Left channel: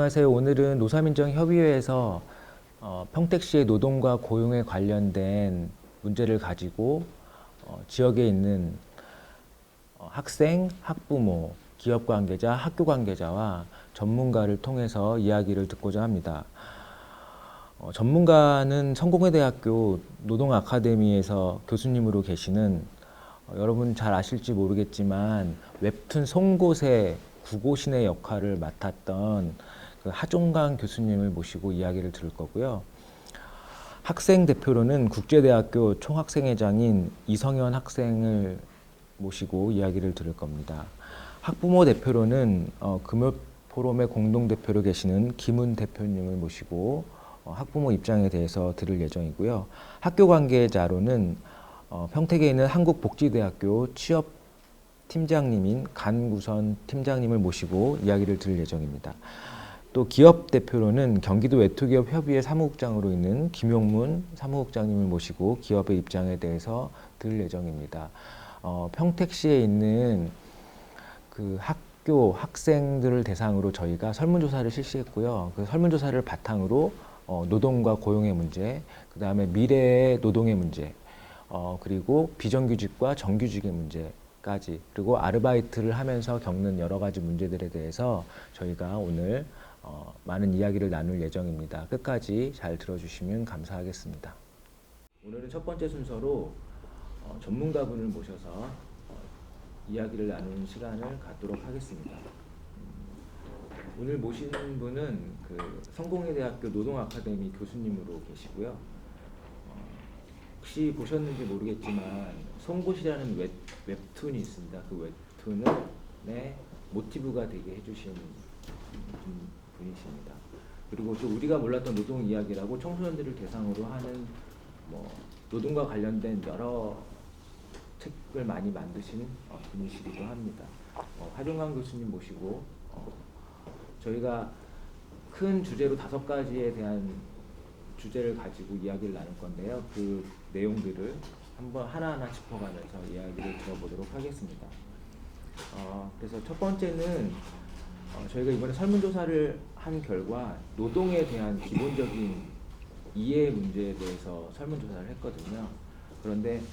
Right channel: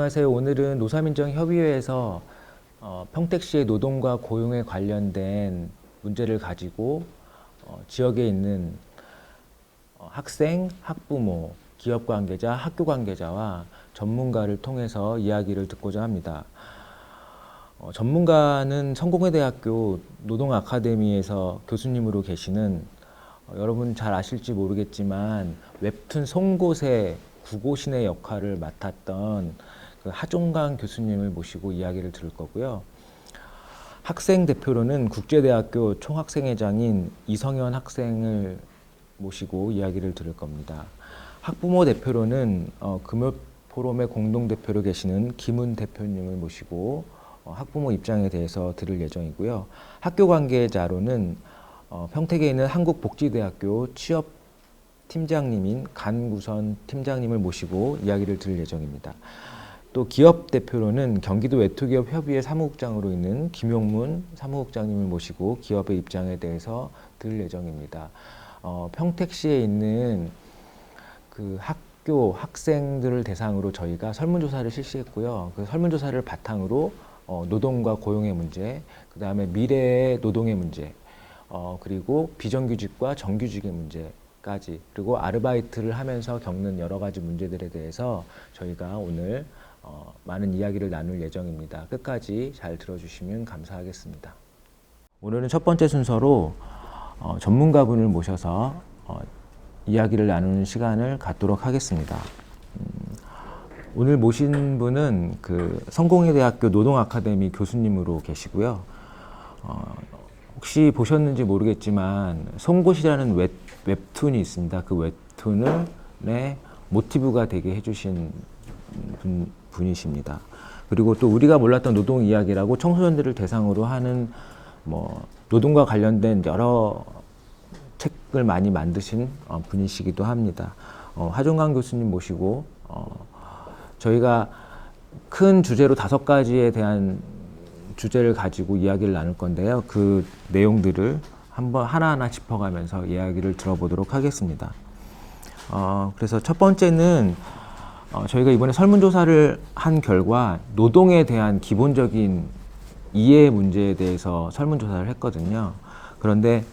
안녕하세요. 오늘은 노사민정협의회에서 평택시의 노동과 고용에 관련된 문제를 가지고 지역에 있는 학생, 학부모, 기업 관계자, 학교 관계자와 전문가를 통해서 이야기를 듣고자 합니다. 전문가는 성공회대학교 노동아카데미에서 교수님으로 계시는 여러분 잘 아실지 모르겠지만 웹툰 송곳의 구고신의 역할을 맡았던 그 하종강 교수님을 모시고 이야기를 들을 거고요. 학생 대표로는 국제대학교 총학생회장인 이성현 학생을 모시고 이야기를 들을 겁니다. 학부모 대표로는 금요포럼의 공동대표로 계시는 김은 대표님을 모시고 학부모 입장에 대해서 들을 예정이고요. 학교 관계자로는 평택에 있는 한국복지대학교 취업팀장님인 간구선 팀장님을 모시고 이야기를 들을 예정입니다. 또 기업 대표로는 경기도 외투기업협의회 사무국장으로 있는 김용문 사무국장님을 모시고 기업의 입장에 대해서 들을 예정입니다. 평택시에 있는 그 학교 학생들을 대상으로 저희가 설문조사를 실시했고요. 그 설문조사를 바탕으로 노동과 고용의 문제, 그 다음에 미래의 노동의 문제, 그리고 비정규직과 정규직의 문제까지, 그리고 아르바이트를 하면서 겪는 여러 가지 문제들에 대해서 저희가 오늘 많은 이야기를 나눌 예정입니다. 끝까지 잘 들어주시면 감사하겠습니다. 오늘은 첫 번째 순서로 전문가분을 모셔서 이야기를 나누는 시간을 갖도록 하겠습니다. 오늘 모신 분은 그 성공회대학교 노동아카데미 교수님으로 계시고요. 혹시 보셨는지 모르겠지만 송곳이라는 웹툰이 있습니다. 그 웹툰의 모티브가 되게 해주신 분이십니다. 그리고 또 우리가 몰랐던 노동 이야기라고 청소년들을 대상으로 하는 노동과 관련된 여러 책을 많이 만드신 분이시기도 합니다. 하종강 교수님 모시고 저희가 큰 주제로 5가지에 대한 주제를 가지고 이야기를 나눌 건데요. 그 내용들을 한번 하나하나 짚어가면서 이야기를 들어보도록 하겠습니다. 그래서 첫 번째는 저희가 이번에 설문조사를 한 결과 노동에 대한 기본적인 이해 문제에 대해서 설문조사를 했거든요. 그런데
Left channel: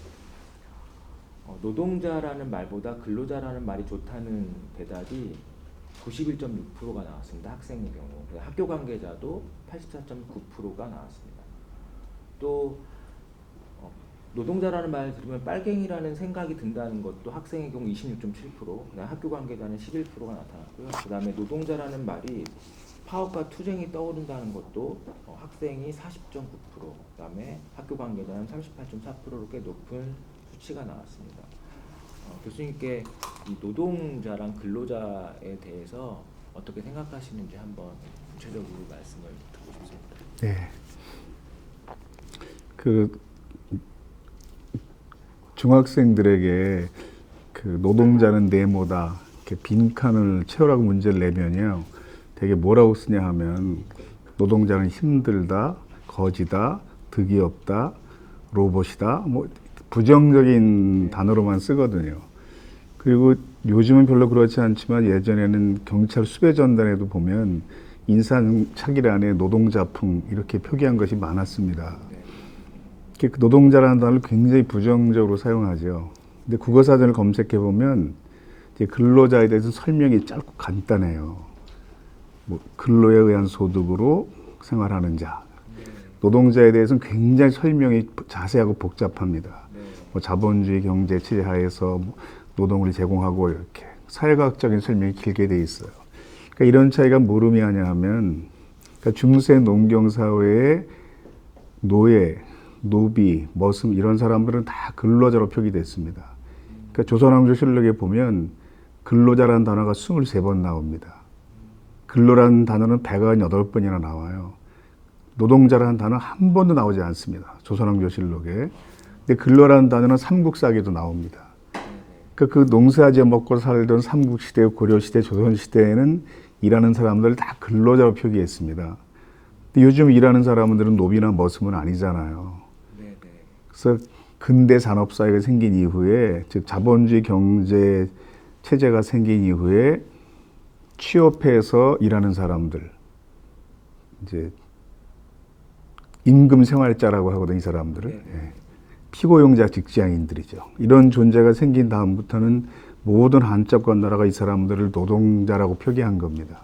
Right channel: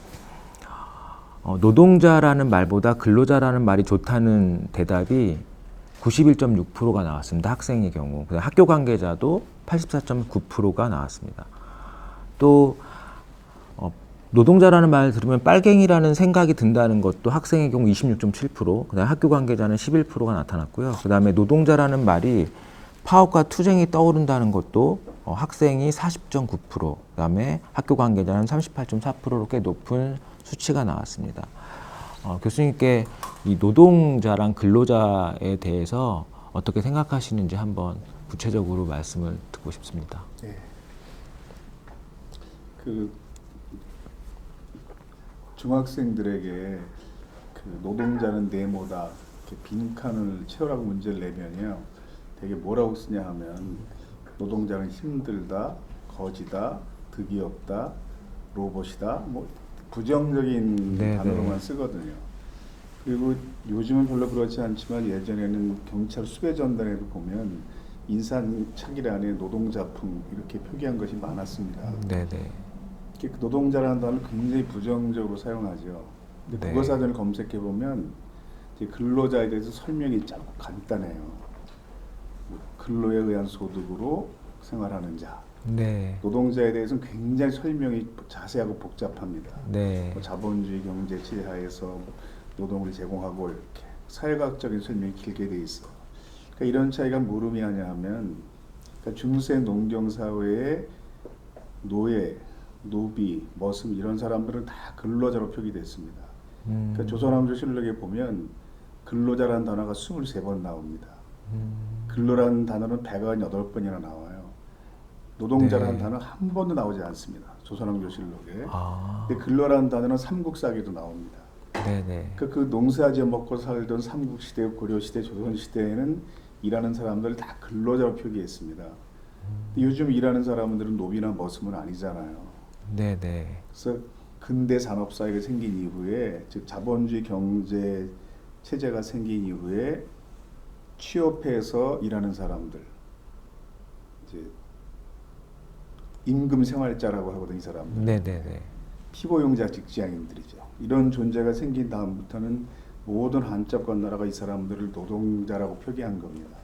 노동자라는 말보다 근로자라는 말이 좋다는 대답이 91.6%가 나왔습니다. 학생의 경우. 학교 관계자도 84.9%가 나왔습니다. 또 노동자라는 말 들으면 빨갱이라는 생각이 든다는 것도 학생의 경우 26.7%, 그다음에 학교 관계자는 11%가 나타났고요. 그다음에 노동자라는 말이 파업과 투쟁이 떠오른다는 것도 학생이 40.9%, 그다음에 학교 관계자는 38.4%로 꽤 높은 수치가 나왔습니다. 교수님께 이 노동자랑 근로자에 대해서 어떻게 생각하시는지 한번 구체적으로 말씀을 듣고 싶습니다. 네. 그 중학생들에게 그 노동자는 네모다, 이렇게 빈칸을 채우라고 문제를 내면요, 되게 뭐라고 쓰냐 하면 노동자는 힘들다, 거지다, 득이 없다, 로봇이다, 뭐 부정적인 단어로만 쓰거든요. 그리고 요즘은 별로 그렇지 않지만 예전에는 경찰 수배 전단에도 보면 인사착의란에 노동자풍 이렇게 표기한 것이 많았습니다. 네네. 그 노동자라는 단어를 굉장히 부정적으로 사용하죠. 근데 국어사전을 검색해 보면 이제 근로자에 대해서 설명이 짧고 간단해요. 뭐 근로에 의한 소득으로 생활하는 자. 네. 노동자에 대해서는 굉장히 설명이 자세하고 복잡합니다. 네. 뭐 자본주의 경제 체제 하에서 노동을 제공하고 이렇게 사회과학적인 설명이 길게 돼 있어요. 그러니까 이런 차이가 뭘 의미하냐 하면, 그러니까 중세 농경 사회의 노예, 노비, 머슴 이런 사람들은 다 근로자로 표기됐습니다. 그러니까 조선왕조실록에 보면 근로자라는 단어가 23번 나옵니다. 근로라는 단어는 198번이나 나와요. 노동자라는 단어 한 번도 나오지 않습니다. 조선왕조실록에. 근데 근로라는 단어는 삼국사기도 나옵니다. 네네. 그 농사지어 먹고 살던 삼국시대, 고려시대, 조선시대에는 일하는 사람들 다 근로자로 표기했습니다. 근데 요즘 일하는 사람들은 노비나 머슴은 아니잖아요. 네네. 그래서 근대 산업사회가 생긴 이후에, 즉 자본주의 경제 체제가 생긴 이후에 취업해서 일하는 사람들, 이제 임금 생활자라고 하거든요, 이 사람들은. 네네. 피고용자 직장인들이죠. 이런 존재가 생긴 다음부터는 모든 한자권 나라가 이 사람들을 노동자라고 표기한 겁니다.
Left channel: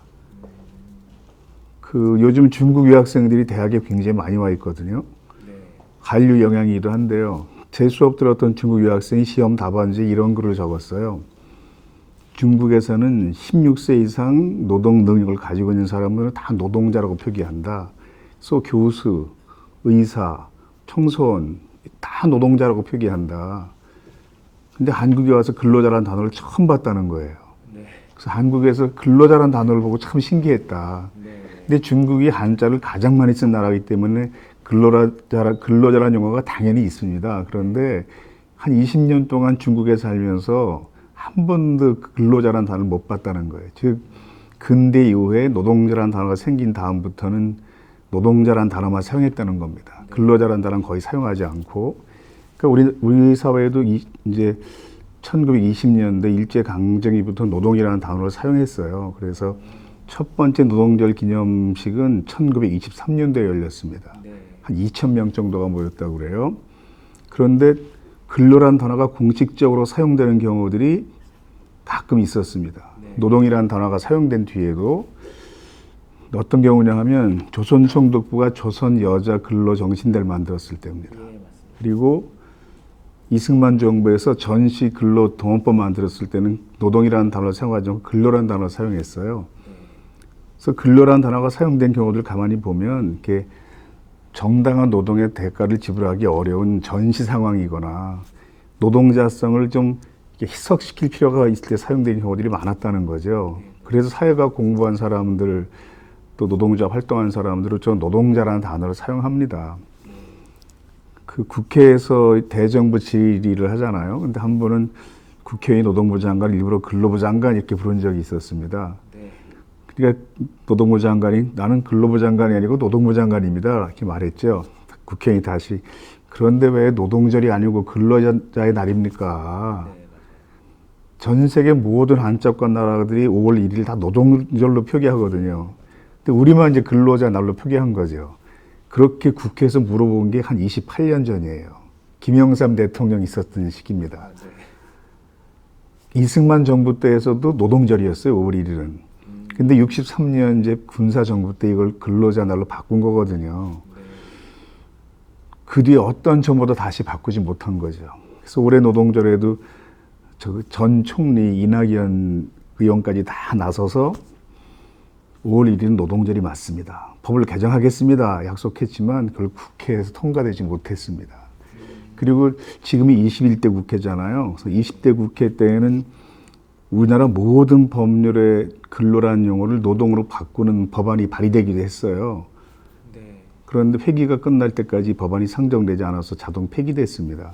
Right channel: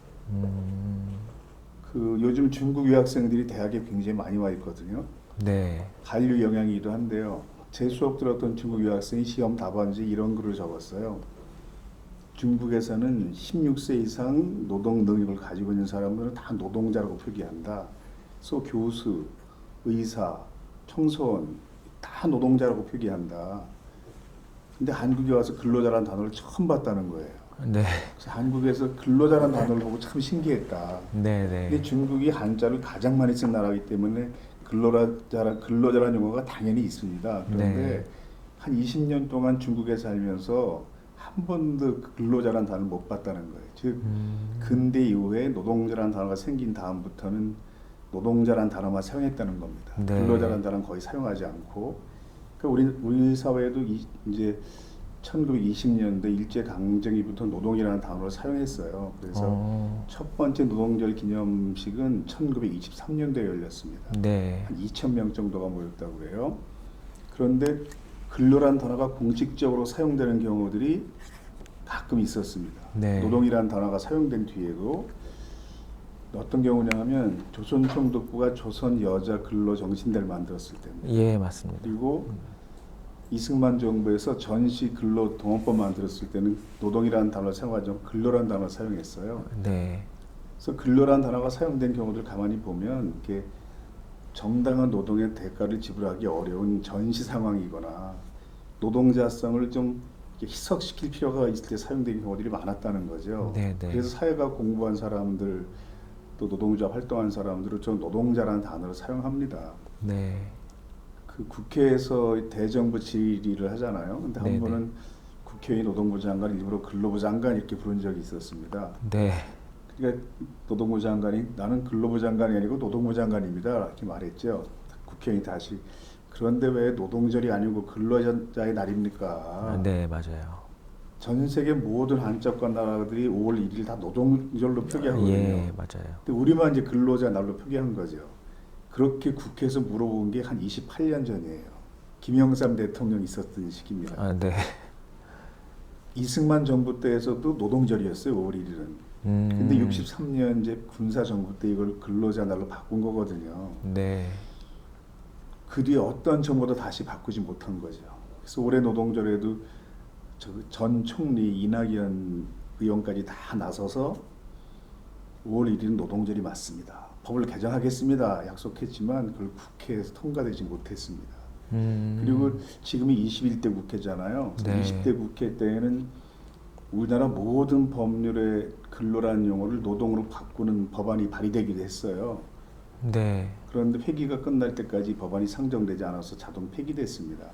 그 요즘 중국 유학생들이 대학에 굉장히 많이 와 있거든요. 네. 한류 영향이기도 한데요. 제 수업 들었던 중국 유학생이 시험 답안지에 이런 글을 적었어요. 중국에서는 16세 이상 노동 능력을 가지고 있는 사람들은 다 노동자라고 표기한다. 그래서 교수, 의사, 청소원 다 노동자라고 표기한다. 근데 한국에 와서 근로자라는 단어를 처음 봤다는 거예요. 네. 그래서 한국에서 근로자라는 단어를 보고 참 신기했다. 네네. 근데 중국이 한자를 가장 많이 쓴 나라이기 때문에 근로자라는 용어가 당연히 있습니다. 그런데 한 20년 동안 중국에 살면서 한 번도 근로자라는 단어를 못 봤다는 거예요. 즉 근대 이후에 노동자라는 단어가 생긴 다음부터는 노동자라는 단어만 사용했다는 겁니다. 네. 근로자라는 단어는 거의 사용하지 않고, 그러니까 우리 사회에도 이제 1920년대 일제 강점기부터 노동이라는 단어를 사용했어요. 그래서 첫 번째 노동절 기념식은 1923년도에 열렸습니다. 네. 한 2,000명 정도가 모였다고 그래요. 그런데 근로란 단어가 공식적으로 사용되는 경우들이 가끔 있었습니다. 네. 노동이라는 단어가 사용된 뒤에도 어떤 경우냐 하면 조선총독부가 조선 여자 근로정신대를 만들었을 때입니다. 예, 맞습니다. 그리고 이승만 정부에서 전시 근로 동원법 만들었을 때는 노동이라는 단어를 사용하지 않고 근로라는 단어를 사용했어요. 네. 그래서 근로라는 단어가 사용된 경우들 가만히 보면 이렇게 정당한 노동의 대가를 지불하기 어려운 전시 상황이거나 노동자성을 좀 이렇게 희석시킬 필요가 있을 때 사용되는 경우들이 많았다는 거죠. 네, 네. 그래서 사회가 공부한 사람들 또 노동자 활동하는 사람들은 저 노동자라는 단어를 사용합니다. 네. 그 국회에서 대정부 질의를 하잖아요. 근데 한 네. 번은 국회의원 노동부 장관을 일부러 근로부 장관 이렇게 부른 적이 있었습니다. 네. 그러니까 노동부 장관이 나는 근로부 장관이 아니고 노동부 장관입니다. 이렇게 말했죠. 국회의원이 다시 그런데 왜 노동절이 아니고 근로자의 날입니까? 네, 맞아요. 전 세계 모든 한자권 나라들이 5월 1일 다 노동절로 표기하거든요. 예, 맞아요. 근데 우리만 이제 근로자 날로 표기한 거죠. 그렇게 국회에서 물어본 게 한 28년 전이에요. 김영삼 대통령이 있었던 시기입니다. 아, 네. 이승만 정부 때에서도 노동절이었어요, 5월 1일은. 근데 63년 이제 군사 정부 때 이걸 근로자 날로 바꾼 거거든요. 네. 그 뒤에 어떤 정부도 다시 바꾸지 못한 거죠. 그래서 올해 노동절에도 전 총리 이낙연 의원까지 다 나서서 5월 1일은 노동절이 맞습니다. 법을 개정하겠습니다. 약속했지만 그걸 국회에서 통과되지 못했습니다. 그리고 지금이 21대 국회잖아요. 그래서 네. 20대 국회 때에는 우리나라 모든 법률의 근로라는 용어를 노동으로 바꾸는 법안이 발의되기도 했어요. 네. 그런데 회기가 끝날 때까지 법안이 상정되지 않아서 자동 폐기됐습니다.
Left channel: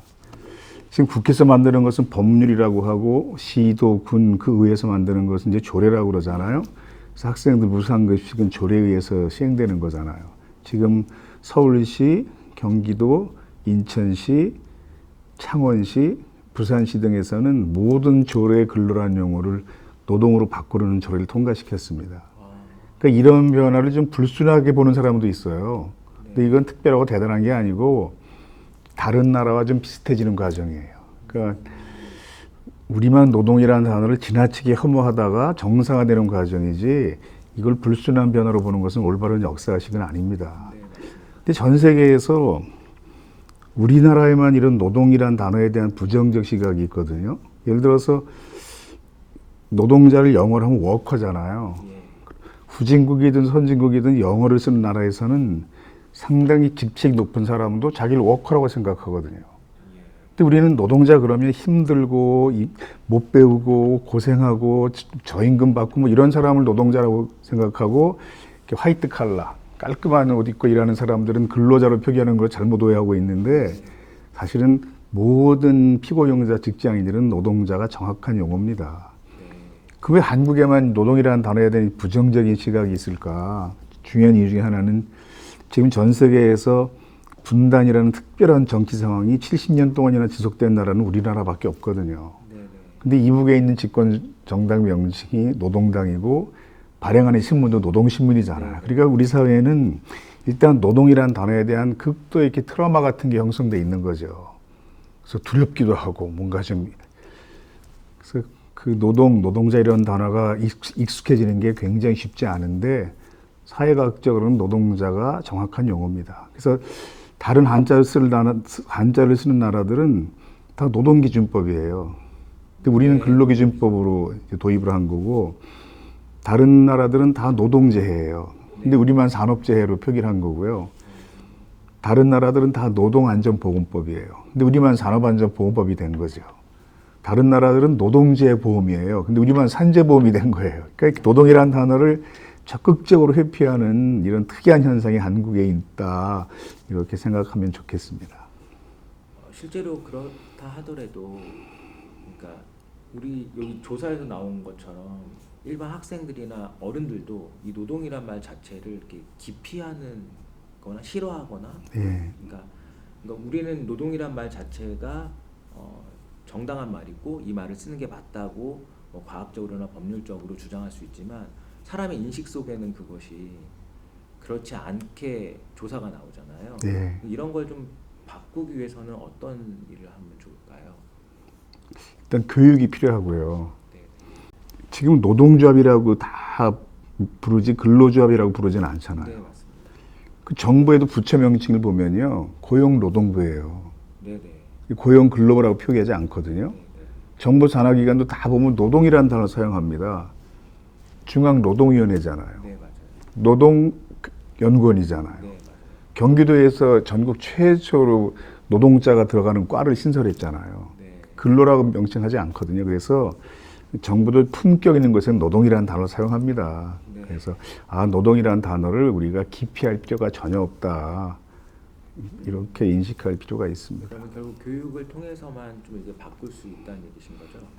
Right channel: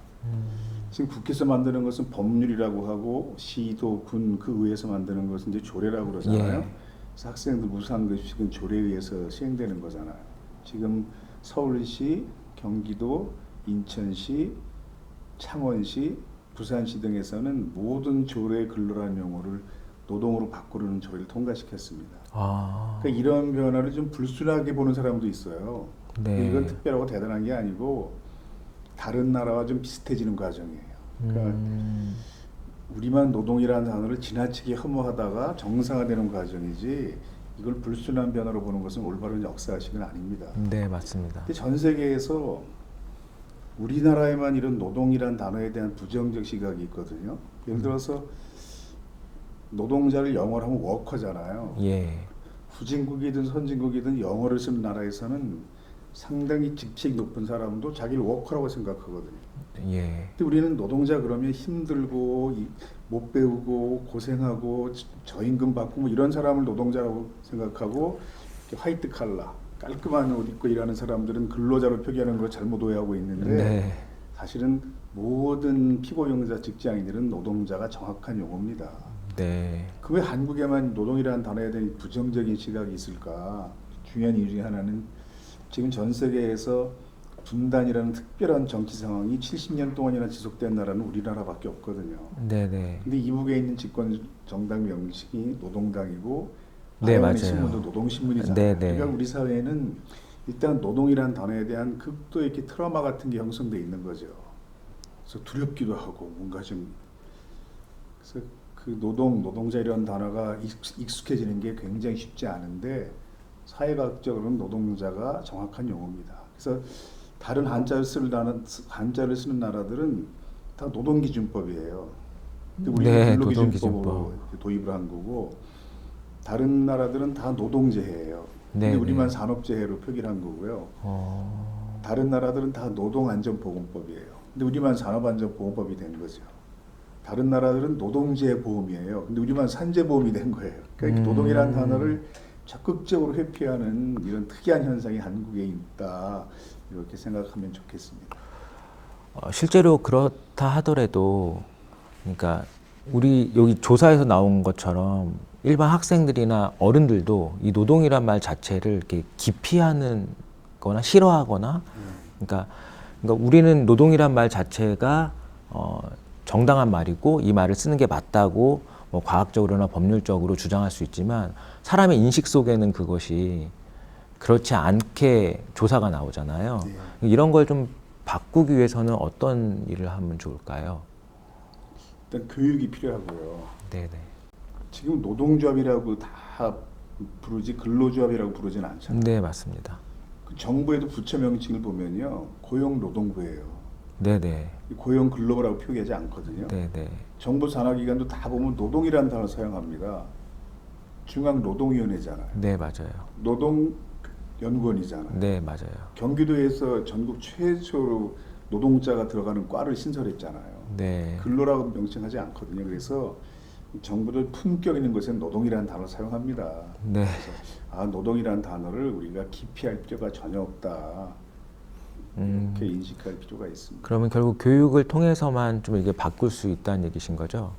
지금 국회에서 만드는 것은 법률이라고 하고 시도, 군, 그 의회에서 만드는 것은 이제 조례라고 그러잖아요. 예. 그래서 학생들 무상급식은 조례에 의해서 시행되는 거잖아요. 지금 서울시, 경기도, 인천시, 창원시, 부산시 등에서는 모든 조례 근로라는 용어를 노동으로 바꾸려는 조례를 통과시켰습니다. 아, 그러니까 이런 변화를 좀 불순하게 보는 사람도 있어요. 네. 근데 이건 특별하고 대단한 게 아니고 다른 나라와 좀 비슷해지는 과정이에요. 그러니까 우리만 노동이라는 단어를 지나치게 혐오하다가 정상화되는 과정이지 이걸 불순한 변화로 보는 것은 올바른 역사식은 아닙니다. 네, 맞습니다. 근데 전 세계에서 우리나라에만 이런 노동이라는 단어에 대한 부정적 시각이 있거든요. 예를 들어서 노동자를 영어로 하면 워커잖아요. 예. 후진국이든 선진국이든 영어를 쓰는 나라에서는 상당히 직책이 높은 사람도 자기를 워커라고 생각하거든요. 예. 근데 우리는 노동자 그러면 힘들고 못 배우고 고생하고 저임금 받고 뭐 이런 사람을 노동자라고 생각하고 화이트 칼라 깔끔한 옷 입고 일하는 사람들은 근로자로 표기하는 걸 잘못 오해하고 있는데 네. 사실은 모든 피고용자 직장인들은 노동자가 정확한 용어입니다. 네. 그 왜 한국에만 노동이라는 단어에 대한 부정적인 시각이 있을까? 중요한 이유 중에 하나는 지금 전 세계에서 분단이라는 특별한 정치 상황이 70년 동안이나 지속된 나라는 우리나라밖에 없거든요. 네네. 근데 이북에 있는 집권 정당 명칭이 노동당이고 발행하는 맞아요. 신문도 노동신문이잖아요. 네, 네. 그러니까 우리 사회에는 일단 노동이라는 단어에 대한 극도의 이렇게 트라우마 같은 게 형성돼 있는 거죠. 그래서 두렵기도 하고 뭔가 좀 그래서 그 노동자 이런 단어가 익숙해지는 게 굉장히 쉽지 않은데 사회과학적으로는 노동자가 정확한 용어입니다. 그래서 다른 한자를 쓰는 나라들은 다 노동기준법이에요. 근데 우리는 네, 근로기준법으로 이제 도입을 한 거고 다른 나라들은 다 노동재해예요. 근데 네, 우리만 산업재해로 표기를 한 거고요. 다른 나라들은 다 노동안전보건법이에요. 근데 우리만 산업안전보건법이 된 거죠. 다른 나라들은 노동재보험이에요. 근데 우리만 산재보험이 된 거예요. 그러니까 노동이라는 단어를 적극적으로 회피하는 이런 특이한 현상이 한국에 있다. 이렇게 생각하면 좋겠습니다. 실제로 그렇다 하더라도, 그러니까 우리 여기 조사에서 나온 것처럼 일반 학생들이나 어른들도 이 노동이란 말 자체를 이렇게 기피하는 거나 싫어하거나, 예. 그러니까 우리는 노동이란 말 자체가 정당한 말이고 이 말을 쓰는 게 맞다고 뭐 과학적으로나 법률적으로 주장할 수 있지만 사람의 인식 속에는 그것이 그렇지 않게 조사가 나오잖아요. 네. 이런 걸 좀 바꾸기 위해서는 어떤 일을 하면 좋을까요? 일단 교육이 필요하고요. 네네. 지금 노동조합이라고 다 부르지 근로조합이라고 부르지는 않잖아요. 네, 맞습니다. 그 정부에도 부처 명칭을 보면요. 고용노동부예요. 네네. 고용근로부라고 표기하지 않거든요. 네네. 정부 산하기관도 다 보면 노동이라는 단어 사용합니다. 중앙노동위원회잖아요. 네, 맞아요. 노동연구원이잖아요. 네, 맞아요. 경기도에서 전국 최초로 노동자가 들어가는 과를 신설했잖아요. 네. 근로라고 명칭하지 않거든요. 그래서 정부도 품격 있는 곳에는 노동이라는 단어를 사용합니다. 네. 그래서 노동이라는 단어를 우리가 기피할 필요가 전혀 없다. 이렇게 인식할 필요가 있습니다. 그러면 결국 교육을 통해서만 좀 이게 바꿀 수 있다는 얘기신 거죠?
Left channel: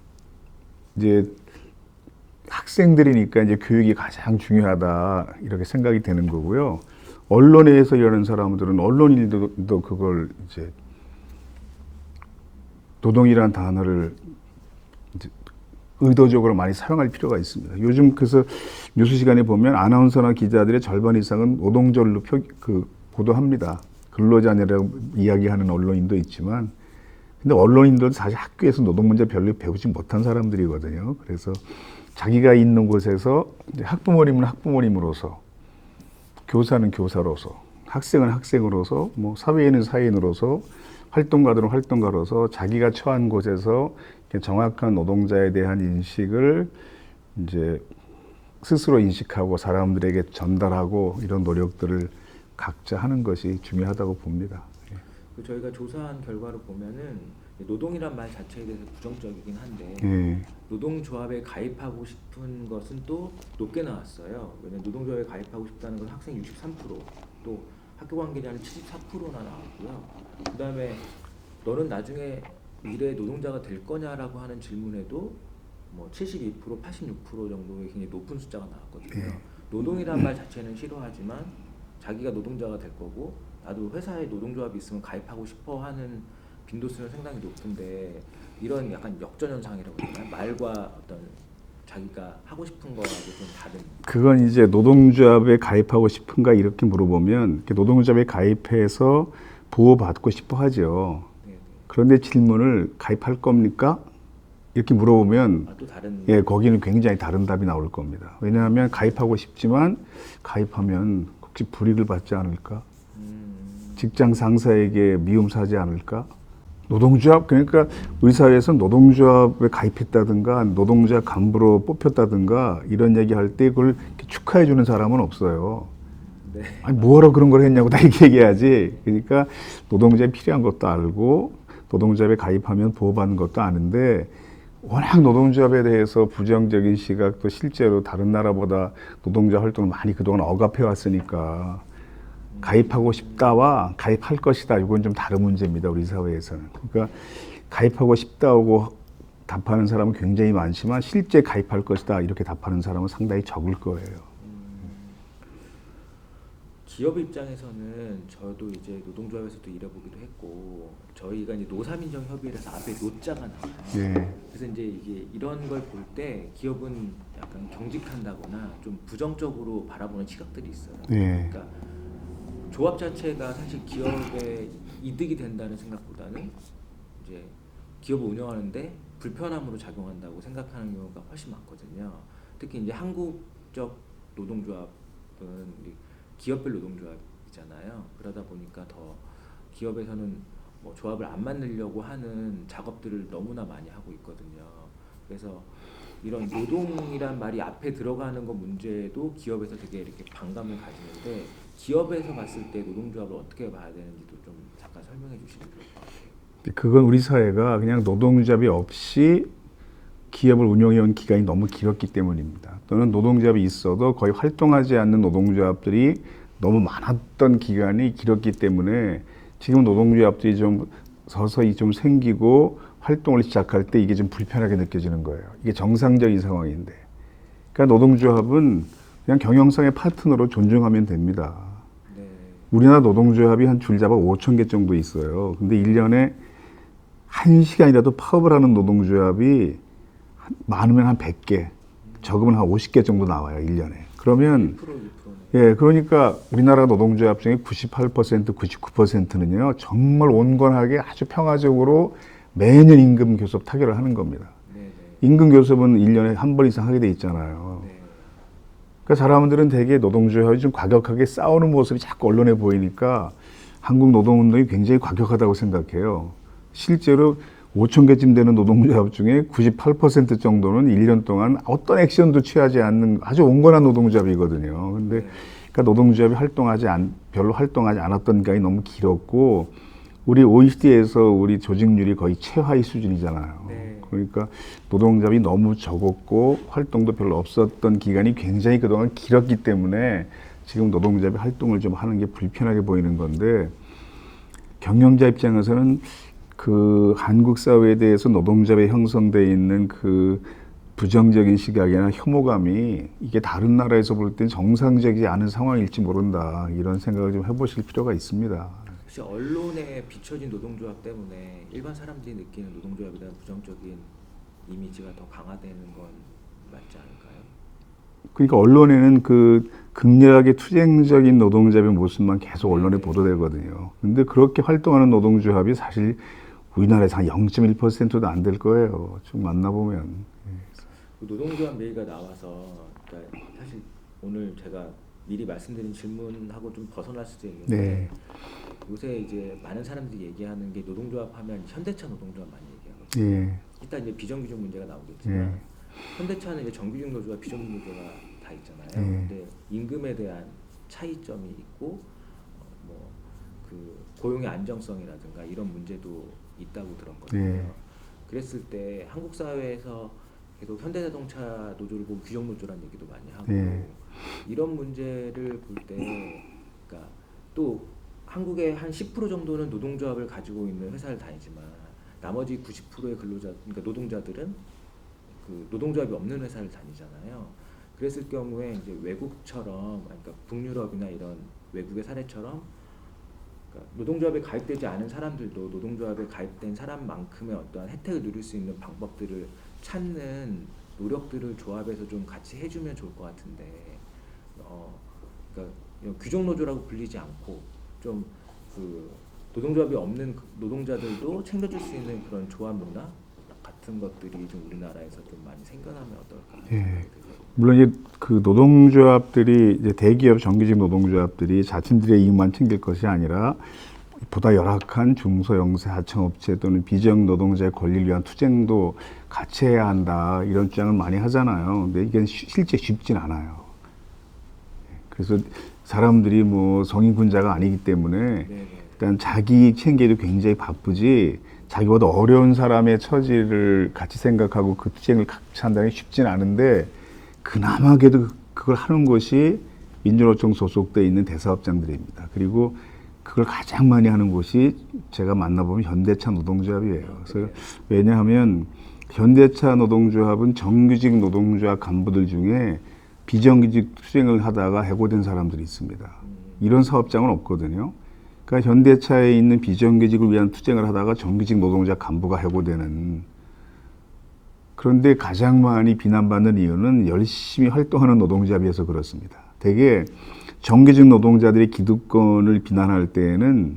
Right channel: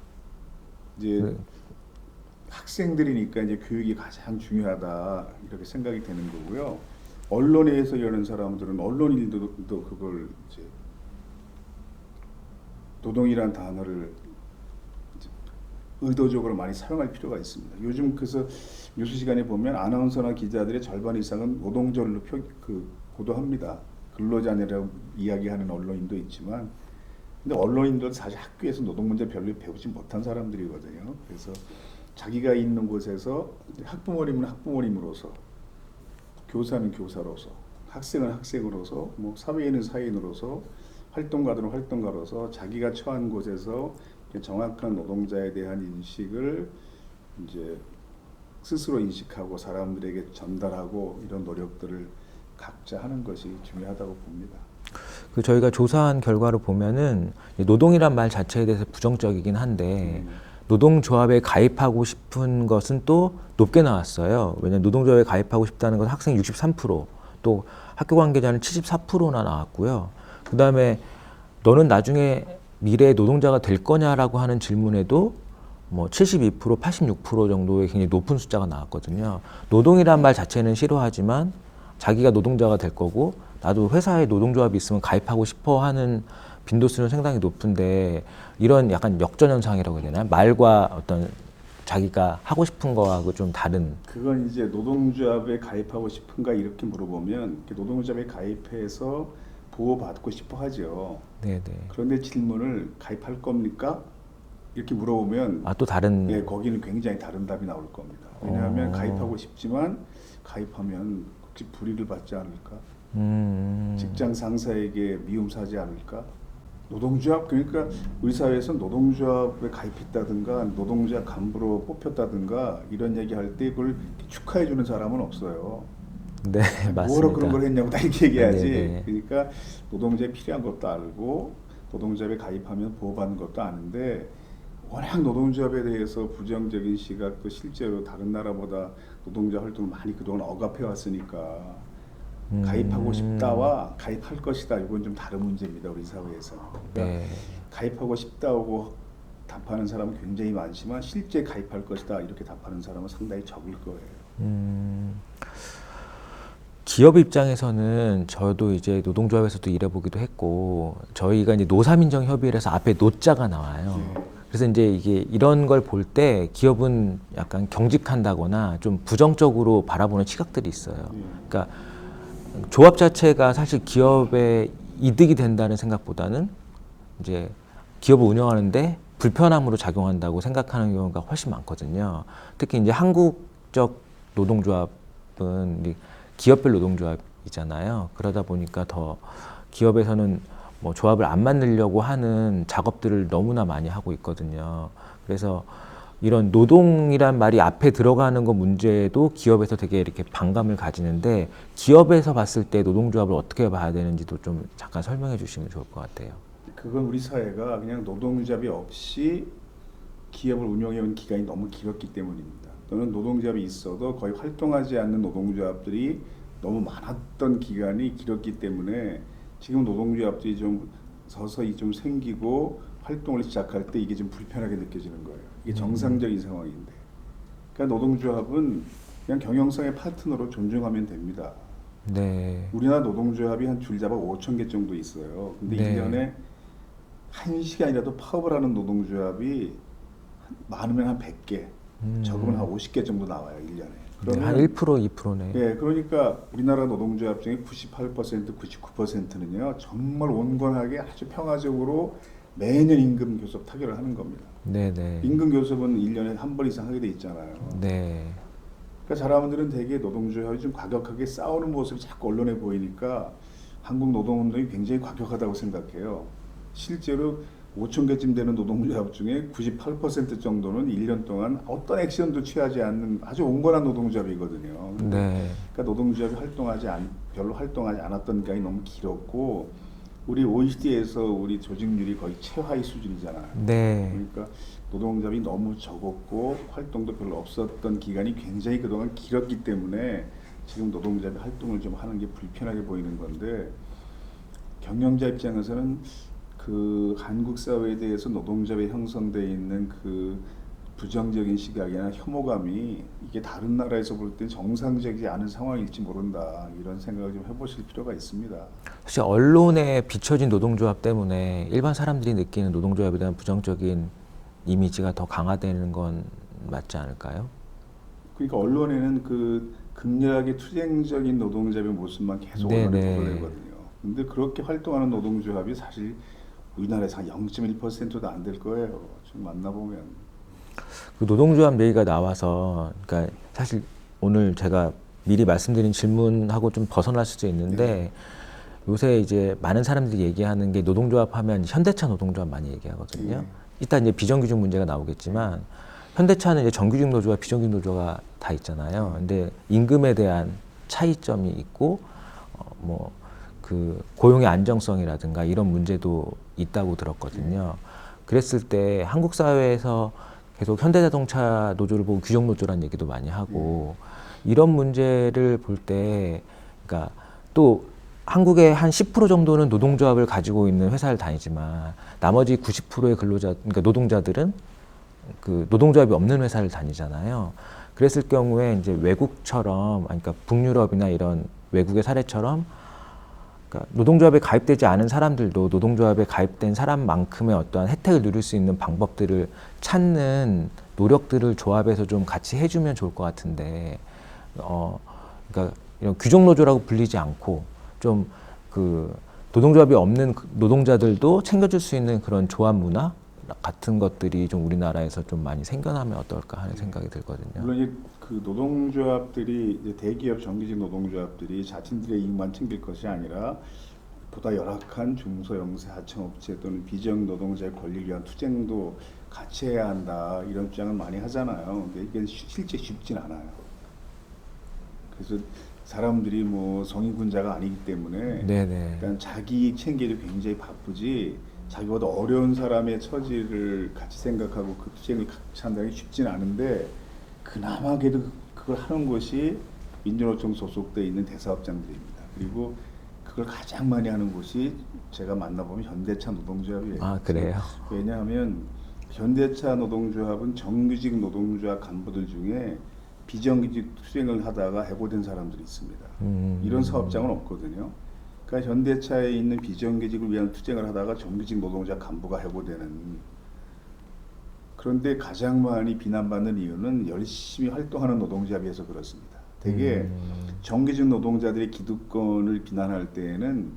이제 학생들이니까 이제 교육이 가장 중요하다 이렇게 생각이 되는 거고요. 언론에서 일하는 사람들은 언론인들도 그걸 이제 노동이라는 단어를 이제 의도적으로 많이 사용할 필요가 있습니다. 요즘 그래서 뉴스 시간에 보면 아나운서나 기자들의 절반 이상은 노동절로 보도합니다. 근로자냐라고 이야기하는 언론인도 있지만, 근데 언론인들도 사실 학교에서 노동 문제 별로 배우지 못한 사람들이거든요. 그래서 자기가 있는 곳에서 이제 학부모님은 학부모님으로서, 교사는 교사로서, 학생은 학생으로서, 뭐 사회인은 사회인으로서, 활동가들은 활동가로서 자기가 처한 곳에서 정확한 노동자에 대한 인식을 이제 스스로 인식하고 사람들에게 전달하고 이런 노력들을 각자 하는 것이 중요하다고 봅니다. 그 저희가 조사한 결과를 보면은 노동이란 말 자체에 대해서 부정적이긴 한데 노동조합에 가입하고 싶은 것은 또 높게 나왔어요. 왜냐하면 노동조합에 가입하고 싶다는 건 학생 63%, 또 학교 관계자는 74%나 나왔고요. 그 다음에 너는 나중에 미래의 노동자가 될 거냐라고 하는 질문에도 뭐 72%, 86% 정도의 굉장히 높은 숫자가 나왔거든요. 노동이란 말 자체는 싫어하지만 자기가 노동자가 될 거고 나도 회사에 노동조합이 있으면 가입하고 싶어 하는 빈도수는 상당히 높은데 이런 약간 역전현상이라고 해야 되나요? 말과 어떤 자기가 하고 싶은 거하고 좀 다른. 그건 이제 노동조합에 가입하고 싶은가 이렇게 물어보면 노동조합에 가입해서 보호받고 싶어 하죠. 네네. 그런데 질문을 가입할 겁니까? 이렇게 물어보면 또 다른. 예, 거기는 굉장히 다른 답이 나올 겁니다. 왜냐하면 가입하고 싶지만 가입하면 혹시 불이익을 받지 않을까? 직장 상사에게 미움 사지 않을까? 노동조합, 그러니까 우리 사회에서 노동조합에 가입했다든가 노동자 간부로 뽑혔다든가 이런 얘기할 때 그걸 축하해 주는 사람은 없어요. 네, 뭐하러 그런 걸 했냐고 다 이렇게 얘기하지. 네. 그러니까 노동자에 필요한 것도 알고 노동조합에 가입하면 보호받는 것도 아는데 워낙 노동조합에 대해서 부정적인 시각도 실제로 다른 나라보다 노동자 활동을 많이 그동안 억압해 왔으니까 가입하고 싶다와 가입할 것이다 이건 좀 다른 문제입니다. 우리 사회에서는. 그러니까 가입하고 싶다고 답하는 사람은 굉장히 많지만 실제 가입할 것이다 이렇게 답하는 사람은 상당히 적을 거예요. 기업 입장에서는 저도 이제 노동조합에서도 일해보기도 했고 저희가 이제 노사민정 협의회에서 앞에 노자가 나와요. 네. 그래서 이제 이게 이런 걸 볼 때 기업은 약간 경직한다거나 좀 부정적으로 바라보는 시각들이 있어요. 네. 그러니까 조합 자체가 사실 기업에 이득이 된다는 생각보다는 이제 기업을 운영하는데 불편함으로 작용한다고 생각하는 경우가 훨씬 많거든요. 특히 이제 한국적 노동조합은 이제 기업별 노동조합이잖아요. 그러다 보니까 더 기업에서는 뭐 조합을 안 만들려고 하는 작업들을 너무나 많이 하고 있거든요. 그래서 이런 노동이란 말이 앞에 들어가는 거 문제도 기업에서 되게 이렇게 반감을 가지는데 기업에서 봤을 때 노동조합을 어떻게 봐야 되는지도 좀 잠깐 설명해 주시면 좋을 것 같아요. 그건 우리 사회가 그냥 노동조합이 없이 기업을 운영해온 기간이 너무 길었기 때문입니다. 또는 노동조합이 있어도 거의 활동하지 않는 노동조합들이 너무 많았던 기간이 길었기 때문에 지금 노동조합들이 좀 서서히 좀 생기고 활동을 시작할 때 이게 좀 불편하게 느껴지는 거예요. 이게 정상적인 상황인데. 그러니까 노동조합은 그냥 경영상의 파트너로 존중하면 됩니다. 네. 우리나라 노동조합이 한 줄잡아 5천 개 정도 있어요. 근데 네. 1년에 1시간이라도 파업을 하는 노동조합이 많으면 한 100개, 적으면 한 50개 정도 나와요, 1년에. 그러면 1%, 2%네. 예, 그러니까 우리나라 노동조합 중에 98%, 99%는요, 정말 온건하게 아주 평화적으로 매년 임금 교섭 타결을 하는 겁니다. 네네. 임금 교섭은 1년에 한 번 이상 하게 돼 있잖아요. 네. 그러니까 사람들은 되게 노동조합이 좀 과격하게 싸우는 모습이 자꾸 언론에 보이니까 한국 노동운동이 굉장히 과격하다고 생각해요. 실제로 5천 개쯤 되는 노동조합 중에 98% 정도는 1년 동안 어떤 액션도 취하지 않는 아주 온건한 노동조합이거든요. 근데 네. 그러니까 노동조합이 별로 활동하지 않았던 기간이 너무 길었고 우리 OECD에서 우리 조직률이 거의 최하위 수준이잖아요. 네. 그러니까 노동조합이 너무 적었고 활동도 별로 없었던 기간이 굉장히 그동안 길었기 때문에 지금 노동조합이 활동을 좀 하는 게 불편하게 보이는 건데 경영자 입장에서는 그 한국 사회에 대해서 노동조합에 형성되어 있는 그 부정적인 시각이나 혐오감이 이게 다른 나라에서 볼 땐 정상적이지 않은 상황일지 모른다 이런 생각을 좀 해보실 필요가 있습니다. 사실 언론에 비춰진 노동조합 때문에 일반 사람들이 느끼는 노동조합에 대한 부정적인 이미지가 더 강화되는 건 맞지 않을까요? 그러니까 언론에는 그 극렬하게 투쟁적인 노동조합의 모습만 계속 언론에 네네. 보도되거든요. 근데 그렇게 활동하는 노동조합이 사실 우리나라에서 한 0.1%도 안 될 거예요. 좀 만나보면. 그 노동조합 얘기가 나와서, 그러니까 사실 오늘 제가 미리 말씀드린 질문하고 좀 벗어날 수도 있는데 네. 요새 이제 많은 사람들이 얘기하는 게 노동조합 하면 현대차 노동조합 많이 얘기하거든요. 예. 이따 이제 비정규직 문제가 나오겠지만 현대차는 이제 정규직 노조와 비정규직 노조가 다 있잖아요. 근데 임금에 대한 차이점이 있고 뭐 그 고용의 안정성이라든가 이런 문제도 있다고 들었거든요. 그랬을 때 한국 사회에서 계속 현대자동차 노조를 보고 규정 노조라는 얘기도 많이 하고 이런 문제를 볼 때, 그러니까 또 한국의 한 10% 정도는 노동조합을 가지고 있는 회사를 다니지만 나머지 90%의 그러니까 노동자들은 그 노동조합이 없는 회사를 다니잖아요. 그랬을 경우에 이제 외국처럼, 그러니까 북유럽이나 이런 외국의 사례처럼 그러니까 노동조합에 가입되지 않은 사람들도 노동조합에 가입된 사람만큼의 어떠한 혜택을 누릴 수 있는 방법들을 찾는 노력들을 조합에서 좀 같이 해주면 좋을 것 같은데, 그러니까 이런 규정 노조라고 불리지 않고 좀 그 노동조합이 없는 노동자들도 챙겨줄 수 있는 그런 조합 문화 같은 것들이 좀 우리나라에서 좀 많이 생겨나면 어떨까 하는 생각이 들거든요. 물론 이제 그 노동조합들이 이제 대기업 정규직 노동조합들이 자신들의 이익만 챙길 것이 아니라 보다 열악한 중소영세 하청업체 또는 비정 노동자의 권리를 위한 투쟁도 같이 해야 한다 이런 주장을 많이 하잖아요. 근데 이게 실제 쉽진 않아요. 그래서 사람들이 뭐 성인군자가 아니기 때문에 네네. 일단 자기 이익 챙기기도 굉장히 바쁘지 자기보다 어려운 사람의 처지를 같이 생각하고 그 투쟁을 같이 한다는 게 쉽지는 않은데 그나마 그래도 그걸 하는 것이 민주노총 소속돼 있는 대사업장들입니다. 그리고 그걸 가장 많이 하는 곳이 제가 만나보면 현대차 노동조합이에요. 아, 그래요? 왜냐하면 현대차 노동조합은 정규직 노동조합 간부들 중에 비정규직 투쟁을 하다가 해고된 사람들이 있습니다. 이런 사업장은 없거든요. 그러니까 현대차에 있는 비정규직을 위한 투쟁을 하다가 정규직 노동자 간부가 해고되는. 그런데 가장 많이 비난받는 이유는 열심히 활동하는 노동자에 비해서 그렇습니다. 대개 정규직 노동자들의 기득권을 비난할 때에는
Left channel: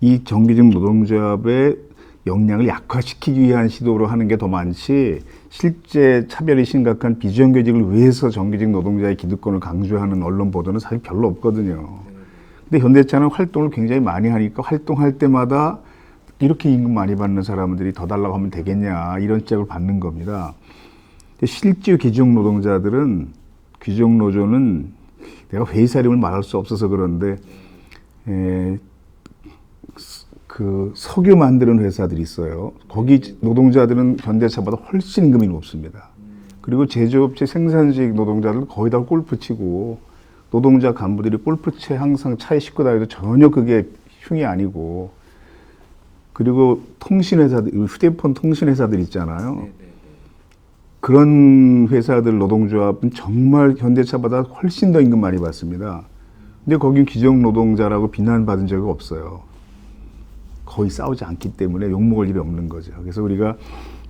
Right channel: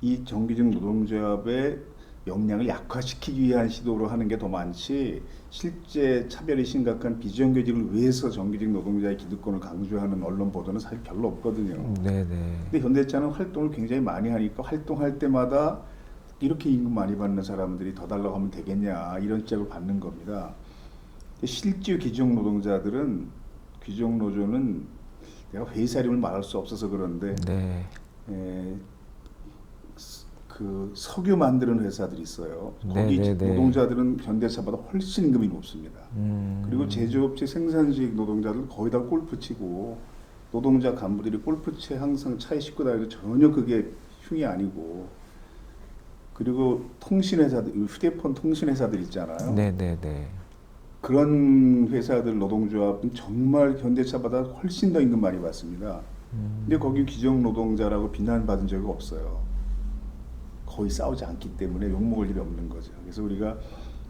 이 정규직 노동조합의 역량을 약화시키기 위한 시도로 하는 게 더 많지, 실제 차별이 심각한 비정규직을 위해서 정규직 노동자의 기득권을 강조하는 언론 보도는 사실 별로 없거든요. 네네. 근데 현대차는 활동을 굉장히 많이 하니까 활동할 때마다 이렇게 임금 많이 받는 사람들이 더 달라고 하면 되겠냐, 이런 짝을 받는 겁니다. 근데 실제 귀족 노동자들은, 귀족 노조는 내가 회사 이름을 말할 수 없어서 그런데 네. 그 석유 만드는 회사들이 있어요. 거기 네네네. 노동자들은 현대차보다 훨씬 임금이 높습니다. 그리고 제조업체 생산직 노동자들은 거의 다 골프 치고, 노동자 간부들이 골프채 항상 차에 싣고 다니도 전혀 그게 흉이 아니고, 그리고 통신회사들, 휴대폰 통신회사들 있잖아요. 네네네. 그런 회사들 노동조합은 정말 현대차보다 훨씬 더 임금 많이 받습니다. 근데 거긴 귀족 노동자라고 비난받은 적이 없어요. 거의 싸우지 않기 때문에 욕먹을 일이 없는 거죠. 그래서 우리가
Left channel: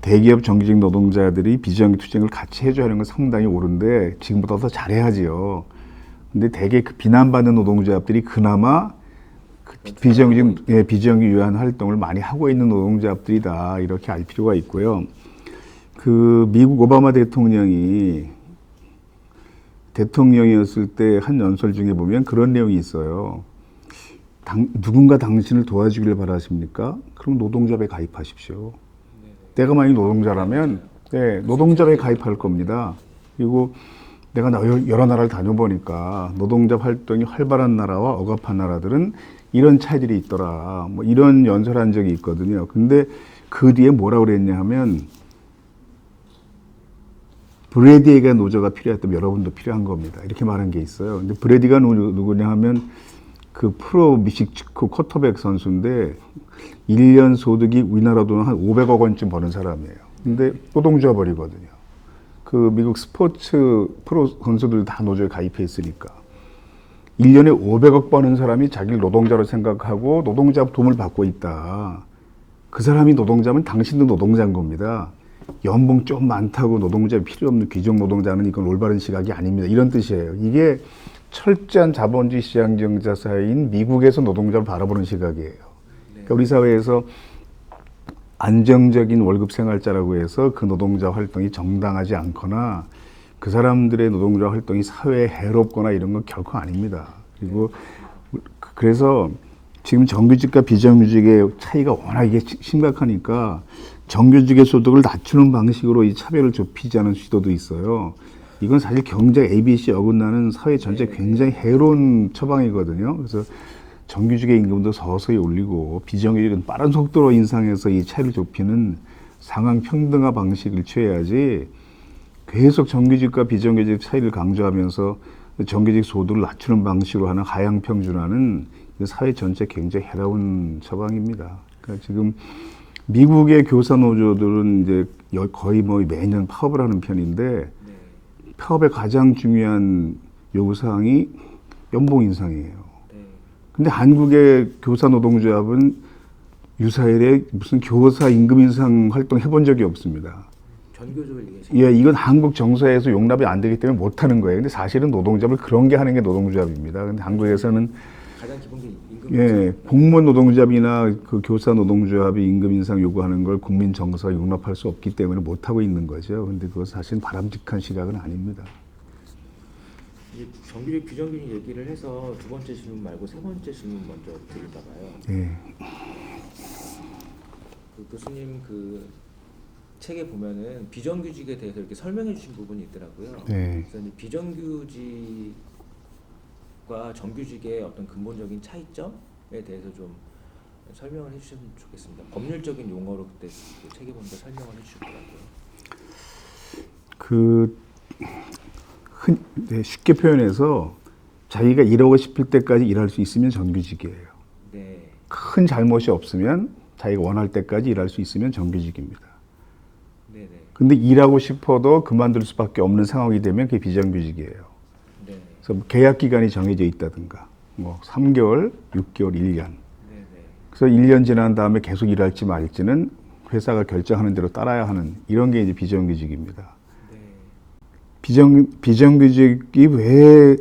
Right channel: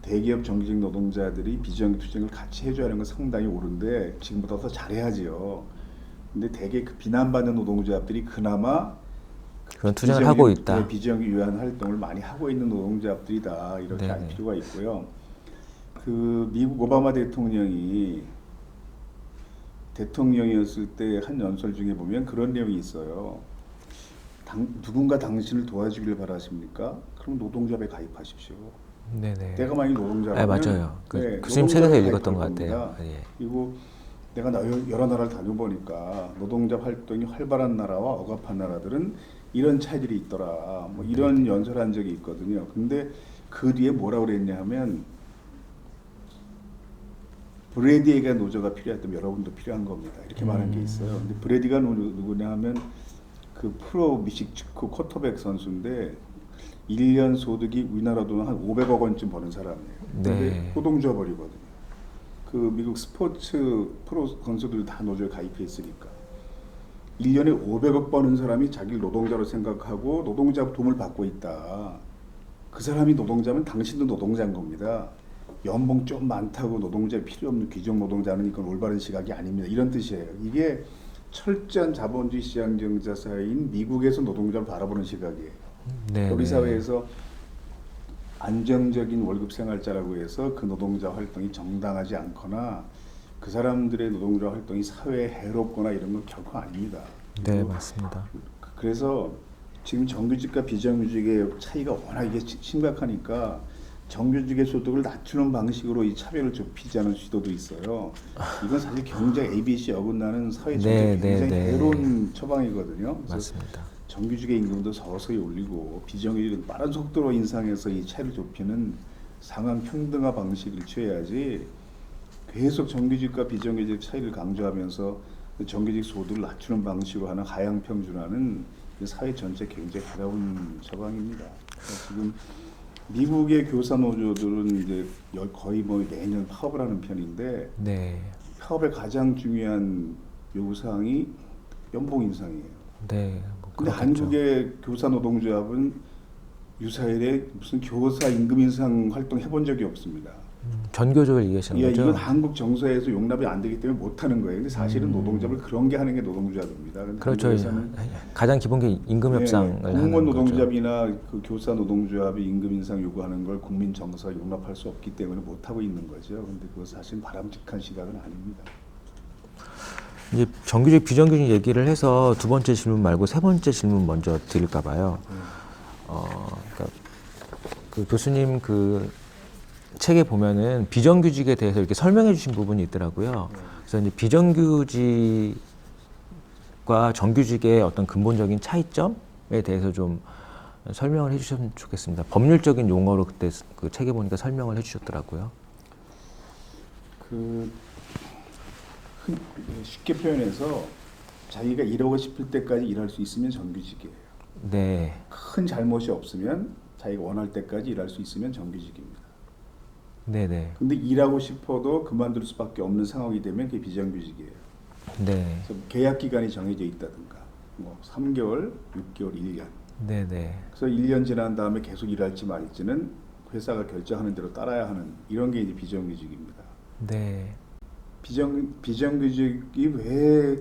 대기업 정규직 노동자들이 비정규 투쟁을 같이 해줘야 하는 건 상당히 옳은데, 지금보다 더 잘해야지요. 근데 대개 그 비난받는 노동자들이 그나마 그런 투쟁을 하고 있다. 비정규 유한 활동을 많이 하고 있는 노동자들이다, 이렇게 알 필요가 있고요. 그 미국 오바마 대통령이었을 때 한 연설 중에 보면 그런 내용이 있어요. 누군가 당신을 도와주기를 바라십니까? 그럼 노동조합에 가입하십시오. 네네. 내가 만약 노동자라면 맞아요. 네, 교수님 노동조합에 책에도 가입할 읽었던 것 겁니다. 같아요. 예. 그리고 내가 여러 나라를 다녀보니까 노동자 활동이 활발한 나라와 억압한 나라들은 이런 차이들이 있더라, 뭐 이런 연설한 적이 있거든요. 근데 그 뒤에 뭐라고 그랬냐 하면, 브래디에게 노조가 필요했다면 여러분도 필요한 겁니다, 이렇게 말한 게 있어요. 근데 브래디가 누구냐 하면 그 프로 미식축구 쿼터백 선수인데 1년 소득이 우리나라 돈은 한 500억 원쯤 버는 사람이에요. 근데 네. 노동조합원이거든요. 그 미국 스포츠 프로 선수들 다 노조에 가입해 있으니까 1년에 500억 버는 사람이 자기를 노동자로 생각하고 노동자 도움을 받고 있다. 그 사람이 노동자면 당신도 노동자인 겁니다. 연봉 좀 많다고 노동자 필요 없는 귀족 노동자는 이건 올바른 시각이 아닙니다, 이런 뜻이에요. 이게 철저한 자본주의 시장경제 사회인 미국에서 노동자를 바라보는 시각이에요. 네. 우리 사회에서 안정적인 월급 생활자라고 해서 그 노동자 활동이 정당하지 않거나 그 사람들의 노동자 활동이 사회에 해롭거나 이런 건 결코 아닙니다. 네, 그리고 맞습니다. 그래서 지금 정규직과 비정규직의 차이가 워낙 이게 심각하니까 정규직의 소득을 낮추는 방식으로 이 차별을 좁히자는 시도도 있어요. 이건 사실 경제 ABC 어긋나는 사회 전체 굉장히 해로운 처방이거든요. 그래서 맞습니다. 정규직의 임금도 서서히 올리고 비정규직은 빠른 속도로 인상해서 이 차이를 좁히는 상황 평등화 방식을 취해야지, 계속 정규직과 비정규직 차이를 강조하면서 정규직 소득을 낮추는 방식으로 하는 하향 평준화는 사회 전체 굉장히 해로운 처방입니다. 그러니까 지금 미국의 교사 노조들은 이제 거의 뭐 매년 파업을 하는 편인데, 네. 파업의 가장 중요한 요구 사항이 연봉 인상이에요. 네. 근데 한국의 교사 노동조합은 유사일에 무슨 교사 임금 인상 활동 해본 적이 없습니다. 전교조를 얘기하시는 예, 거죠? 이건 한국 정서에서 용납이 안 되기 때문에 못 하는 거예요. 근데 사실은 노동조합을 그런 게 하는 게 노동조합입니다. 근데 그렇죠. 한국에서는 가장 기본 게 임금 협상. 예, 공무원 노동조합이나 그 교사 노동조합이 임금 인상 요구하는 걸 국민 정서가 용납할 수 없기 때문에 못 하고 있는 거죠. 근데 그것 사실은 바람직한 시각은 아닙니다. 이제 정규직 비정규직 얘기를 해서 두 번째 질문 말고 세 번째 질문 먼저 드릴까 봐요. 그러니까 그 교수님 그 책에 보면은 비정규직에 대해서 이렇게 설명해 주신 부분이 있더라고요. 그래서 이제 비정규직과 정규직의 어떤 근본적인 차이점에 대해서 좀 설명을 해주셨으면 좋겠습니다. 법률적인 용어로 그때 그 책에 보니까 설명을 해주셨더라고요. 쉽게 표현해서 자기가 일하고 싶을 때까지 일할 수 있으면 정규직이에요. 네. 큰 잘못이 없으면 자기가 원할 때까지 일할 수 있으면 정규직입니다. 네네. 근데 일하고 싶어도 그만둘 수밖에 없는 상황이 되면 그게 비정규직이에요. 네. 그래서 계약 기간이 정해져 있다든가, 뭐 3개월, 6개월, 1년. 네네. 그래서 1년 지난 다음에 계속 일할지 말지는 회사가 결정하는 대로 따라야 하는 이런 게 이제 비정규직입니다. 네. 비정규직이 왜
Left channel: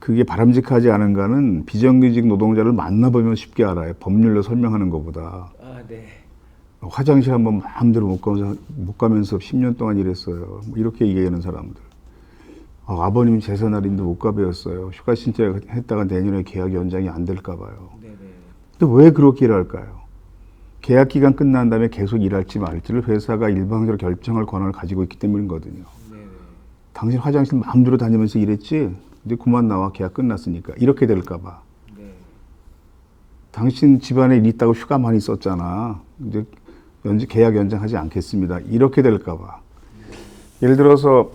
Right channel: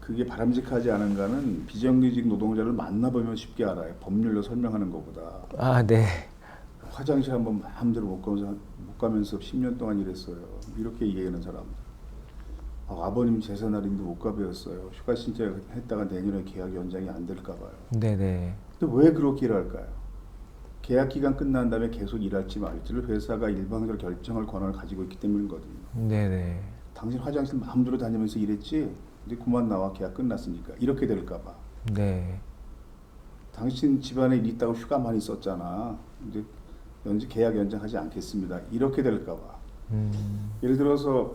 그게 바람직하지 않은가는 비정규직 노동자를 만나보면 쉽게 알아요. 법률로 설명하는 것보다. 아, 네. 화장실 한번 마음대로 못 가면서 10년 동안 일했어요. 뭐 이렇게 얘기하는 사람들. 아버님 제사 날인데 못 가배웠어요. 휴가 신청했다가 내년에 계약 연장이 안 될까 봐요. 네네. 근데 왜 그렇게 일할까요? 계약 기간 끝난 다음에 계속 일할지 말지를 회사가 일방적으로 결정할 권한을 가지고 있기 때문이거든요. 네네. 당신 화장실 마음대로 다니면서 일했지? 이제 그만 나와. 계약 끝났으니까. 이렇게 될까 봐. 네. 당신 집안에 일 있다고 휴가 많이 썼잖아. 이제 계약 연장하지 않겠습니다. 이렇게 될까 봐. 예를 들어서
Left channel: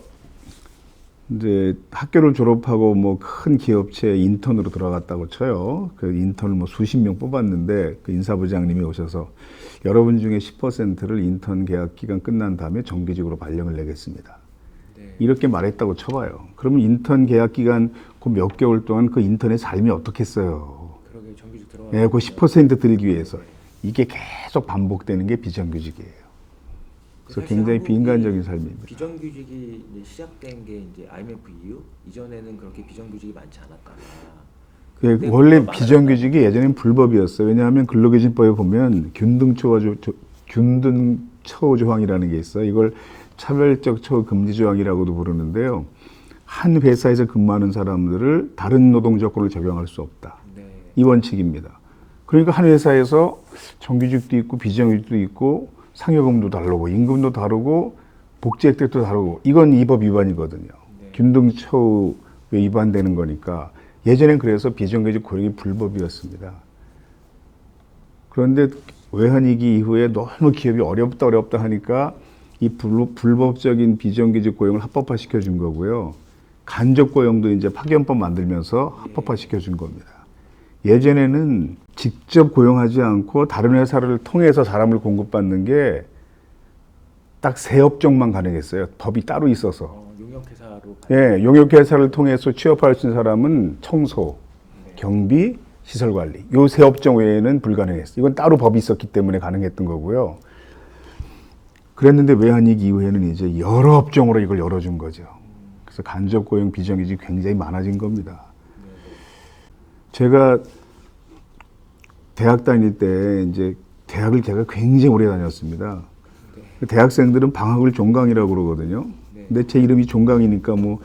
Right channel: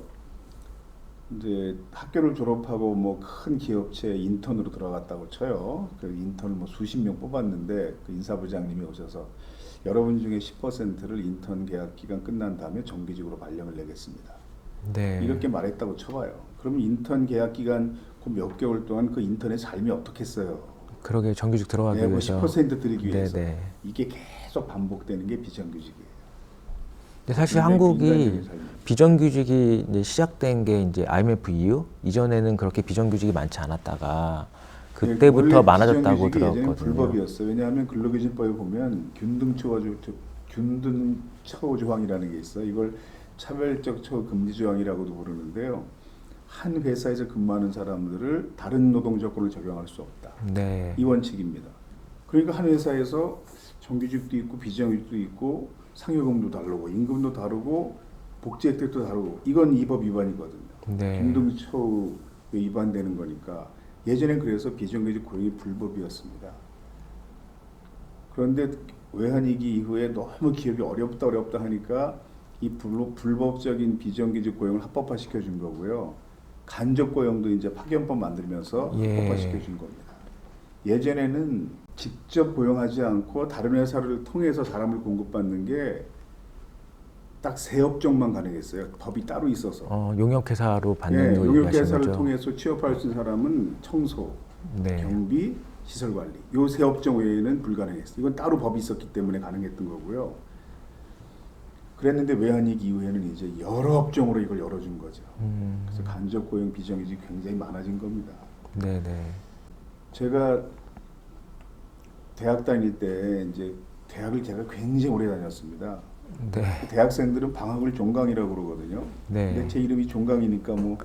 이제 학교를 졸업하고 뭐 큰 기업체 인턴으로 들어갔다고 쳐요. 그 인턴을 뭐 수십 명 뽑았는데 그 인사부장님이 오셔서 여러분 중에 10%를 인턴 계약 기간 끝난 다음에 정규직으로 발령을 내겠습니다. 네. 이렇게 말했다고 쳐봐요. 그러면 인턴 계약 기간 그 몇 개월 동안 그 인턴의 삶이 어떻겠어요? 그러게 정규직 들어가기 네, 그 위해서. 10% 드리기 위해서. 네네. 이게 계속 반복되는 게 비정규직이에요. 사실 굉장히 한국이 비인간적인 삶입니다. 비정규직이 이제 시작된 게 이제 IMF 이후 이전에는 그렇게 비정규직이 많지 않았다가 그때부터 원래 많아졌다고 비정규직이 예전엔 들었거든요. 불법이었어요. 왜냐하면 근로기준법에 보면 균등처우 조항이라는 게 있어요. 이걸 차별적 처우 금지 조항이라고도 부르는데요. 한 회사에서 근무하는 사람들을 다른 노동 조건을 적용할 수 없다. 네. 이 원칙입니다. 그러니까 한 회사에서 정규직도 있고 비정규직도 있고 상여금도 다르고 임금도 다르고 복지 혜택도 다르고 이건 이 법 위반이거든요. 네. 균등처우에 위반되는 거니까 예전엔 그래서 비정규직 고용이 불법이었습니다. 그런데 외환위기 이후에 너무 기업이 어렵다 하니까 이 불법적인 비정규직 고용을 합법화시켜 준 거고요. 간접 고용도 이제 파견법 만들면서 예. 합법화시켜 준 겁니다. 예전에는 직접 고용하지 않고 다른 회사를 통해서 사람을 공급받는 게 딱 세 업종만 가능했어요. 법이 따로 있어서. 용역회사로 받는 예, 용역회사를 통해서 취업할 수 있는 사람은 청소, 네. 경비, 시설관리. 요 세 업종 외에는 불가능했어요. 이건 따로 법이 있었기 때문에 가능했던 거고요. 그랬는데 외환위기 이후에는 이제 여러 업종으로 이걸 열어준 거죠. 그래서 간접 고용 비정규직이 굉장히 많아진 겁니다. 네네. 제가 대학 다닐 때 이제 대학을 제가 굉장히 오래 다녔습니다. 네. 대학생들은 방학을 종강이라고 그러거든요. 네. 근데 제 이름이 종강이니까 뭐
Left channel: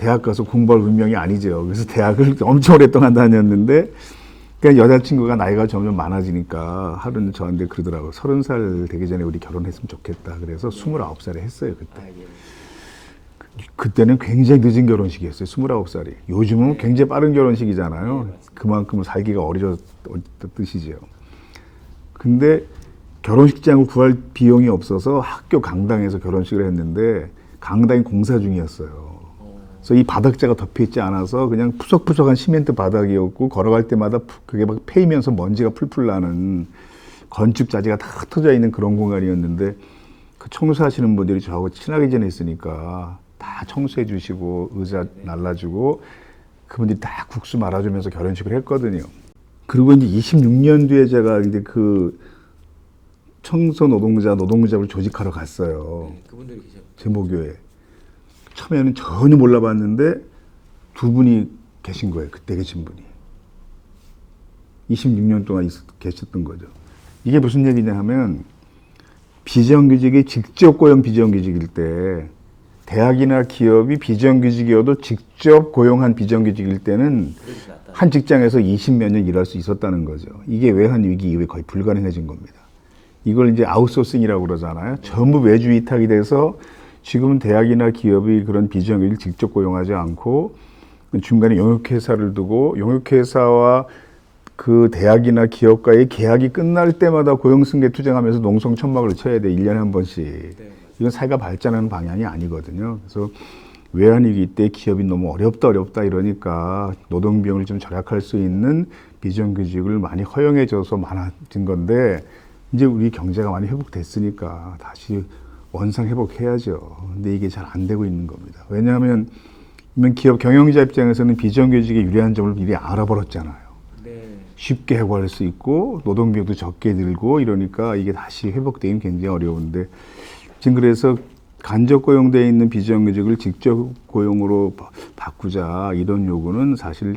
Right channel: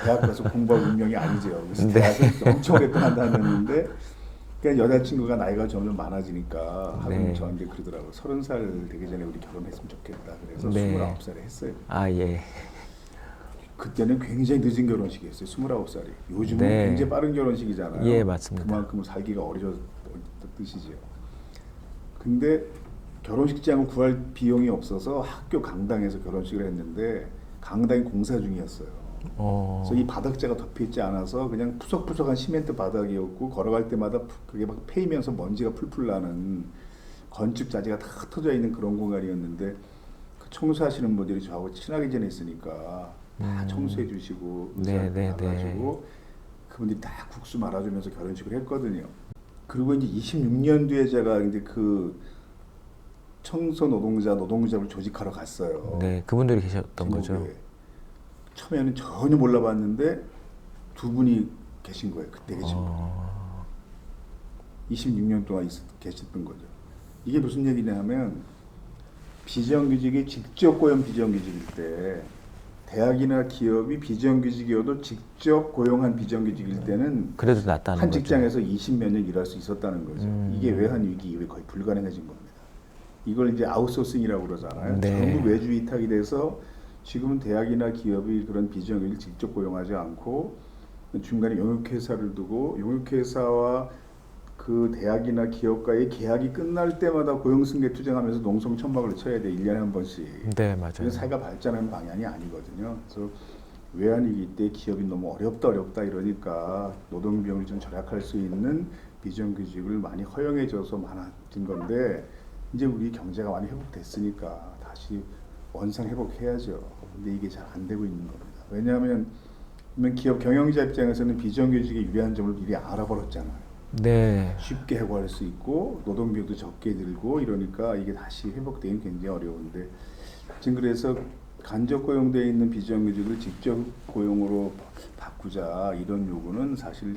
대학 가서 공부할 운명이 아니죠. 그래서 대학을 엄청 오랫동안 다녔는데 그냥 여자친구가 나이가 점점 많아지니까 하루는 네. 저한테 그러더라고요. 30살 되기 전에 우리 결혼했으면 좋겠다. 그래서 네. 29살에 했어요. 그때. 아, 예. 그때는 굉장히 늦은 결혼식이었어요. 29살이. 요즘은 네. 굉장히 빠른 결혼식이잖아요. 예, 맞습니다. 그만큼 살기가 어려졌다는 뜻이죠. 근데 결혼식장을 구할 비용이 없어서 학교 강당에서 결혼식을 했는데 강당이 공사 중이었어요. 그래서 이 바닥재가 덮여있지 않아서 그냥 푸석푸석한 시멘트 바닥이었고 걸어갈 때마다 그게 막 패이면서 먼지가 풀풀 나는 건축 자재가 다 흩어져 있는 그런 공간이었는데 그 청소하시는 분들이 저하고 친하게 지냈으니까 다 청소해 주시고 의자 네, 네, 날라주고 그분들이 다 국수 말아주면서 결혼식을 했거든요. 그리고 이제 26년 뒤에 제가 이제 그 청소 노동자를 조직하러 갔어요. 네, 그분들이 계셨던 거죠. 제목교회. 처음에는 전혀 몰라봤는데 두 분이 계신 거예요. 그때 계신 분이. 26년 동안 계셨던 거죠. 이게 무슨 얘기냐 하면 비정규직이 직접 고용 비정규직일 때 대학이나 기업이 비정규직이어도 직접 고용한 비정규직일 때는 그래도 낫다는 한 직장에서 20몇 년 일할 수 있었다는 거죠. 이게 외환위기 이후에 거의 불가능해진 겁니다. 이걸 이제 아웃소싱이라고 그러잖아요. 네. 전부 외주 위탁이 돼서 지금은 대학이나 기업이 그런 비정규직을 직접 고용하지 않고 중간에 용역회사를 두고 용역회사와 그 대학이나 기업과의 계약이 끝날 때마다 고용승계 투쟁하면서 농성천막을 쳐야 돼. 1년에 한 번씩. 네, 맞아요. 이건 사회가 발전하는 방향이 아니거든요. 그래서 외환위기 때 기업이 너무 어렵다 이러니까 노동비용을 좀 절약할 수 있는 비정규직을 많이 허용해줘서 많아진 건데 이제 우리 경제가 많이 회복됐으니까 다시 원상 회복해야죠. 근데 이게 잘 안 되고 있는 겁니다. 왜냐하면 그러면 기업 경영자 입장에서는 비정규직의 유리한 점을 미리 알아버렸잖아요. 네. 쉽게 해고할 수 있고 노동비용도 적게 들고 이러니까 이게 다시 회복되기는 굉장히 어려운데 지금 그래서 간접 고용되어 있는 비정규직을 직접 고용으로 바꾸자 이런 요구는 사실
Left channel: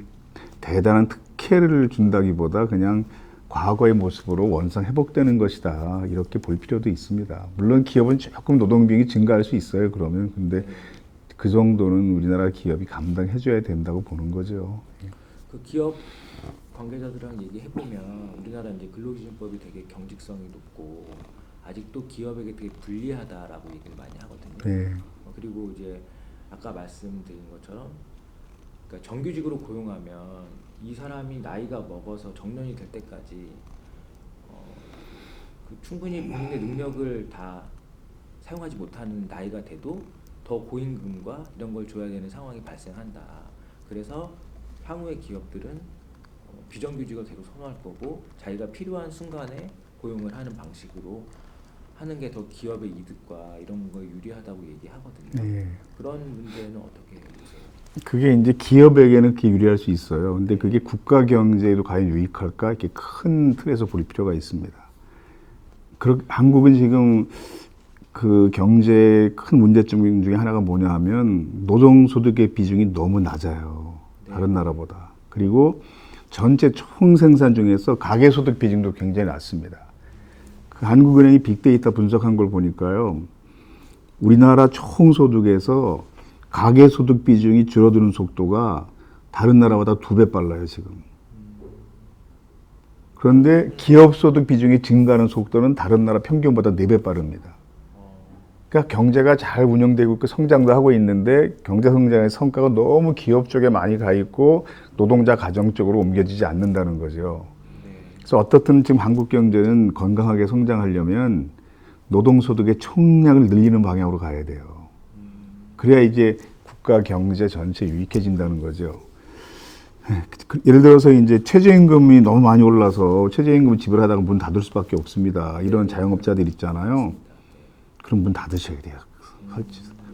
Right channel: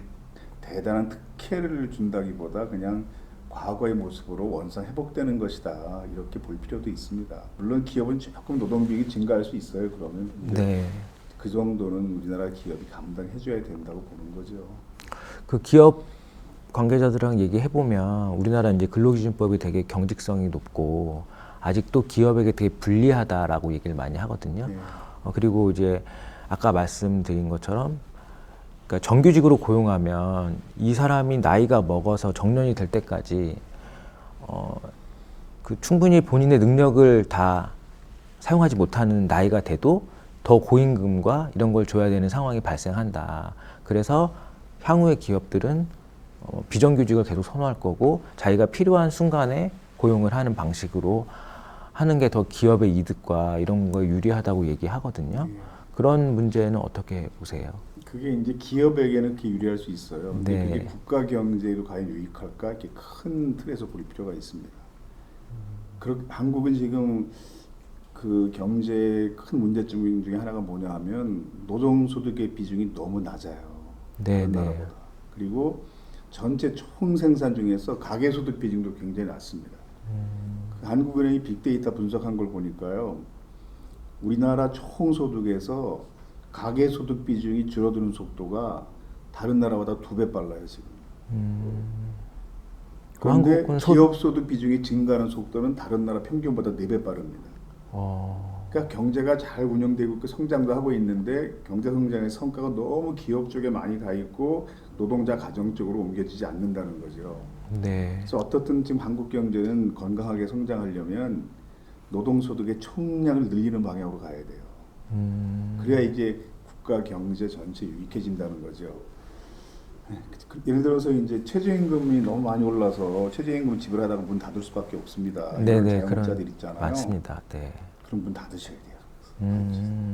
대단한 특혜를 준다기보다 그냥 과거의 모습으로 원상 회복되는 것이다 이렇게 볼 필요도 있습니다. 물론 기업은 조금 노동비용이 증가할 수 있어요. 그러면 근데 네. 그 정도는 우리나라 기업이 감당해줘야 된다고 보는 거죠. 그 기업 관계자들이랑 얘기해 보면 우리나라 이제 근로기준법이 되게 경직성이 높고 아직도 기업에게 되게 불리하다라고 얘기를 많이 하거든요. 네. 그리고 이제 아까 말씀드린 것처럼 그러니까 정규직으로 고용하면 이 사람이 나이가 먹어서 정년이 될 때까지 그 충분히 본인의 능력을 다 사용하지 못하는 나이가 돼도 더 고임금과 이런 걸 줘야 되는 상황이 발생한다. 그래서 향후의 기업들은 비정규직을 계속 선호할 거고 자기가 필요한 순간에 고용을 하는 방식으로 하는 게 더 기업의 이득과 이런 거에 유리하다고 얘기하거든요. 예. 그런 문제는 어떻게 보세요? 그게 이제 기업에게는 그게 유리할 수 있어요. 근데 네. 그게 국가 경제에도 과연 유익할까? 이렇게 큰 틀에서 볼 필요가 있습니다. 한국은 지금 그 경제의 큰 문제점 중에 하나가 뭐냐 하면 노동소득의 비중이 너무 낮아요. 네, 다른 네. 나라보다. 그리고 전체 총생산 중에서 가계소득 비중도 굉장히 낮습니다. 그 한국은행이 빅데이터 분석한 걸 보니까요. 우리나라 총소득에서 가계소득 비중이 줄어드는 속도가 다른 나라보다 2배 빨라요, 지금. 그런데 한국은 기업소득 비중이 증가하는 속도는 다른 나라 평균보다 4배 빠릅니다. 그러니까 경제가 잘 운영되고 있고 성장도 하고 있는데 경제 성장의 성과가 너무 기업 쪽에 많이 가 있고 노동자 가정 쪽으로 옮겨지지 않는다는 거죠. 네. 그래서 어떻든 지금 한국 경제는 건강하게 성장하려면 노동소득의 총량을 늘리는 방향으로 가야 돼요. 그래야 이제 국가 경제 전체 유익해진다는 거죠. 예를 들어서 이제 최저임금이 너무 많이 올라서 최저임금을 지불하다가 문 닫을 수밖에 없습니다. 이런 네네, 자영업자들 있잖아요. 맞습니다. 네. 그럼 문 닫으셔야 돼요.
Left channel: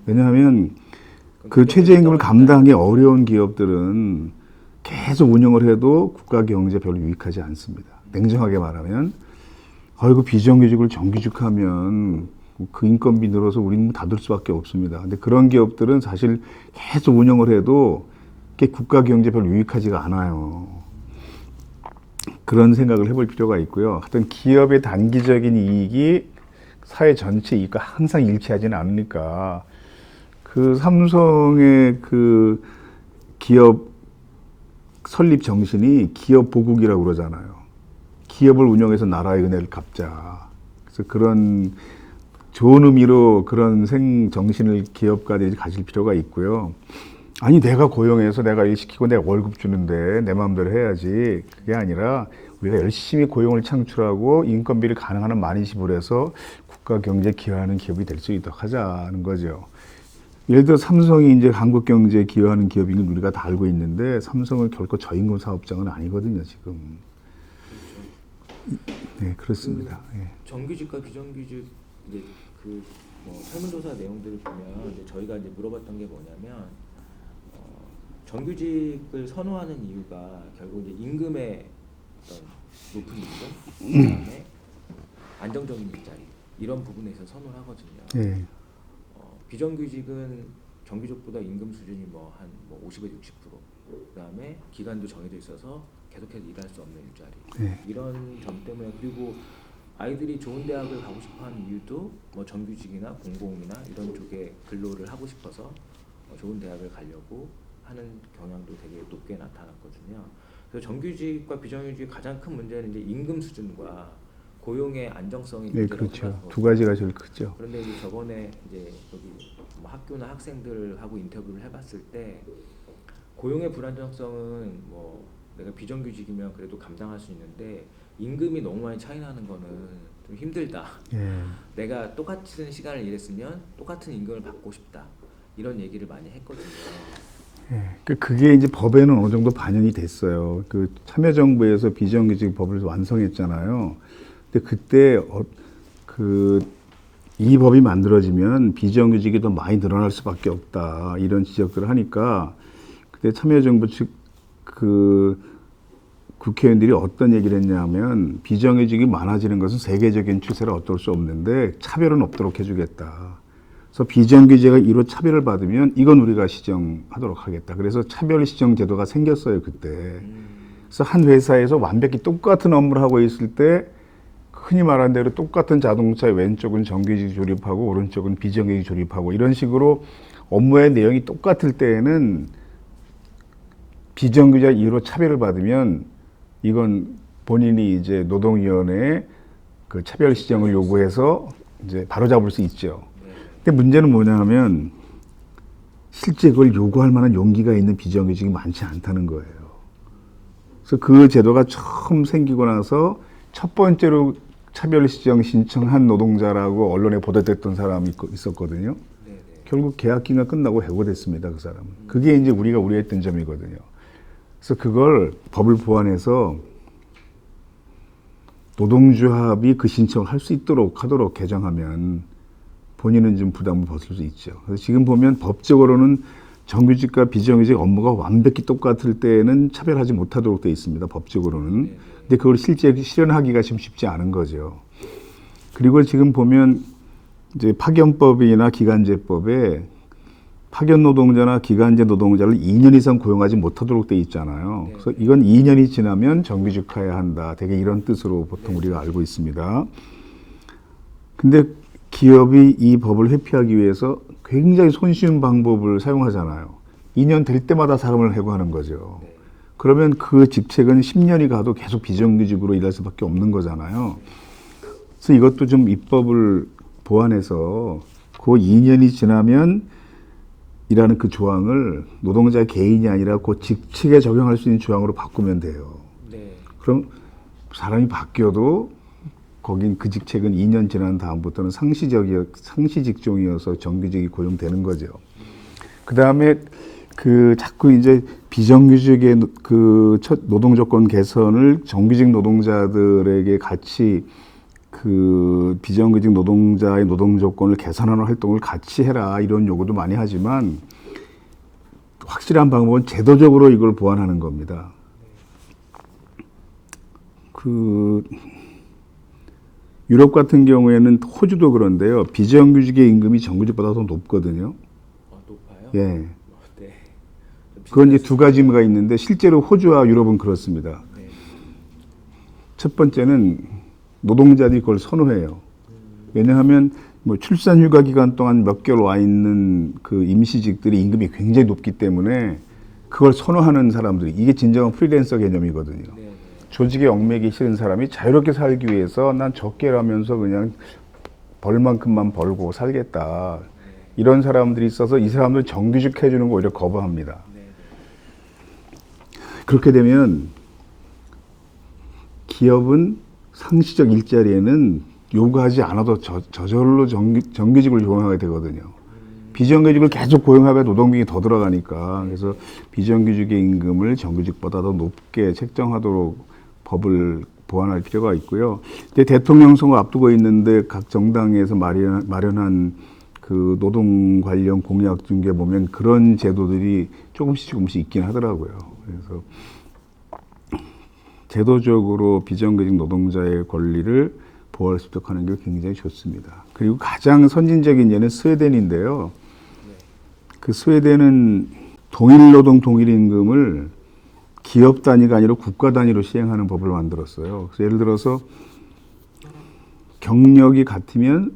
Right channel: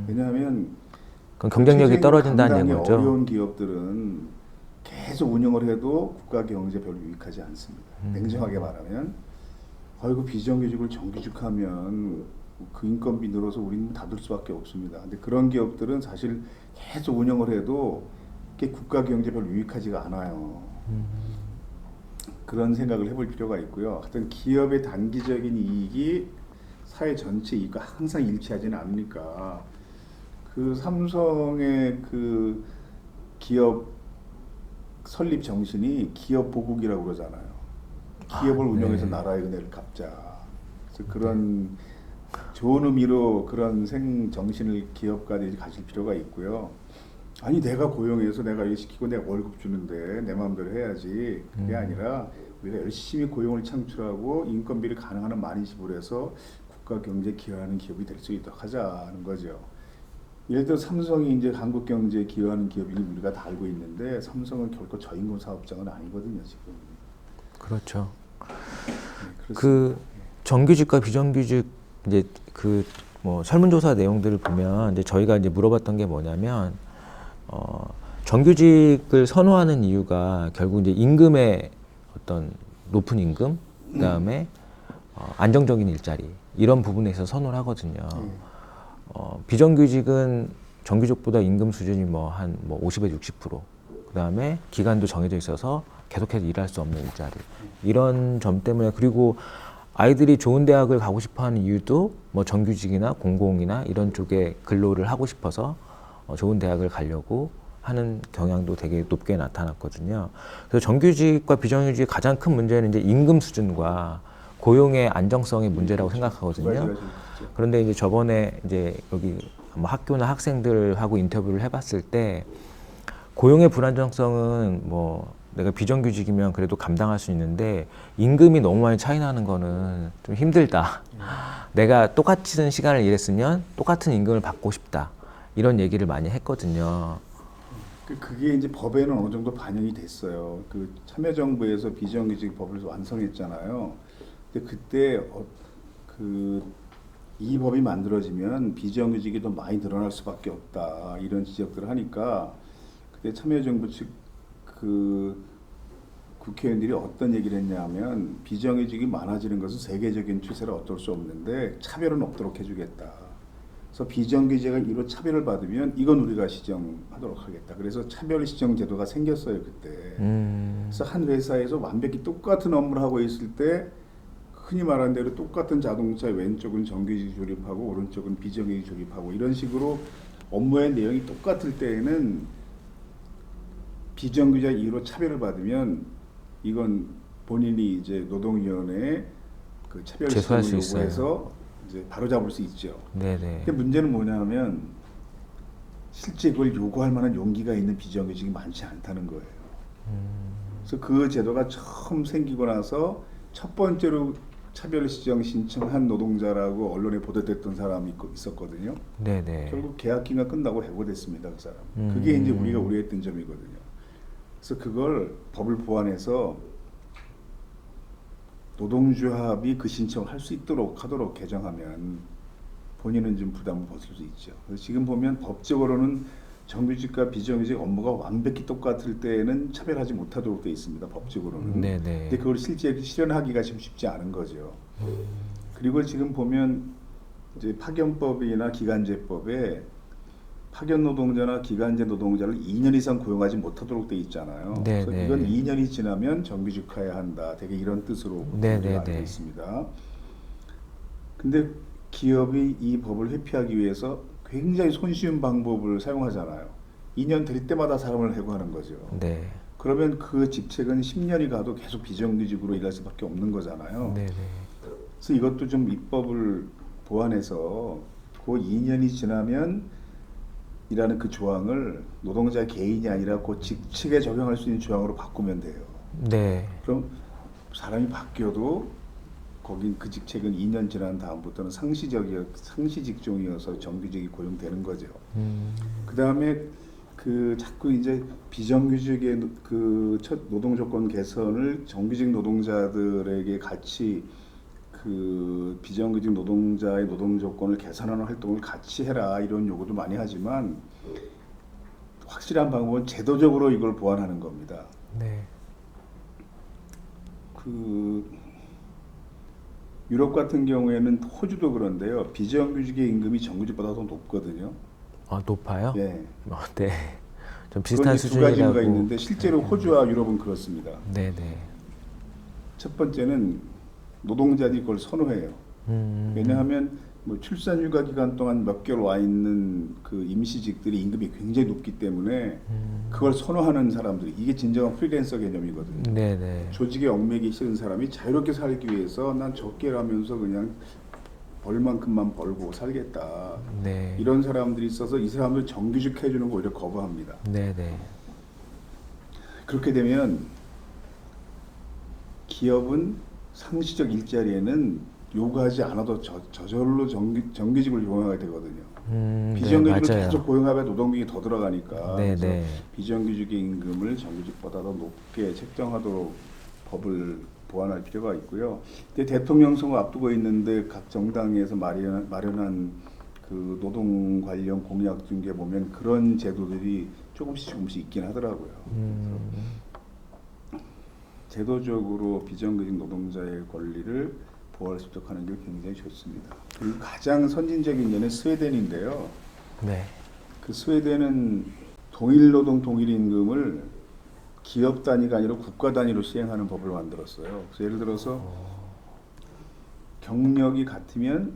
왜냐하면 그럼 그 경쟁력이 최저임금을 떨어진다는 감당하기 얘기죠? 어려운 기업들은 계속 운영을 해도 국가 경제에 별로 유익하지 않습니다. 냉정하게 말하면 아이고 비정규직을 정규직하면 그 인건비 늘어서 우리는 닫을 수밖에 없습니다. 근데 그런 기업들은 사실 계속 운영을 해도 국가 경제에 별로 유익하지가 않아요. 그런 생각을 해볼 필요가 있고요. 하여튼 기업의 단기적인 이익이 사회 전체 이익과 항상 일치하지는 않으니까 그 삼성의 그 기업 설립 정신이 기업 보국이라고 그러잖아요. 기업을 운영해서 나라의 은혜를 갚자. 그래서 그런 좋은 의미로 그런 정신을 기업가들이 가질 필요가 있고요. 아니 내가 고용해서 내가 일 시키고 내가 월급 주는데 내 마음대로 해야지. 그게 아니라 우리가 열심히 고용을 창출하고 인건비를 가능한 한 많이 지불해서 국가 경제에 기여하는 기업이 될 수 있도록 하자는 거죠. 예를 들어 삼성이 이제 한국 경제에 기여하는 기업인 건 우리가 다 알고 있는데 삼성은 결코 저임금 사업장은 아니거든요, 지금. 그렇죠. 네, 그렇습니다. 그 정규직과 비정규직 이제 그 뭐 설문조사 내용들을 보면 이제 저희가 이제 물어봤던 게 뭐냐면 정규직을 선호하는 이유가 결국 이제 임금의 어떤 높은 임금, 그다음에 안정적인 일자리 이런 부분에 있어서 선호를 하거든요. 네. 비정규직은 정규직보다 임금 수준이 뭐 한 50에서 60%, 그다음에 기간도 정해져 있어서 계속해서 일할 수 없는 일자리. 이런 점 때문에 그리고 아이들이 좋은 대학을 가고 싶어하는 이유도 뭐 정규직이나 공공이나 이런 쪽에 근로를 하고 싶어서 좋은 대학을 가려고 하는 경향도 되게 높게 나타났거든요. 그래서 정규직과 비정규직의 가장 큰 문제는 이제 임금 수준과 고용의 안정성의 문제라고 그렇죠. 생각하거든요. 두 가지가 제일 크죠. 그런데 이제 저번에 이제 여기 뭐 학교나 학생들하고 인터뷰를 해봤을 때 고용의 불안정성은 뭐 내가 비정규직이면 그래도 감당할 수 있는데 임금이 너무 많이 차이 나는 거는 좀 힘들다. 예. 내가 똑같은 시간을 일했으면 똑같은 임금을 받고 싶다. 이런 얘기를 많이 했거든요. 그게 이제 법에는 어느 정도 반영이 됐어요. 그 참여정부에서 비정규직 법을 완성했잖아요. 근데 그때 그 이 법이 만들어지면 비정규직이 더 많이 늘어날 수밖에 없다. 이런 지적들을 하니까 그때 참여정부 측 그 국회의원들이 어떤 얘기를 했냐면 비정규직이 많아지는 것은 세계적인 추세라 어쩔 수 없는데 차별은 없도록 해주겠다. 그래서 비정규직가 이로 차별을 받으면 이건 우리가 시정하도록 하겠다. 그래서 차별 시정 제도가 생겼어요 그때. 그래서 한 회사에서 완벽히 똑같은 업무를 하고 있을 때 흔히 말하는 대로 똑같은 자동차의 왼쪽은 정규직 조립하고 오른쪽은 비정규직 조립하고 이런 식으로 업무의 내용이 똑같을 때에는 비정규직 이유로 차별을 받으면 이건 본인이 이제 노동위원회에 그 차별 제소할 시정을 수 요구해서 이제 바로잡을 수 있죠. 네네. 근데 문제는 뭐냐면 실제 그걸 요구할 만한 용기가 있는 비정규직이 많지 않다는 거예요. 그래서 그 제도가 처음 생기고 나서 첫 번째로 차별 시정 신청한 노동자라고 언론에 보도됐던 사람이 있었거든요. 네네. 결국 계약 기간 끝나고 해고됐습니다. 그 사람. 그게 이제 우리가 우려했던 점이거든요. 그래서 그걸 법을 보완해서 노동조합이 그 신청을 할 수 있도록 하도록 개정하면 본인은 좀 부담을 벗을 수 있죠. 그래서 지금 보면 법적으로는 정규직과 비정규직 업무가 완벽히 똑같을 때는 차별하지 못하도록 되어 있습니다. 법적으로는. 네네. 근데 그걸 실제 실현하기가 지금 쉽지 않은 거죠. 그리고 지금 보면 이제 파견법이나 기간제법에 파견 노동자나 기간제 노동자를 2년 이상 고용하지 못하도록 돼 있잖아요. 네네. 그래서 이건 2년이 지나면 정규직화해야 한다. 되게 이런 뜻으로 보통 네네네. 우리가 알고 있습니다. 근데 기업이 이 법을 회피하기 위해서 굉장히 손쉬운 방법을 사용하잖아요. 2년 될 때마다 사람을 해고하는 거죠. 네. 그러면 그 직책은 10년이 가도 계속 비정규직으로 일할 수밖에 없는 거잖아요. 네. 그래서 이것도 좀 입법을 보완해서 그 2년이 지나면 이라는 그 조항을 노동자 개인이 아니라 그 직책에 적용할 수 있는 조항으로 바꾸면 돼요. 네. 그럼 사람이 바뀌어도 거긴 그 직책은 2년 지난 다음부터는 상시 직종이어서 정규직이 고용되는 거죠. 그 다음에 그 자꾸 이제 비정규직의 그 첫 노동 조건 개선을 정규직 노동자들에게 같이 그 비정규직 노동자의 노동 조건을 개선하는 활동을 같이 해라 이런 요구도 많이 하지만 확실한 방법은 제도적으로 이걸 보완하는 겁니다. 네. 그 유럽 같은 경우에는 호주도 그런데요. 비정규직의 임금이 정규직보다 더 높거든요. 아, 높아요? 예. 네. 좀 비슷한 그건 이제 두 가지가 수준이라고. 있는데 실제로 호주와 유럽은 그렇습니다. 네네. 첫 번째는 노동자들이 그걸 선호해요. 왜냐하면 뭐 출산 휴가 기간 동안 몇 개월 와 있는 그 임시직들이 임금이 굉장히 높기 때문에 그걸 선호하는 사람들이 이게 진정한 프리랜서 개념이거든요. 네네. 조직에 얽매기 싫은 사람이 자유롭게 살기 위해서 난 적게 일하면서 그냥 벌 만큼만 벌고 살겠다. 네. 이런 사람들이 있어서 이 사람들 정규직 해주는 거 오히려 거부합니다. 네네. 그렇게 되면 기업은 상시적 일자리에는 요구하지 않아도 저절로 정규직을 고용하게 되거든요. 비정규직을 네, 맞아요. 계속 고용하면 노동비가 더 들어가니까. 네네. 그래서 비정규직의 임금을 정규직보다 더 높게 책정하도록 법을 보완할 필요가 있고요. 근데 대통령 선거 앞두고 있는데 각 정당에서 마련한 그 노동 관련 공약 중에 보면 그런 제도들이 조금씩 있긴 하더라고요. 그래서 제도적으로 비정규직 노동자의 권리를 보호할 수 있도록 하는 게 굉장히 좋습니다. 그리고 가장 선진적인 예는 스웨덴인데요. 네. 그 스웨덴은 동일노동 동일임금을 기업 단위가 아니라 국가 단위로 시행하는 법을 만들었어요. 그래서 예를 들어서 경력이 같으면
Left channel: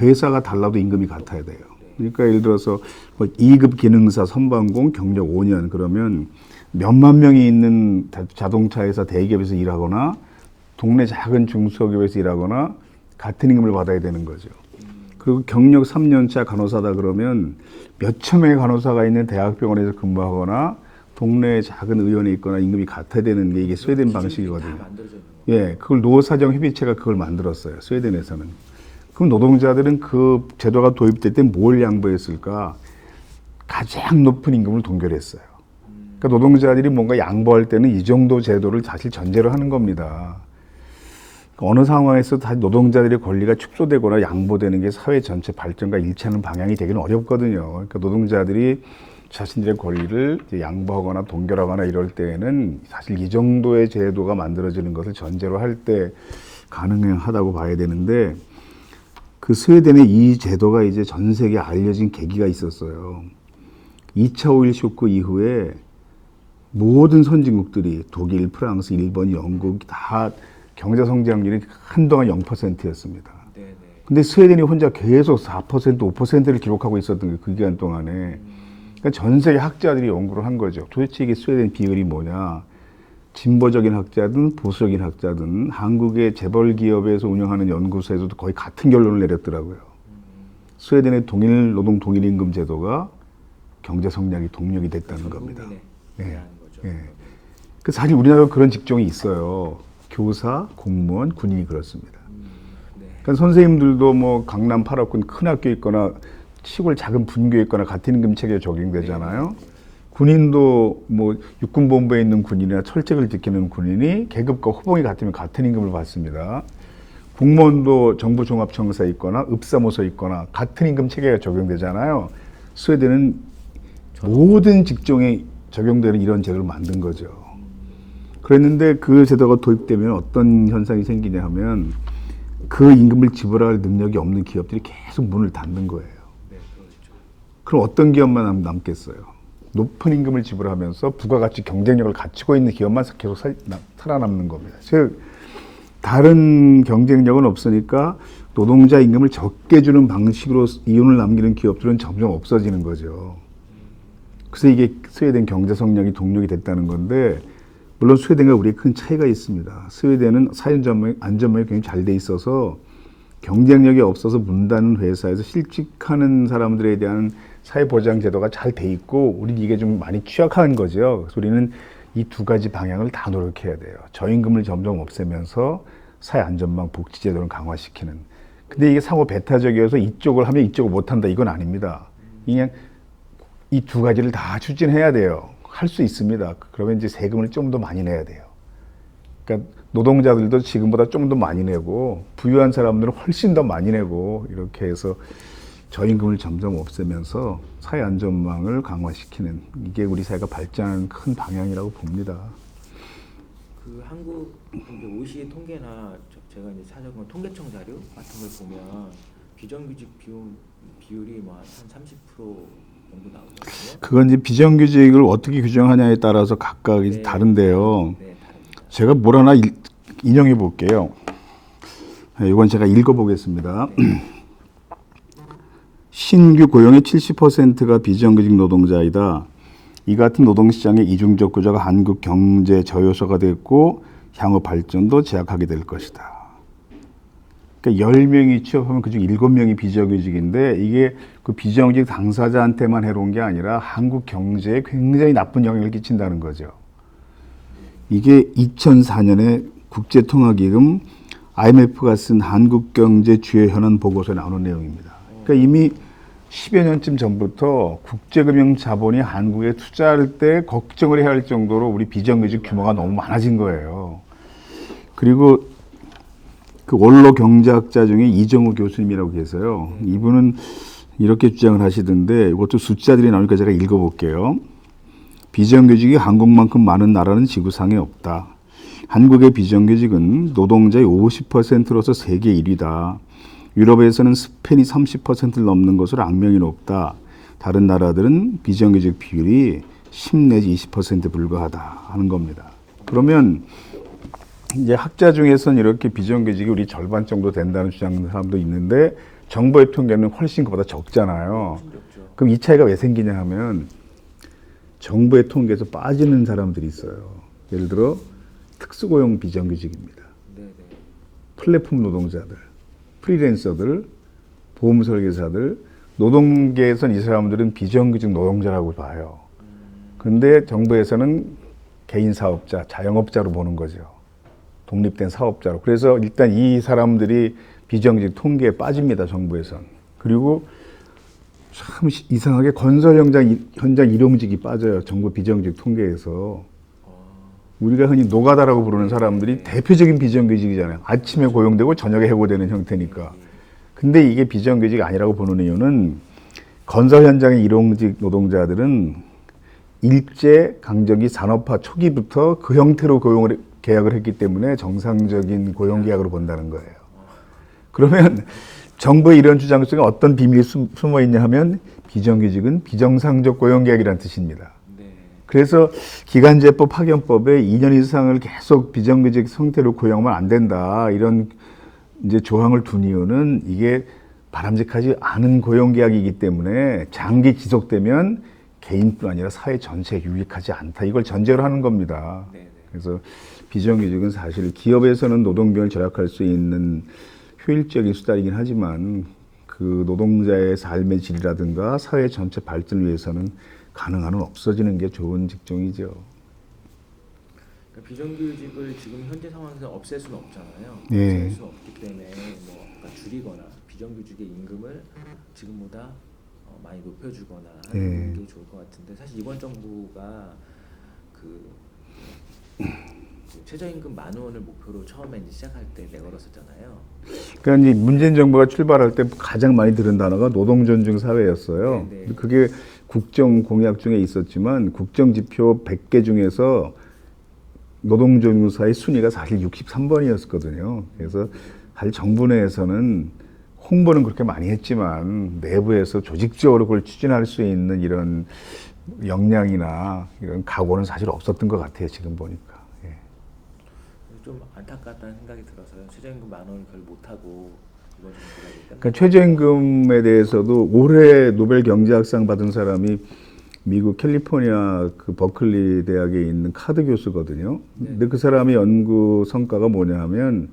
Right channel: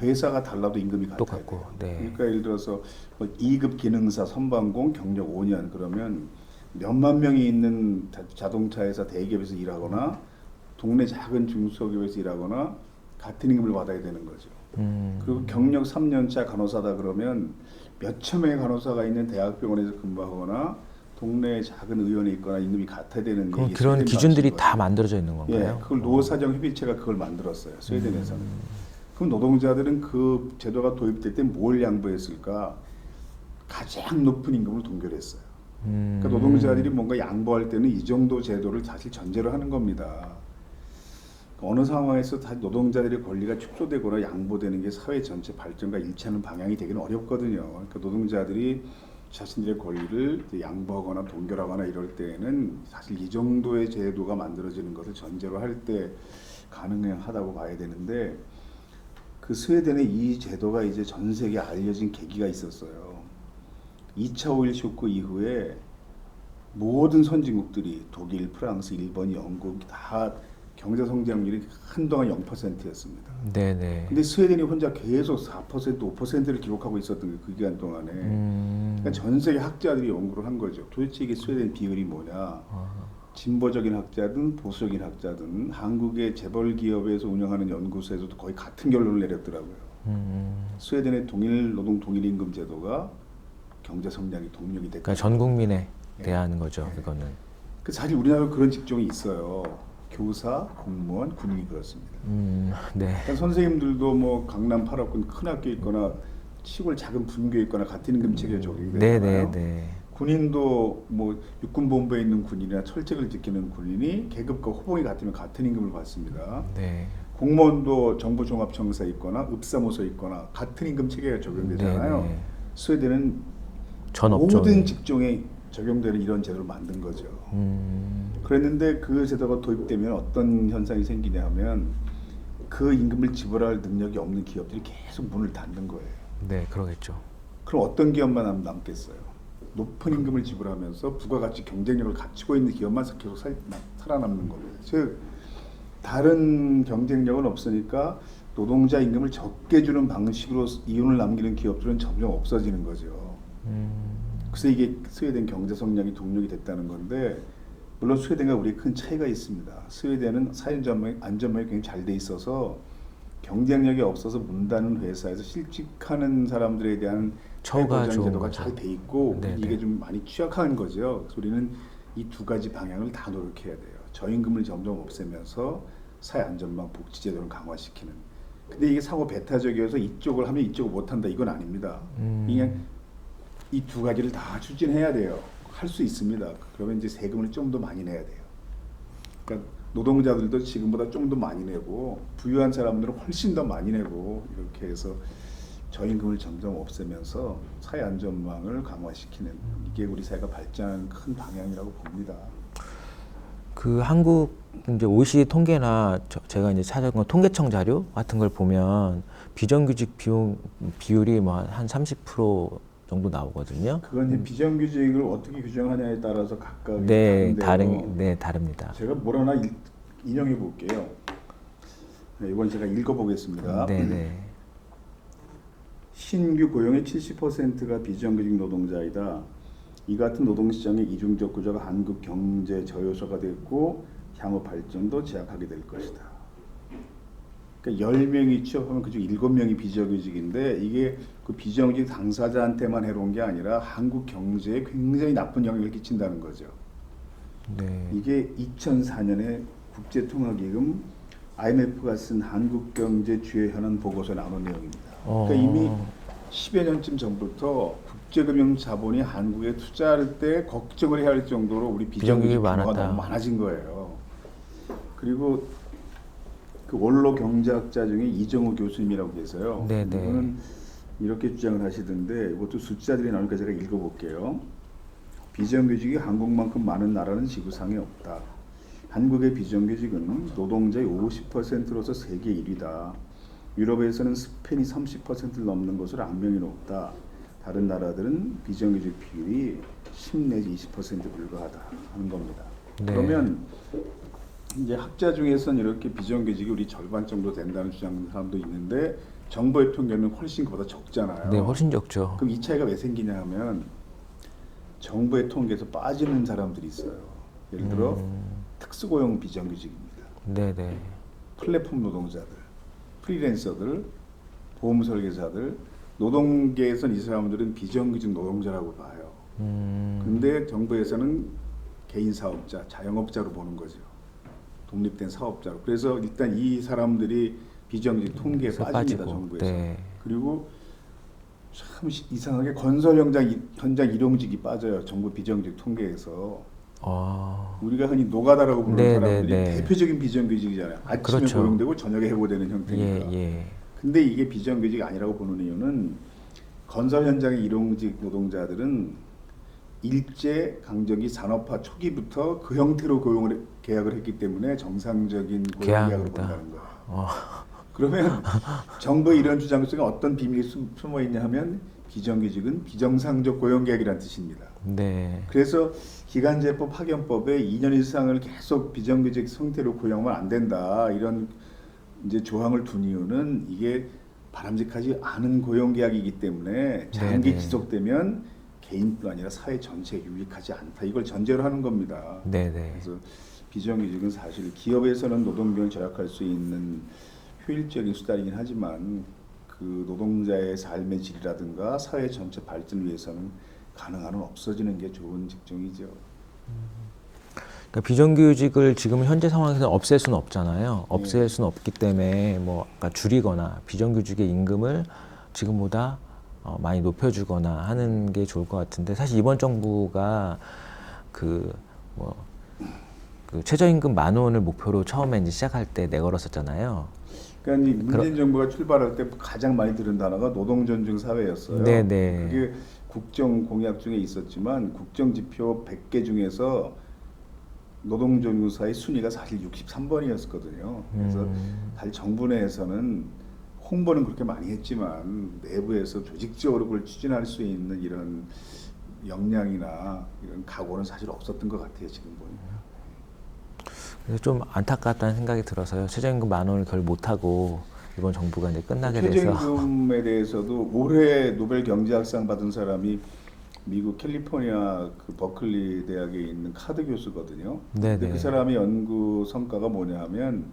회사가 달라도 임금이 같아야 돼요. 네. 그러니까 예를 들어서 뭐 2급 기능사 선반공 경력 5년 그러면 몇만 명이 있는 자동차 회사 대기업에서 일하거나 동네 작은 중소기업에서 일하거나 같은 임금을 받아야 되는 거죠. 그리고 경력 3년차 간호사다 그러면 몇천 명의 간호사가 있는 대학병원에서 근무하거나 동네 작은 의원에 있거나 임금이 같아야 되는 게 이게 그런 스웨덴 기준들이 방식이거든요. 다 만들어져 있는 건가요? 예, 그걸 노사정협의체가 그걸 만들었어요. 스웨덴에서는. 그럼 노동자들은 그 제도가 도입될 때 뭘 양보했을까? 가장 높은 임금을 동결했어요. 그러니까 노동자들이 뭔가 양보할 때는 이 정도 제도를 사실 전제로 하는 겁니다. 어느 상황에서 다 노동자들의 권리가 축소되거나 양보되는 게 사회 전체 발전과 일치하는 방향이 되기는 어렵거든요. 그러니까 노동자들이 자신들의 권리를 이제 양보하거나 동결하거나 이럴 때에는 사실 이 정도의 제도가 만들어지는 것을 전제로 할 때 가능하다고 봐야 되는데, 그 스웨덴의 이 제도가 이제 전 세계에 알려진 계기가 있었어요. 2차 오일 쇼크 이후에 모든 선진국들이 독일, 프랑스, 일본, 영국 다 경제 성장률이 한동안 0%였습니다. 네네. 근데 스웨덴이 혼자 계속 4%, 5%를 기록하고 있었던 게 그 기간 동안에. 그러니까 전 세계 학자들이 연구를 한 거죠. 도대체 이게 스웨덴 비결이 뭐냐. 진보적인 학자든 보수적인 학자든 한국의 재벌 기업에서 운영하는 연구소에서도 거의 같은 결론을 내렸더라고요. 스웨덴의 동일 노동 동일 임금 제도가 경제 성장의 동력이 됐다는 그러니까 전 겁니다. 국민에 대한 거죠. 네. 이거는. 그 사실 우리나라도 그런 직종이 있어요. 교사, 공무원, 군인이 그렇습니다. 네. 그러니까 선생님들도 뭐 강남 8학군 큰 학교 있거나 시골 작은 분교에 있거나 같은 임금 체계에 적용되잖아요. 네네네. 군인도 뭐 육군본부에 있는 군인이나 철책을 지키는 군인이 계급과 호봉이 같으면 같은 임금을 받습니다. 네. 공무원도 정부종합청사에 있거나 읍사무소에 있거나 같은 임금 체계가 적용되잖아요. 네네. 스웨덴은 전 없죠. 모든 직종에 적용되는 이런 제도를 만든 거죠. 그랬는데 그 제도가 도입되면 어떤 현상이 생기냐 하면 그 임금을 지불할 능력이 없는 기업들이 계속 문을 닫는 거예요. 네, 그러겠죠. 그럼 어떤 기업만 남겠어요? 높은 임금을 지불하면서 부가가치 경쟁력을 갖추고 있는 기업만 계속 살아남는 겁니다. 즉 다른 경쟁력은 없으니까 노동자 임금을 적게 주는 방식으로 이윤을 남기는 기업들은 점점 없어지는 거죠. 그래서 이게 스웨덴 경제 성장이 동력이 됐다는 건데, 물론 스웨덴과 우리의 큰 차이가 있습니다. 스웨덴은 사회 안전망이 굉장히 잘 돼 있어서 경쟁력이 없어서 문 닫는 회사에서 실직하는 사람들에 대한 사회보장 제도가 잘 돼 있고, 우리는 이게 좀 많이 취약한 거죠. 그래서 우리는 이 두 가지 방향을 다 노력해야 돼요. 저임금을 점점 없애면서 사회 안전망 복지 제도를 강화시키는. 근데 이게 상호 배타적이어서 이쪽을 하면 이쪽을 못한다, 이건 아닙니다. 그냥 이 두 가지를 다 추진해야 돼요. 할 수 있습니다. 그러면 이제 세금을 좀 더 많이 내야 돼요. 그러니까 노동자들도 지금보다 좀 더 많이 내고 부유한 사람들은 훨씬 더 많이 내고 이렇게 해서 저임금을 점점 없애면서 사회 안전망을 강화시키는, 이게 우리 사회가 발전하는 큰 방향이라고 봅니다. 그 한국 이제 OECD 통계나 제가 이제 찾아본 통계청 자료 같은 걸 보면 비정규직 비율이 뭐 한 30% 정도 나오거든요. 그건 이제 비정규직을 어떻게 규정하냐에 따라서 각각 네, 다른데요. 네, 다릅니다. 제가 뭘 하나 인용해 볼게요. 이건 제가 읽어보겠습니다. 네. 신규 고용의 70%가 비정규직 노동자이다. 이 같은 노동시장의 이중적 구조가 한국 경제 저요소가 됐고 향후 발전도 제약하게 될 것이다. 그러니까 10명이 취업하면 그중 7명이 비정규직인데, 이게 그 비정규직 당사자한테만 해로운 게 아니라 한국 경제에 굉장히 나쁜 영향을 끼친다는 거죠. 네. 이게 2004년에 국제통화기금 IMF가 쓴 한국경제 주요 현안 보고서에 나오는 내용입니다. 그러니까 이미 10여 년쯤 전부터 국제금융 자본이 한국에 투자할 때 걱정을 해야 할 정도로 우리 비정규직 규모가 너무 많아진 거예요. 그리고 그 원로 경제학자 중에 이정우 교수님이라고 계세요. 네네. 이분은 이렇게 주장을 하시던데, 이것도 숫자들이 나오니까 제가 읽어볼게요. 비정규직이 한국만큼 많은 나라는 지구상에 없다. 한국의 비정규직은 노동자의 50%로서 세계 1위다. 유럽에서는 스페인이 30%를 넘는 것으로 악명이 높다. 다른 나라들은 비정규직 비율이 10 내지 20% 불과하다 하는 겁니다. 네. 그러면 이제 학자 중에서는 이렇게 비정규직이 우리 절반 정도 된다는 주장하는 사람도 있는데, 정부의 통계는 훨씬 그보다 적잖아요. 네, 훨씬 적죠. 그럼 이 차이가 왜 생기냐 하면 정부의 통계에서 빠지는 사람들이 있어요. 예를 들어 특수고용 비정규직입니다. 네네. 플랫폼 노동자들, 프리랜서들, 보험 설계사들, 노동계에서는 이 사람들은 비정규직 노동자라고 봐요. 근데 정부에서는 개인 사업자, 자영업자로 보는 거죠. 독립된 사업자로. 그래서 일단 이 사람들이 비정규직 통계에 빠집니다, 정부에서. 네. 그리고 참 이상하게 건설 현장 일용직이 빠져요, 정부 비정규직 통계에서. 우리가 흔히 노가다라고 부르는 네, 사람들이 네, 네. 대표적인 비정규직이잖아요. 아침에 그렇죠. 고용되고 저녁에 해고되는 형태니까. 예, 예. 근데 이게 비정규직이 아니라고 보는 이유는 건설 현장의 일용직 노동자들은 일제 강점기 산업화 초기부터 그 형태로 계약을 했기 때문에 정상적인 고용 계약으로 본다는 거예요. 그러면 정부의 이런 주장 속에 어떤 비밀이 숨어 있냐 하면 비정규직은 비정상적 고용 계약이라는 뜻입니다. 네. 그래서 기간제법 파견법에 2년 이상을 계속 비정규직 형태로 고용하면 안 된다. 이런 이제 조항을 둔 이유는 이게 바람직하지 않은 고용 계약이기 때문에 장기 지속되면 개인뿐 아니라 사회 전체에 유익하지 않다. 이걸 전제로 하는 겁니다. 네네. 그래서 비정규직은 사실 기업에서는 노동비용을 절약할 수 있는 효율적인 수단이긴 하지만 그 노동자의 삶의 질이라든가 사회 전체 발전을 위해서는 가능한 한 없어지는 게 좋은 직종이죠. 그러니까 비정규직을 지금 현재 상황에서 없앨 수는 없잖아요. 예. 없앨 수는 없기 때문에 뭐 아까 줄이거나 비정규직의 임금을 지금보다 많이 높여주거나 하는 게 좋을 것 같은데 사실 이번 정부가 그 최저임금 10,000원을 목표로 처음에 이제 시작할 때 내걸었었잖아요. 그러니까 이제 문재인 정부가 출발할 때 가장 많이 들은 단어가 노동 존중 사회였어요. 네네. 그게 국정 공약 중에 있었지만 국정 지표 100개 중에서 노동 존중 사회 순위가 사실 63번이었거든요. 그래서 사실 정부 내에서는 홍보는 그렇게 많이 했지만 내부에서 조직적으로 그걸 추진할 수 있는 이런 역량이나 이런 각오는 사실 없었던 것 같아요. 지금 보니까. 그래서 좀 안타깝다는 생각이 들어서요. 최저임금 10,000원을 결 못하고 이번 정부가 이제 끝나게 그러니까 최저임금에 대해서도 올해 노벨 경제학상 받은 사람이 미국 캘리포니아 그 버클리 대학에 있는 카드 교수거든요. 근데 그 사람의 연구 성과가 뭐냐 하면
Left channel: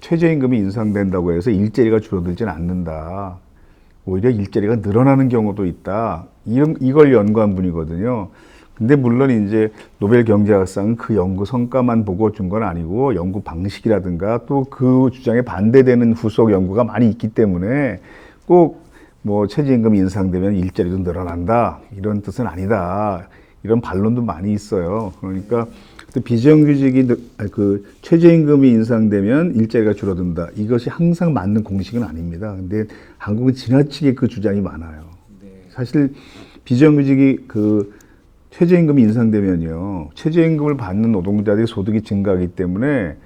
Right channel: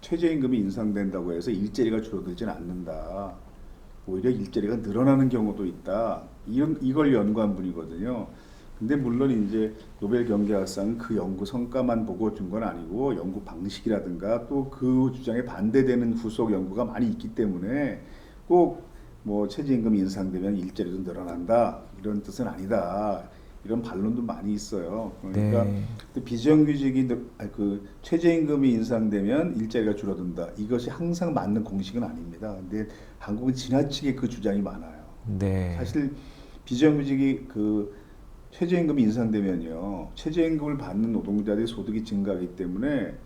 최저임금이 인상된다고 해서 일자리가 줄어들지는 않는다. 오히려 일자리가 늘어나는 경우도 있다. 이걸 연구한 분이거든요. 근데 물론 이제 노벨 경제학상은 그 연구 성과만 보고 준 건 아니고 연구 방식이라든가 또 그 주장에 반대되는 후속 연구가 많이 있기 때문에 꼭 뭐 최저임금 인상되면 일자리도 늘어난다 이런 뜻은 아니다 이런 반론도 많이 있어요. 그러니까 비정규직이 그 최저임금이 인상되면 일자리가 줄어든다 이것이 항상 맞는 공식은 아닙니다. 근데 한국은 지나치게 그 주장이 많아요. 네. 사실 비정규직이 그 최저임금이 인상되면요. 최저임금을 받는 노동자들의 소득이 증가하기 때문에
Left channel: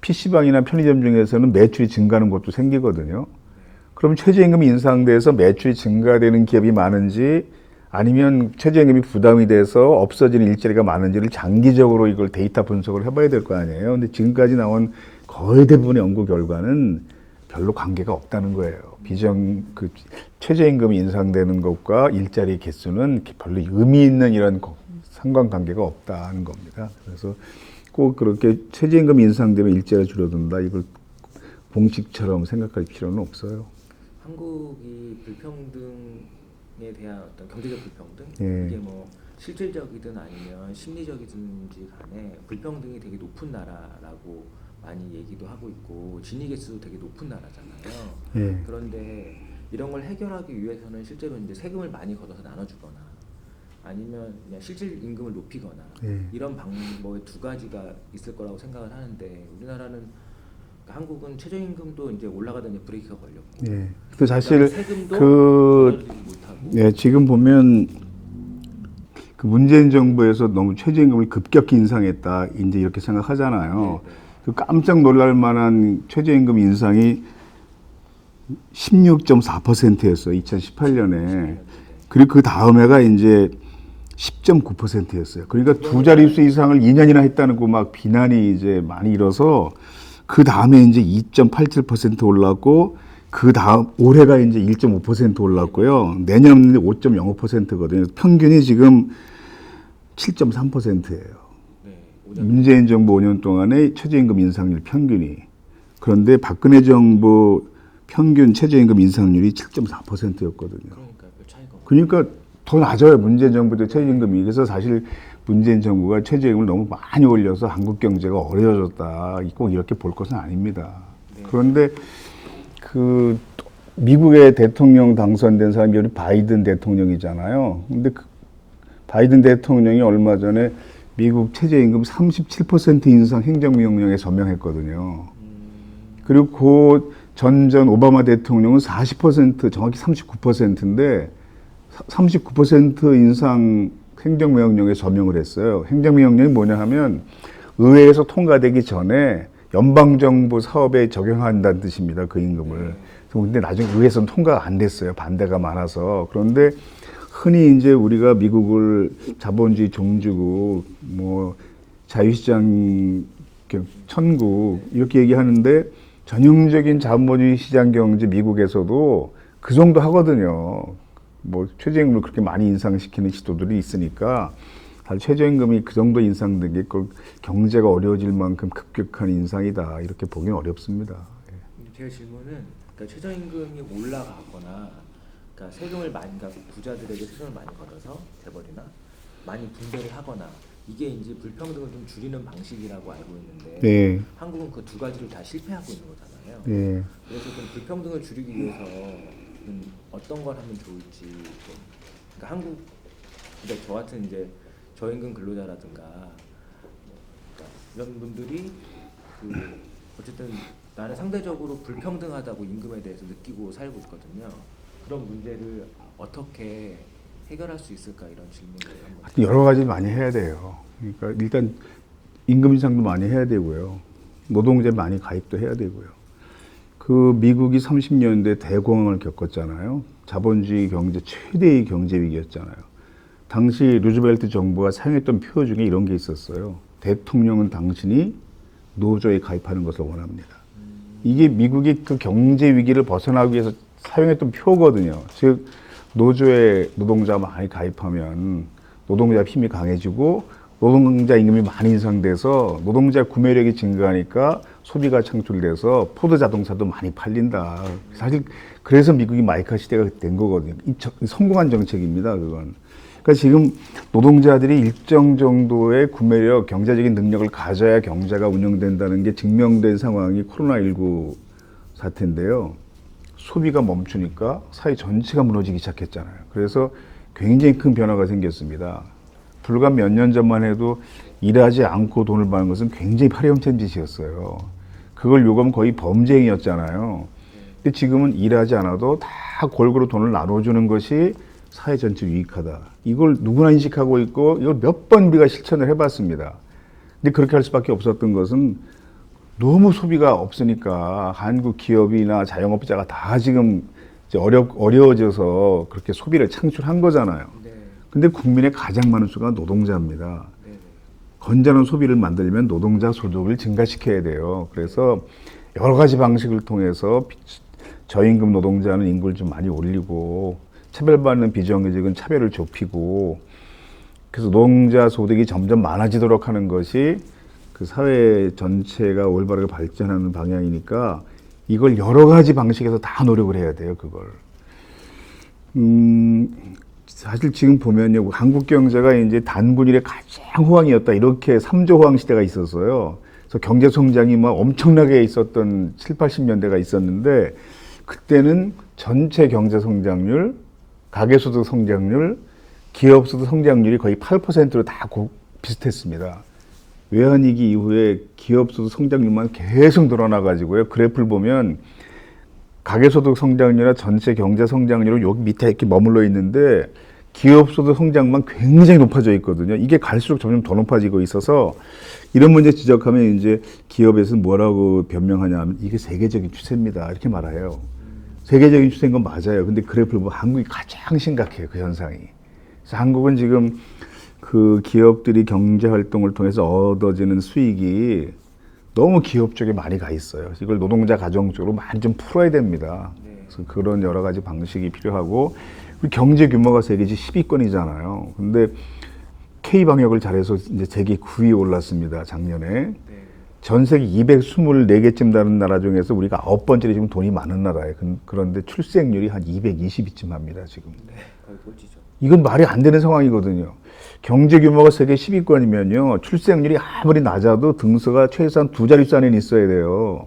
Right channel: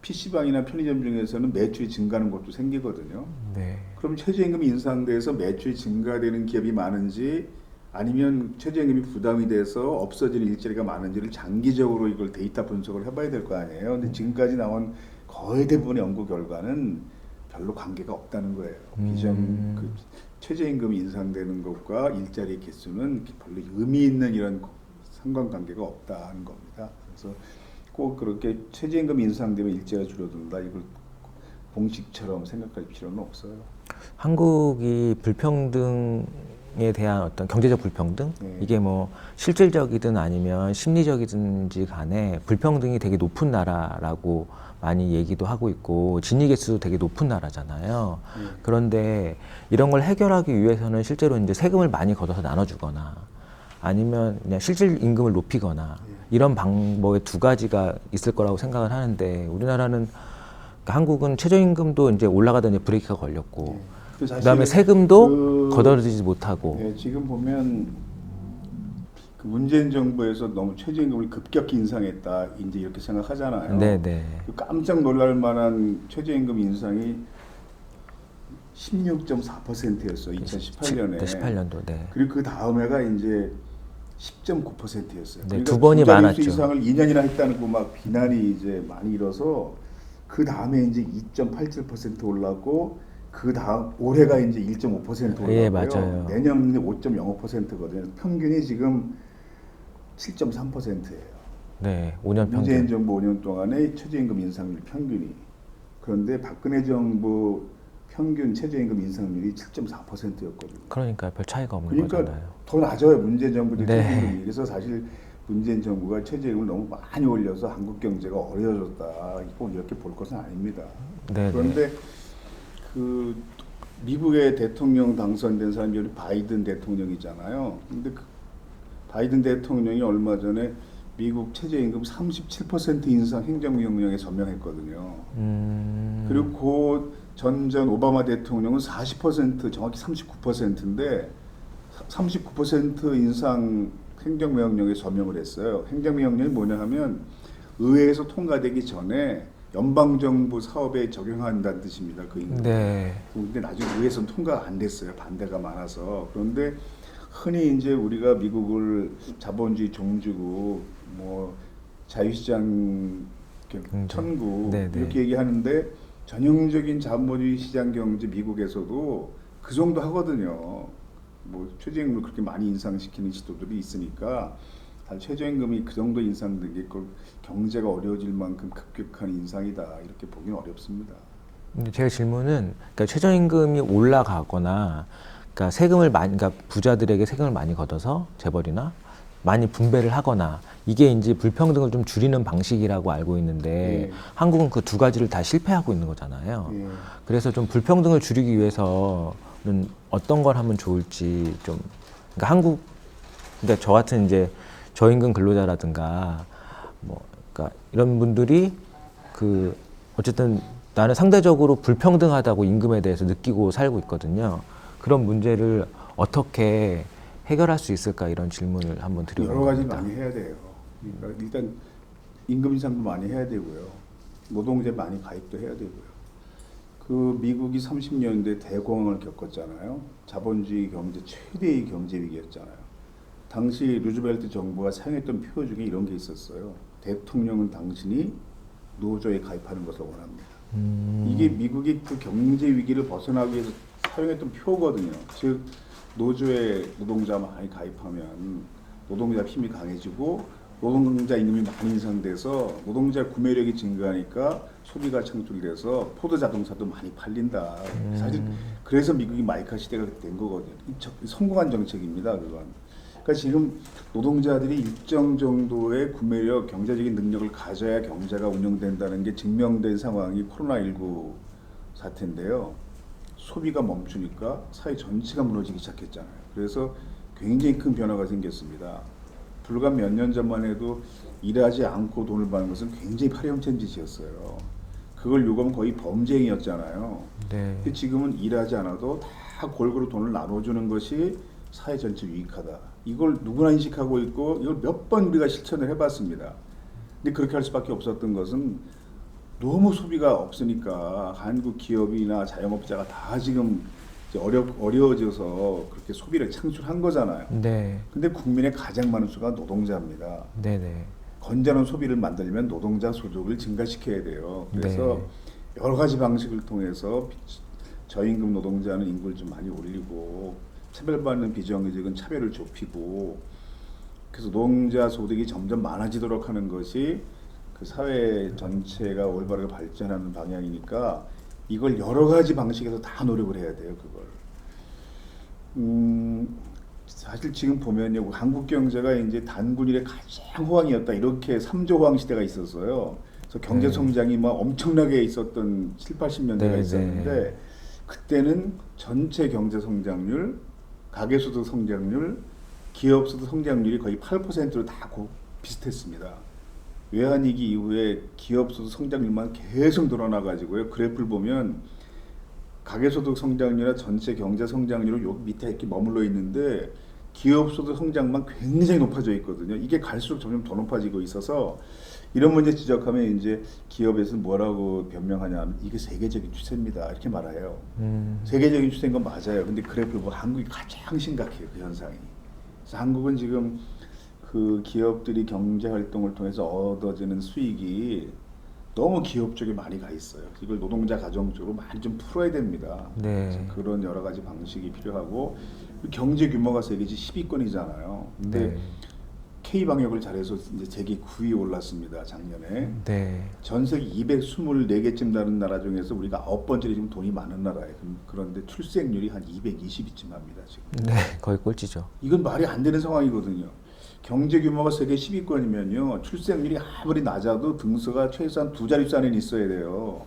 PC방이나 편의점 중에서는 매출이 증가하는 것도 생기거든요. 네. 그럼 최저임금이 인상돼서 매출이 증가되는 기업이 많은지 아니면 최저임금이 부담이 돼서 없어지는 일자리가 많은지를 장기적으로 이걸 데이터 분석을 해봐야 될 거 아니에요. 근데 지금까지 나온 거의 대부분의 연구 결과는 별로 관계가 없다는 거예요. 그 최저임금이 인상되는 것과 일자리 개수는 별로 의미 있는 이런 상관관계가 없다는 겁니다. 그래서 꼭 그렇게 최저임금 인상되면 일자리가 줄어든다 이걸 공식처럼 생각할 필요는 없어요. 한국이 불평등에 대한 어떤 경제적 불평등 예. 이게 뭐 실질적이든 아니면 심리적이든지 간에 불평등이 되게 높은 나라라고 많이 얘기도 하고 있고 진위 개수도 되게 높은 나라잖아요. 예. 그런데 이런 걸 해결하기 위해서는 실제로 이제 세금을 많이 걷어서 나눠주거나 아니면 그냥 실질 임금을 높이거나 이런 방법의 두 가지가 있을 거라고 생각을 하는데 우리나라는 그러니까 한국은 최저임금도 이제 올라가다 이제 브레이크가 걸렸고 그다음에 세금도 걷어들이지 못하고 지금 보면 그 문재인 정부에서 너무 최저임금을 급격히 인상했다 이제 이렇게 생각하잖아요. 네네. 그 깜짝 놀랄 만한 최저임금 인상이 16.4%였어요. 2018년에. 18년도. 네. 그리고 그 다음해가 이제 10.9%였어요. 그러니까 두 번이 두 자릿수 많았죠. 이상을 2년이나 했다는 거 막 비난이 이제 많이 일어서 그 다음에 이제 2.87% 올랐고 그 다음 올해가 이제 1.5% 올랐고요. 예, 내년은 5.05%거든요. 평균이 지금 7.3%예요. 네, 5년 문재인 정부 5년 동안의 최저임금 인상률 평균이. 그런데 박근혜 정부 평균 최저임금 인상률이 7.4%였거든요. 그러니까 별 차이가 없는 그러니까 거잖아요. 더 낮아요. 문재인 정부 때 네. 최저임금이. 그래서 사실 문재인 정부가 최저임금을 너무 많이 올려서 한국 경제가 어려워졌다. 꼭 이렇게 볼 것은 아닙니다. 네. 그런데 그 미국의 대통령 당선된 사람이 바이든 대통령이잖아요. 근데 그 바이든 대통령이 얼마 전에 미국 최저임금 37% 인상 행정명령에 서명했거든요. 그리고 그 전 오바마 대통령은 40% 정확히 39%인데 39% 인상 행정명령에 서명을 했어요. 행정명령이 뭐냐 하면 의회에서 통과되기 전에 연방정부 사업에 적용한다는 뜻입니다. 그 임금을. 네. 근데 나중에 의회에서는 통과가 안 됐어요. 반대가 많아서. 그런데 흔히 이제 우리가 미국을 자본주의 종주국, 뭐 자유시장 천국 네, 네. 이렇게 얘기하는데 전형적인 자본주의 시장 경제 미국에서도 그 정도 하거든요. 뭐 최저임금을 그렇게 많이 인상시키는 시도들이 있으니까 사실 최저임금이 그 정도 인상된 게 경제가 어려워질 만큼 급격한 인상이다 이렇게 보기는 어렵습니다. 근데 제 질문은 그러니까 최저임금이 올라가거나 그러니까 세금을 많이 그러니까 부자들에게 세금을 많이 걷어서 재벌이나 많이 분배를 하거나 이게 이제 불평등을 좀 줄이는 방식이라고 알고 있는데 네. 한국은 그 두 가지를 다 실패하고 있는 거잖아요. 예. 그래서 좀 불평등을 줄이기 위해서는 어떤 걸 하면 좋을지 좀 그러니까 그러니까 저 같은 이제 저임금 근로자라든가 뭐 그러니까 이런 분들이 그 어쨌든 나는 상대적으로 불평등하다고 임금에 대해서 느끼고 살고 있거든요. 그런 문제를 어떻게 해결할 수 있을까 이런 질문을 한번 드립니다. 여러 가지 많이 해야 돼요. 그러니까 일단 임금 인상도 많이 해야 되고요. 노동제 많이 가입도 해야 되고요. 그 미국이 30년대 대공황을 겪었잖아요. 자본주의 경제 최대의 경제 위기였잖아요. 당시 루즈벨트 정부가 사용했던 표어 중에 이런 게 있었어요. 대통령은 당신이 노조에 가입하는 것을 원합니다. 이게 미국이 그 경제 위기를 벗어나기 위해서 사용했던 표거든요. 즉 노조에 노동자가 많이 가입하면 노동자 힘이 강해지고 노동자 임금이 많이 인상돼서 노동자 구매력이 증가하니까 소비가 창출돼서 포드 자동차도 많이 팔린다. 사실 그래서 미국이 마이카 시대가 된 거거든요. 성공한 정책입니다. 그건. 그러니까 지금 노동자들이 일정 정도의 구매력, 경제적인 능력을 가져야 경제가 운영된다는 게 증명된 상황이 코로나19 사태인데요. 소비가 멈추니까 사회 전체가 무너지기 시작했잖아요. 그래서 굉장히 큰 변화가 생겼습니다. 불과 몇 년 전만 해도 일하지 않고 돈을 버는 것은 굉장히 파렴치한 짓이었어요. 그걸 요구하면 거의 범죄행위였잖아요. 네. 근데 지금은 일하지 않아도 다 골고루 돈을 나눠주는 것이 사회 전체 유익하다. 이걸 누구나 인식하고 있고 이걸 몇 번 우리가 실천을 해봤습니다. 근데 그렇게 할 수밖에 없었던 것은 너무 소비가 없으니까 한국 기업이나 자영업자가 다 지금 이제 어려워져서 그렇게 소비를 창출한 거잖아요. 네. 근데 국민의 가장 많은 수가 노동자입니다. 네네. 건전한 소비를 만들려면 노동자 소득을 증가시켜야 돼요. 그래서 여러 가지 방식을 통해서 저임금 노동자는 임금을 좀 많이 올리고 차별받는 비정규직은 차별을 좁히고 그래서 노동자 소득이 점점 많아지도록 하는 것이 그 사회 전체가 올바르게 발전하는 방향이니까 이걸 여러 가지 방식에서 다 노력을 해야 돼요, 그걸. 사실 지금 보면요, 한국 경제가 이제 단군일의 가장 호황이었다. 이렇게 3조 호황 시대가 있었어요. 그래서 경제 성장이 막 엄청나게 있었던 7, 80년대가 있었는데 그때는 전체 경제 성장률, 가계소득 성장률, 기업소득 성장률이 거의 8%로 다 비슷했습니다. 외환위기 이후에 기업소득 성장률만 계속 늘어나가지고요. 그래프를 보면 가계소득 성장률이나 전체 경제 성장률은 여기 밑에 이렇게 머물러 있는데 기업소득 성장만 굉장히 높아져 있거든요. 이게 갈수록 점점 더 높아지고 있어서 이런 문제 지적하면 이제 기업에서는 뭐라고 변명하냐 하면 이게 세계적인 추세입니다. 이렇게 말해요. 세계적인 추세인 건 맞아요. 근데 그래프를 보면 한국이 가장 심각해요. 그 현상이. 그래서 한국은 지금 그 기업들이 경제 활동을 통해서 얻어지는 수익이 너무 기업 쪽에 많이 가 있어요. 이걸 노동자 가정 쪽으로 많이 좀 풀어야 됩니다. 네. 그래서 그런 여러 가지 방식이 필요하고 경제 규모가 세계지 10위권이잖아요. 근데 K 방역을 잘해서 이제 세계 9위에 올랐습니다. 작년에. 네. 전 세계 224개쯤 되는 나라 중에서 우리가 9번째로 지금 돈이 많은 나라예요. 그런데 출생률이 한 220위쯤 합니다. 지금. 네. 거의 꼴찌죠. 이건 말이 안 되는 상황이거든요. 경제 규모가 세계 10위권이면요. 출생률이 아무리 낮아도 등수가 최소한 2자릿수 안에는 있어야 돼요.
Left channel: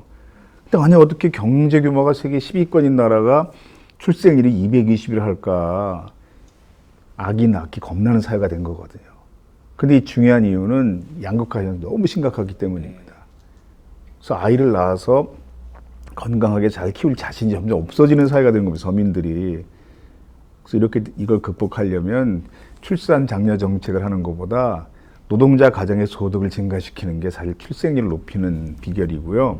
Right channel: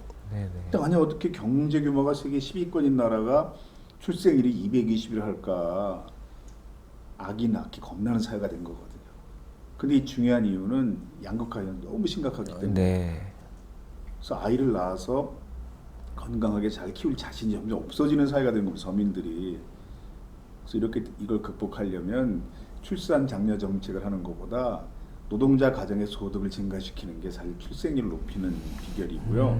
근데 아니 어떻게 경제 규모가 세계 10위권인 나라가 출생률이 220을 할까? 아기 낳기 겁나는 사회가 된 거거든요. 근데 이 중요한 이유는 양극 가정이 너무 심각하기 때문에. 네. 그래서 아이를 낳아서 건강하게 잘 키울 자신이 점점 없어지는 사회가 되는 겁니다. 서민들이. 그래서 이렇게 이걸 극복하려면 출산 장려 정책을 하는 것보다 노동자 가정의 소득을 증가시키는 게 사실 출생률을 높이는 비결이고요.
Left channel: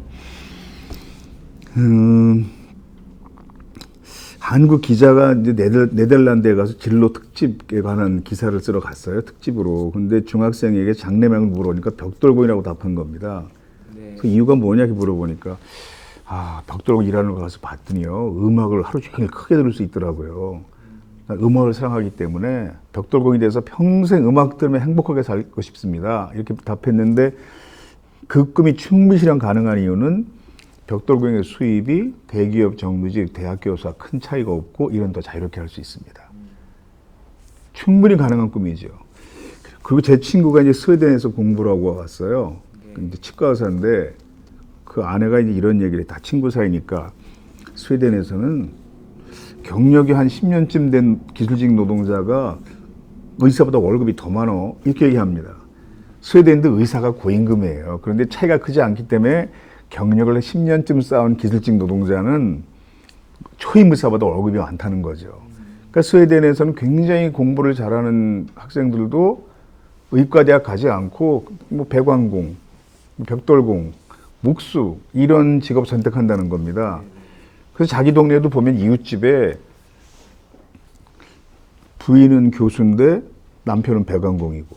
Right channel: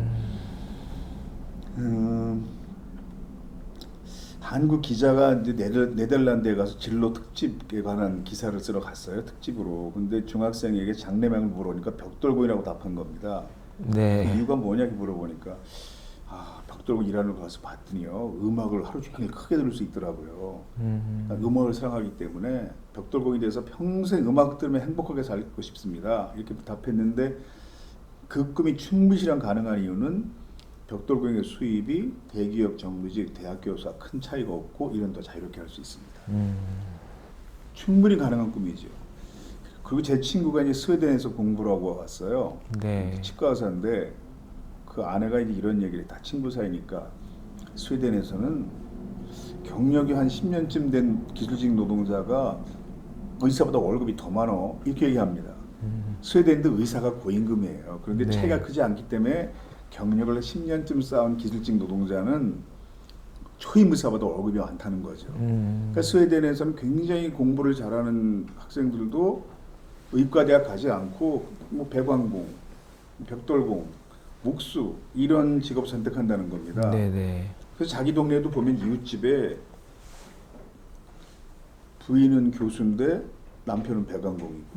한국 기자가 이제 네덜란드에 가서 진로 특집에 관한 기사를 쓰러 갔어요. 특집으로. 근데 중학생에게 장래명을 물어보니까 벽돌공이라고 답한 겁니다. 네. 그 이유가 뭐냐 이렇게 물어보니까 벽돌공 일하는 거 가서 봤더니요. 음악을 하루 종일 크게 들을 수 있더라고요. 음악을 사랑하기 때문에 벽돌공이 돼서 평생 음악 들으며 행복하게 살고 싶습니다. 이렇게 답했는데 그 꿈이 충분히 실현 가능한 이유는 벽돌공의 수입이 대기업 정규직, 대학 교수와 큰 차이가 없고 이런 더 자유롭게 할 수 있습니다. 충분히 가능한 꿈이죠. 그리고 제 친구가 이제 스웨덴에서 공부를 하고 왔어요. 네. 이제 치과 의사인데 그 아내가 이제 이런 얘기를 해. 다 친구 사이니까 스웨덴에서는 경력이 한 10년쯤 된 기술직 노동자가 의사보다 월급이 더 많어 이렇게 얘기합니다. 스웨덴도 의사가 고임금이에요. 그런데 차이가 크지 않기 때문에 경력을 10년쯤 쌓은 기술직 노동자는 초임 의사보다 월급이 많다는 거죠. 그러니까 스웨덴에서는 굉장히 공부를 잘하는 학생들도 의과대학 가지 않고 뭐 배관공, 벽돌공, 목수 이런 직업 선택한다는 겁니다. 네네. 그래서 자기 동네도 보면 이웃집에 부인은 교수인데 남편은 배관공이고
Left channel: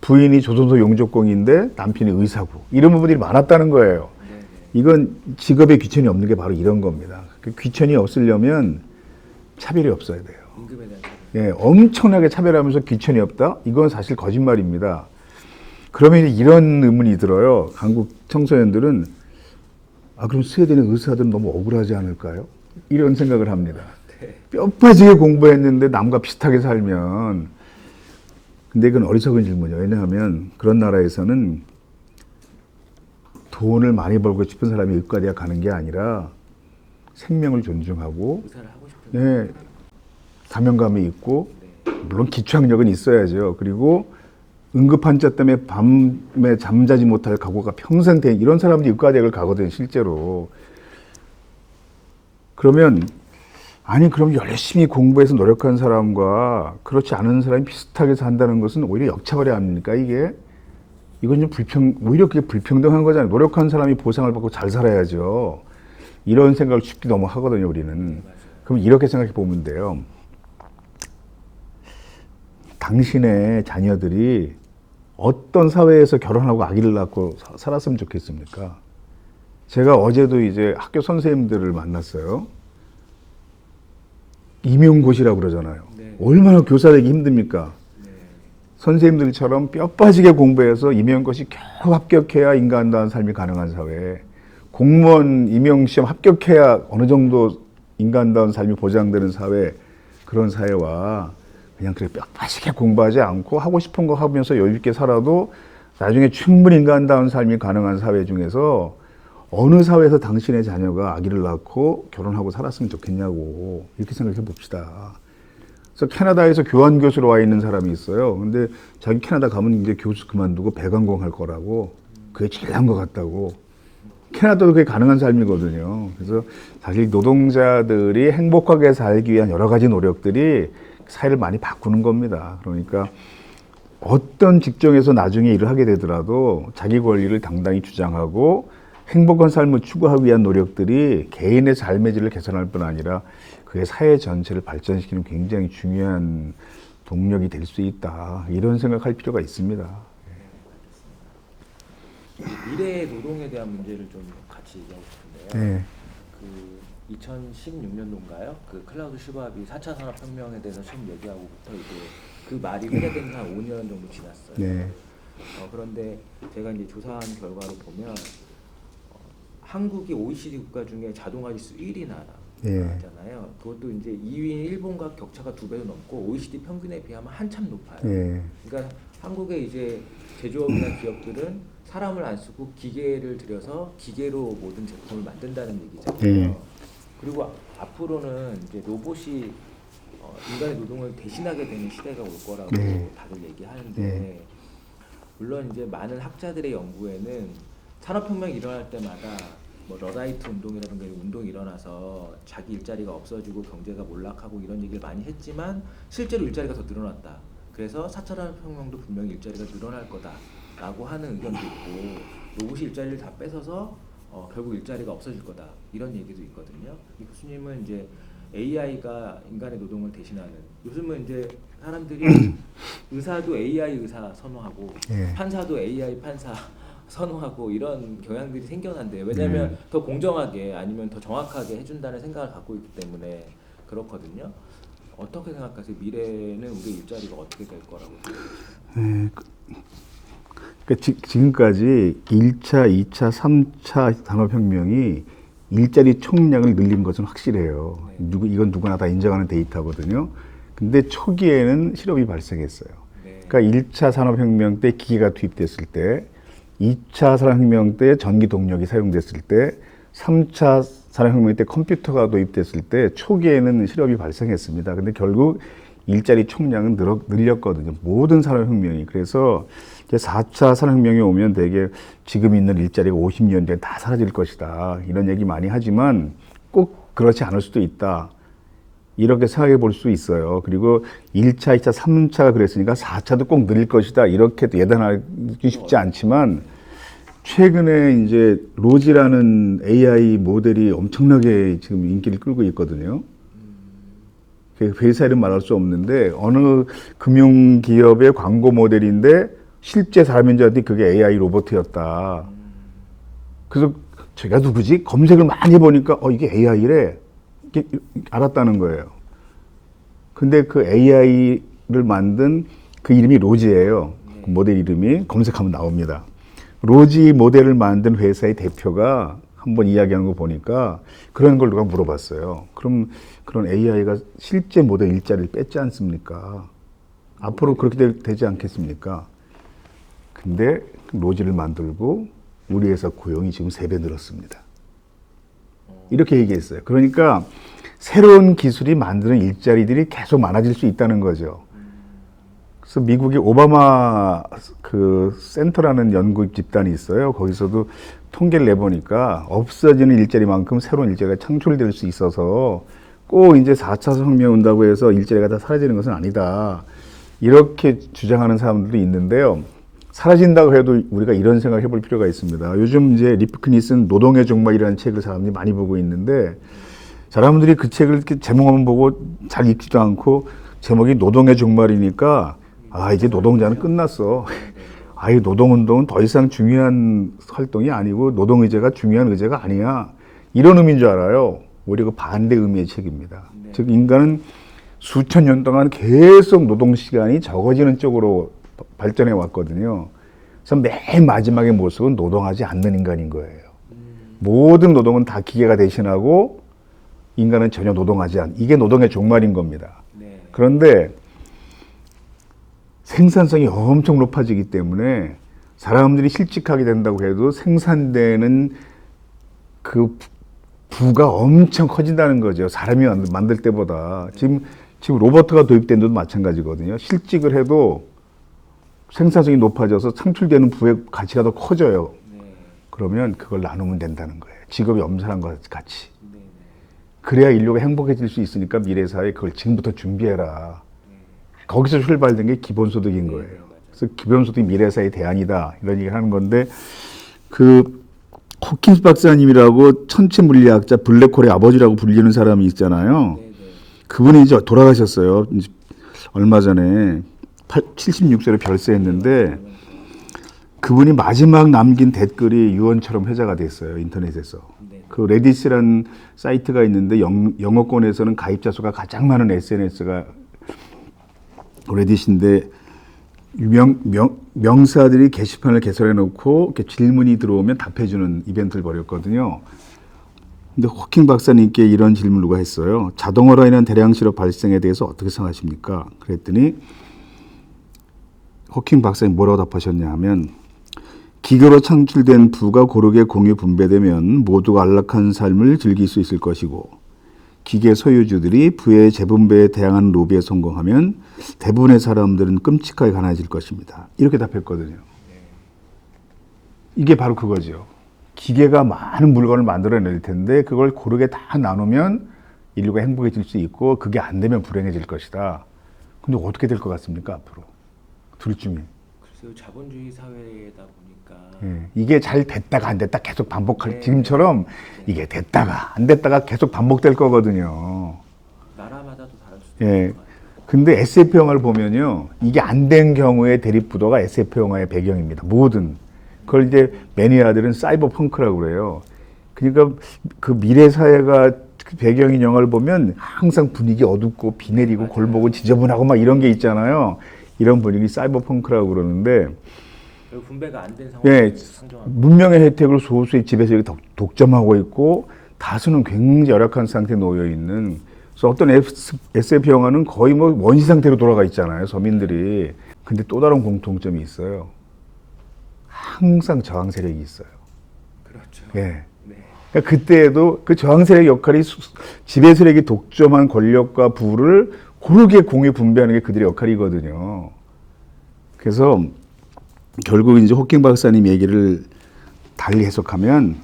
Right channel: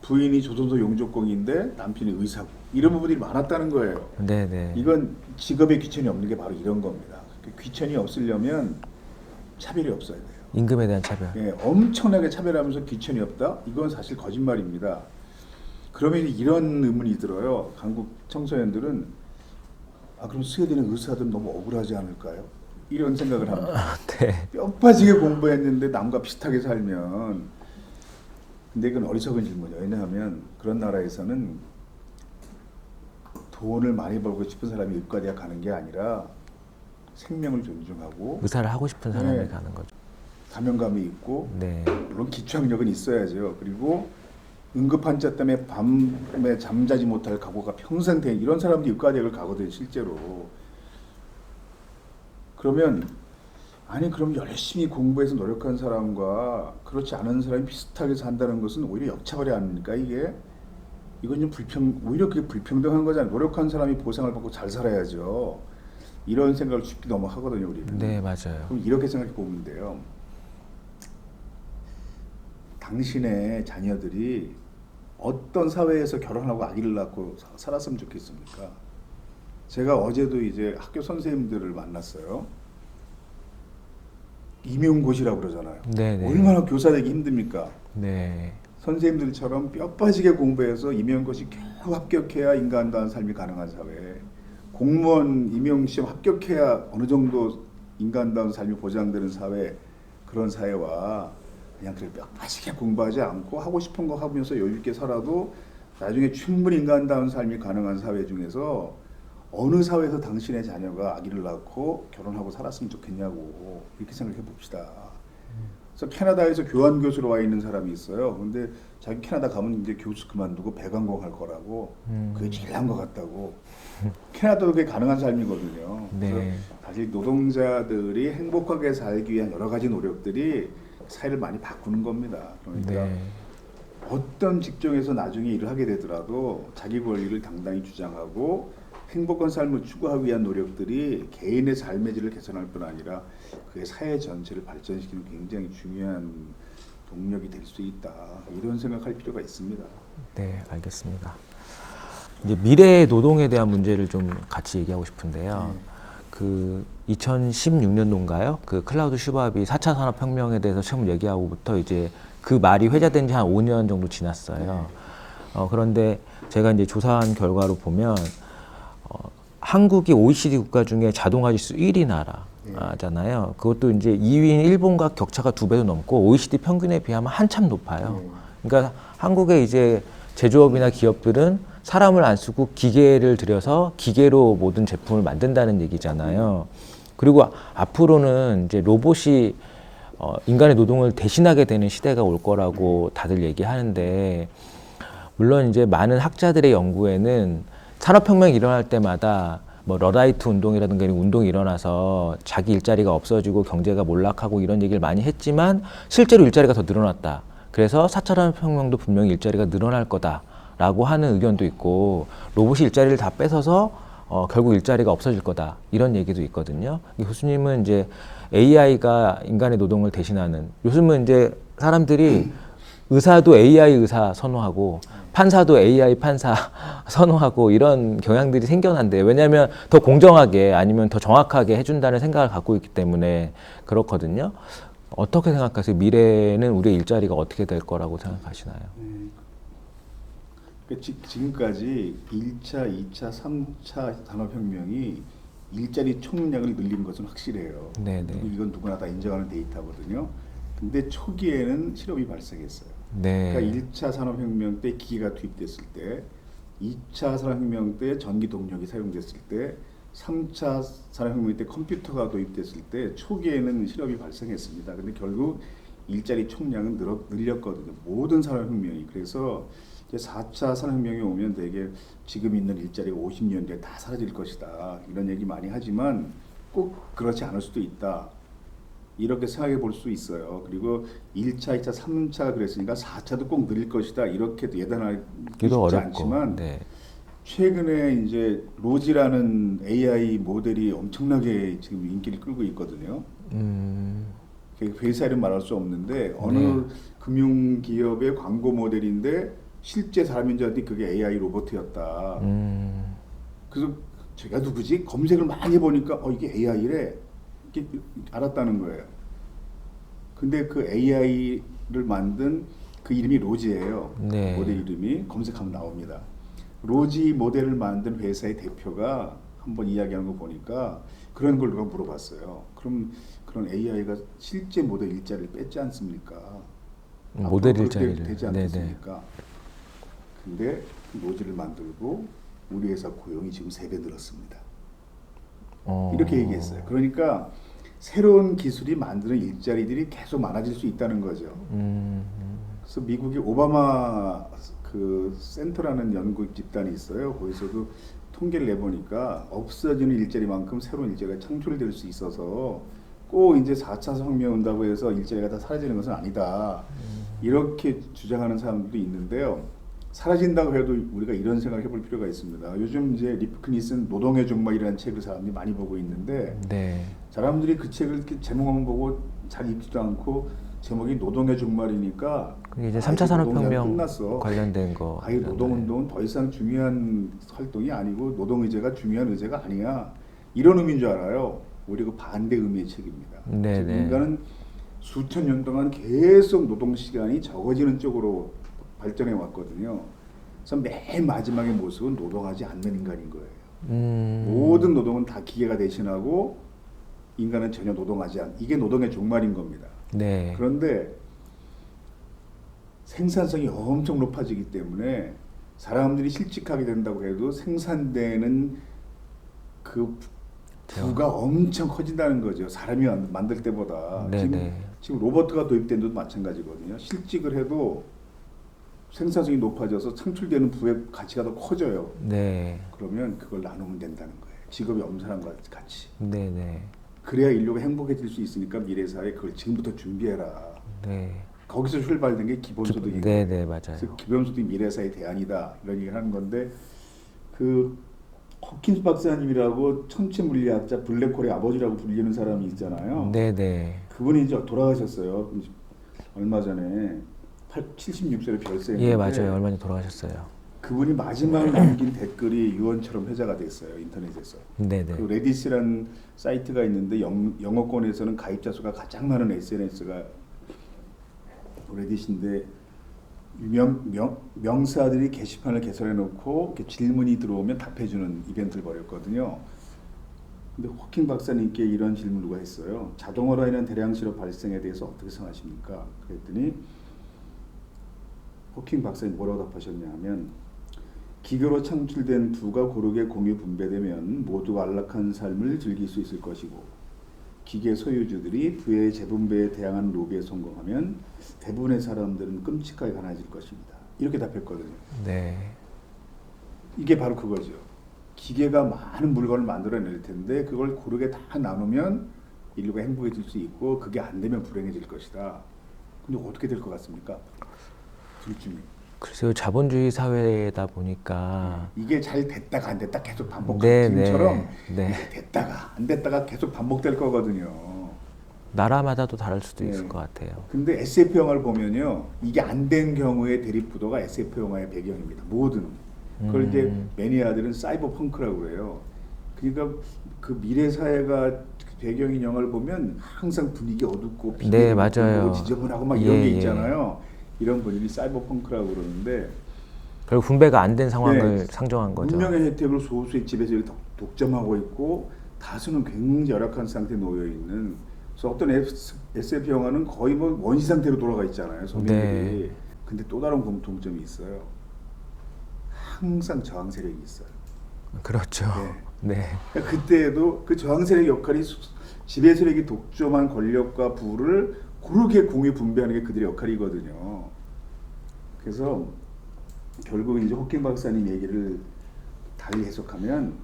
부인이 조선소 용접공인데 남편이 의사고 이런 부분들이 많았다는 거예요. 네네. 이건 직업에 귀천이 없는 게 바로 이런 겁니다. 그 귀천이 없으려면 차별이 없어야 돼요. 임금에 대한 차별. 예, 엄청나게 차별하면서 귀천이 없다? 이건 사실 거짓말입니다. 그러면 이런 의문이 들어요. 한국 청소년들은 그럼 스웨덴의 의사들은 너무 억울하지 않을까요? 이런 생각을 합니다. 네. 뼈 빠지게 공부했는데 남과 비슷하게 살면 근데 이건 어리석은 질문이에요. 왜냐하면 그런 나라에서는 돈을 많이 벌고 싶은 사람이 의과대학 가는 게 아니라 생명을 존중하고 의사를 하고 싶은 네. 사람이 가는 거죠. 사명감이 있고 네. 물론 기초학력은 있어야죠. 그리고 응급환자 때문에 밤에 잠자지 못할 각오가 평생 된 이런 사람들이 의과대학을 가거든요. 실제로. 그러면 그럼 열심히 공부해서 노력한 사람과 그렇지 않은 사람이 비슷하게 산다는 것은 오히려 역차별이 아닙니까, 이게? 이건 좀 오히려 그게 불평등한 거잖아요. 노력한 사람이 보상을 받고 잘 살아야죠. 이런 생각을 쉽게 너무 하거든요, 우리는. 네, 맞아요. 그럼 이렇게 생각해 보면 돼요. 당신의 자녀들이 어떤 사회에서 결혼하고 아기를 낳고 살았으면 좋겠습니까? 제가 어제도 이제 학교 선생님들을 만났어요. 임용고시라고 그러잖아요. 네네. 얼마나 교사 되기 힘듭니까? 네. 선생님들처럼 뼈 빠지게 공부해서 임용고시 겨우 합격해야 인간다운 삶이 가능한 사회. 공무원 임용시험 합격해야 어느 정도 인간다운 삶이 보장되는 사회. 그런 사회와 그냥 그렇게 뼈 빠지게 공부하지 않고 하고 싶은 거 하면서 여유 있게 살아도 나중에 충분히 인간다운 삶이 가능한 사회 중에서 어느 사회에서 당신의 자녀가 아기를 낳고 결혼하고 살았으면 좋겠냐고 이렇게 생각해 봅시다. 그래서 캐나다에서 교환 교수로 와 있는 사람이 있어요. 근데 자기 캐나다 가면 이제 교수 그만두고 배관공 할 거라고 그게 제일 나은 것 같다고. 캐나다도 그게 가능한 삶이거든요. 그래서 네. 사실 노동자들이 행복하게 살기 위한 여러 가지 노력들이 사회를 많이 바꾸는 겁니다. 그러니까 네. 어떤 직종에서 나중에 일을 하게 되더라도 자기 권리를 당당히 주장하고 행복한 삶을 추구하기 위한 노력들이 개인의 삶의 질을 개선할 뿐 아니라 그게 사회 전체를 발전시키는 굉장히 중요한 동력이 될 수 있다. 이런 생각할 필요가 있습니다. 네, 알겠습니다. 이제 미래의 노동에 대한 문제를 좀 같이 얘기하고 싶은데요. 네. 그 2016년도인가요? 그 클라우드 슈밥이 4차 산업혁명에 대해서 처음 얘기하고부터 이제 그 말이 회자된 지 한 5년 정도 지났어요. 네. 그런데 제가 이제 조사한 결과로 보면 한국이 OECD 국가 중에 자동화 지수 1위 나라잖아요. 그것도 이제 2위인 일본과 격차가 2배도 넘고 OECD 평균에 비하면 한참 높아요. 네. 그러니까 한국의 이제 제조업이나 기업들은 사람을 안 쓰고 기계를 들여서 기계로 모든 제품을 만든다는 얘기잖아요. 그리고 앞으로는 이제 로봇이 인간의 노동을 대신하게 되는 시대가 올 거라고 다들 얘기하는데 물론 이제 많은 학자들의 연구에는 산업혁명이 일어날 때마다 뭐 러라이트 운동이라든가 이런 운동이 일어나서 자기 일자리가 없어지고 경제가 몰락하고 이런 얘기를 많이 했지만 실제로 일자리가 더 늘어났다. 그래서 4차 산업혁명도 분명히 일자리가 늘어날 거다라고 하는 의견도 있고 로봇이 일자리를 다 뺏어서 결국 일자리가 없어질 거다 이런 얘기도 있거든요. 이 교수님은 이제 AI가 인간의 노동을 대신하는 요즘은 이제 사람들이 의사도 AI 의사 선호하고 판사도 AI 판사 선호하고 이런 경향들이 생겨난대요. 왜냐하면 더 공정하게 아니면 더 정확하게 해준다는 생각을 갖고 있기 때문에 그렇거든요. 어떻게 생각하세요? 미래는 우리의 일자리가 어떻게 될 거라고 생각하시나요? 그러니까 지금까지 1차, 2차, 3차 산업혁명이 일자리 총량을 늘린 것은 확실해요. 이건 누구나 다 인정하는 데이터거든요. 근데 초기에는 실업이 발생했어요. 네. 그러니까 1차 산업혁명 때 기계가 투입됐을 때, 2차 산업혁명 때 전기 동력이 사용됐을 때, 3차 산업혁명 때 컴퓨터가 도입됐을 때 초기에는 실업이 발생했습니다. 근데 결국 일자리 총량은 늘렸거든요. 모든 산업혁명이. 그래서 이제 4차 산업혁명이 오면 되게 지금 있는 일자리가 50년 뒤에 다 사라질 것이다. 이런 얘기 많이 하지만 꼭 그렇지 않을 수도 있다. 이렇게 생각해 볼 수 있어요. 그리고 1차, 2차, 3차가 그랬으니까 4차도 꼭 늘릴 것이다. 이렇게 예단하기 쉽지 어렵고. 않지만 네. 최근에 이제 로지라는 AI 모델이 엄청나게 지금 인기를 끌고 있거든요. 회사 이름 말할 수 없는데 어느 금융기업의 광고 모델인데 실제 사람인 줄 알았더니 그게 AI 로봇이었다. 그래서 제가 누구지? 검색을 많이 해보니까 이게 AI래. 알았다는 거예요. 근데 그 AI를 만든 그 이름이 로지예요. 네. 모델 이름이 검색하면 나옵니다. 로지 모델을 만든 회사의 대표가 한번 이야기하는 거 보니까 그런 걸 누가 물어봤어요. 그럼 그런 AI가 실제 모델 일자리를 뺐지 않습니까? 앞으로 그렇게 되지 않겠습니까? 근데 그 로지를 만들고 우리 회사 고용이 지금 3배 늘었습니다. 이렇게 얘기했어요. 그러니까 새로운 기술이 만드는 일자리들이 계속 많아질 수 있다는 거죠. 그래서 미국의 오바마 그 센터라는 연구 집단이 있어요. 거기서도 통계를 내보니까 없어지는 일자리만큼 새로운 일자리가 창출될 수 있어서 꼭 이제 4차 산업혁명 온다고 해서 일자리가 다 사라지는 것은 아니다. 이렇게 주장하는 사람들도 있는데요. 사라진다고 해도 우리가 이런 생각을 해볼 필요가 있습니다. 요즘 이제 리프킨이 쓴 노동의 종말이라는 책을 사람들이 많이 보고 있는데 사람들이 그 책을 이렇게 제목만 보고 잘 읽지도 않고 제목이 노동의 종말이니까 이제 노동자는 끝났어. 이 노동운동은 더 이상 중요한 활동이 아니고 노동의제가 중요한 의제가 아니야. 이런 의미인 줄 알아요. 오히려 그 반대 의미의 책입니다. 즉 인간은 수천 년 동안 계속 노동시간이 적어지는 쪽으로 발전해 왔거든요. 그래서 맨 마지막의 모습은 노동하지 않는 인간인 거예요. 모든 노동은 다 기계가 대신하고 인간은 전혀 노동하지 않는, 이게 노동의 종말인 겁니다. 그런데 생산성이 엄청 높아지기 때문에 사람들이 실직하게 된다고 해도 생산되는 그 부가 엄청 커진다는 거죠. 사람이 만들 때보다. 지금 로버트가 도입된 데도 마찬가지거든요. 실직을 해도 생산성이 높아져서 창출되는 부의 가치가 더 커져요. 그러면 그걸 나누면 된다는 거예요. 직업이 엄살한 것 같이. 그래야 인류가 행복해질 수 있으니까 미래사회에 그걸 지금부터 준비해라. 거기서 출발된 게 기본소득인 거예요. 그래서 기본소득이 미래사회의 대안이다. 이런 얘기를 하는 건데 그 호킨스 박사님이라고 천체 물리학자 블랙홀의 아버지라고 불리는 사람이 있잖아요. 그분이 이제 돌아가셨어요. 얼마 전에 76세로 별세했는데 얼마 전에 돌아가셨어요. 그분이 마지막 남긴 댓글이 유언처럼 회자가 됐어요. 인터넷에서. 그 레딧이라는 사이트가 있는데 영어권에서는 가입자 수가 가장 많은 SNS가 레딧인데 명사들이 게시판을 개설해 놓고 이렇게 질문이 들어오면 답해주는 이벤트를 벌였거든요. 근데 호킹 박사님께 이런 질문을 누가 했어요. 자동화로 인한 대량 실업 발생에 대해서 어떻게 생각하십니까? 그랬더니 호킹 박사님 뭐라고 답하셨냐 하면 기계로 창출된 부가 고르게 공유 분배되면 모두가 안락한 삶을 즐길 수 있을 것이고 기계 소유주들이 부의 재분배에 대항하는 로비에 성공하면 대부분의 사람들은 끔찍하게 가난해질 것입니다. 이렇게 답했거든요. 네. 이게 바로 그거죠. 기계가 많은 물건을 만들어낼 텐데 그걸 고르게 다 나누면 인류가 행복해질 수 있고 그게 안 되면 불행해질 것이다. 근데 어떻게 될 것 같습니까, 앞으로? 둘 중에. 글쎄요, 자본주의 사회다 보니까 이게 잘 됐다가 안 됐다 계속 반복할 네, 지금처럼 네. 이게 됐다가 안 됐다가 계속 반복될 거거든요. 나라마다도 다를 수도 예. 있을 것 같아요. 근데 SF 영화를 보면요, 이게 안 된 경우의 대립구도가 SF 영화의 배경입니다. 모든 그걸 이제 매니아들은 사이버 펑크라고 그래요. 그러니까 그 미래 사회가 배경인 영화를 보면 항상 분위기 어둡고 비 네, 내리고 맞아요. 골보고 지저분하고 막 이런 예, 게 예. 있잖아요. 이런 분위기 사이버 펑크라고 그러는데. 결국 분배가 안 된 상황을 상정한 거죠. 문명의 혜택을 소수의 집에서 독점하고 있고 다수는 굉장히 열악한 상태에 놓여 있는. 그래서 어떤 SF 영화는 거의 뭐 원시 상태로 돌아가 있잖아요, 서민들이. 네. 근데 또 다른 공통점이 있어요. 항상 저항 세력이 있어요. 그렇죠. 네. 네. 그러니까 그때에도 그 저항 세력의 역할이 지배 세력이 독점한 권력과 부를 고르게 공유 분배하는 게 그들의 역할이거든요. 그래서 결국 이제 호킹 박사님 얘기를 달리 해석하면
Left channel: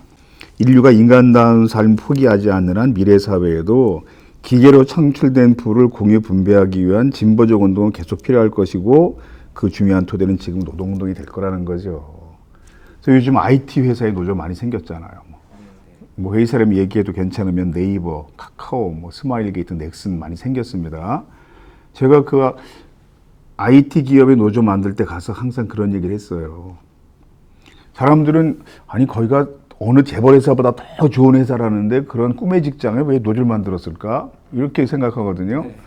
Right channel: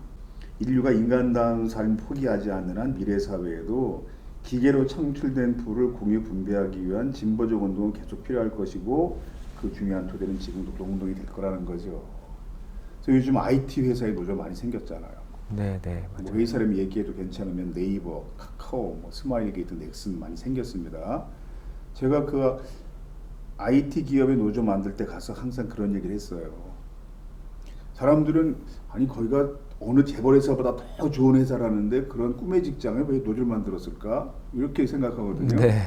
인류가 인간다운 삶 포기하지 않는 한 미래 사회에도 기계로 창출된 부를 공유 분배하기 위한 진보적 운동은 계속 필요할 것이고 그 중요한 토대는 지금 노동운동이 될 거라는 거죠. 그래서 요즘 IT 회사에 노조 많이 생겼잖아요. 네, 네. 뭐 회의 사람 얘기해도 괜찮으면 네이버, 카카오, 뭐 스마일게이트, 넥슨 많이 생겼습니다. 제가 그 IT 기업의 노조 만들 때 가서 항상 그런 얘기를 했어요. 사람들은 아니 거기가 어느 재벌 회사보다 더 좋은 회사라는데 그런 꿈의 직장에 왜 노조를 만들었을까? 이렇게 생각하거든요. 네.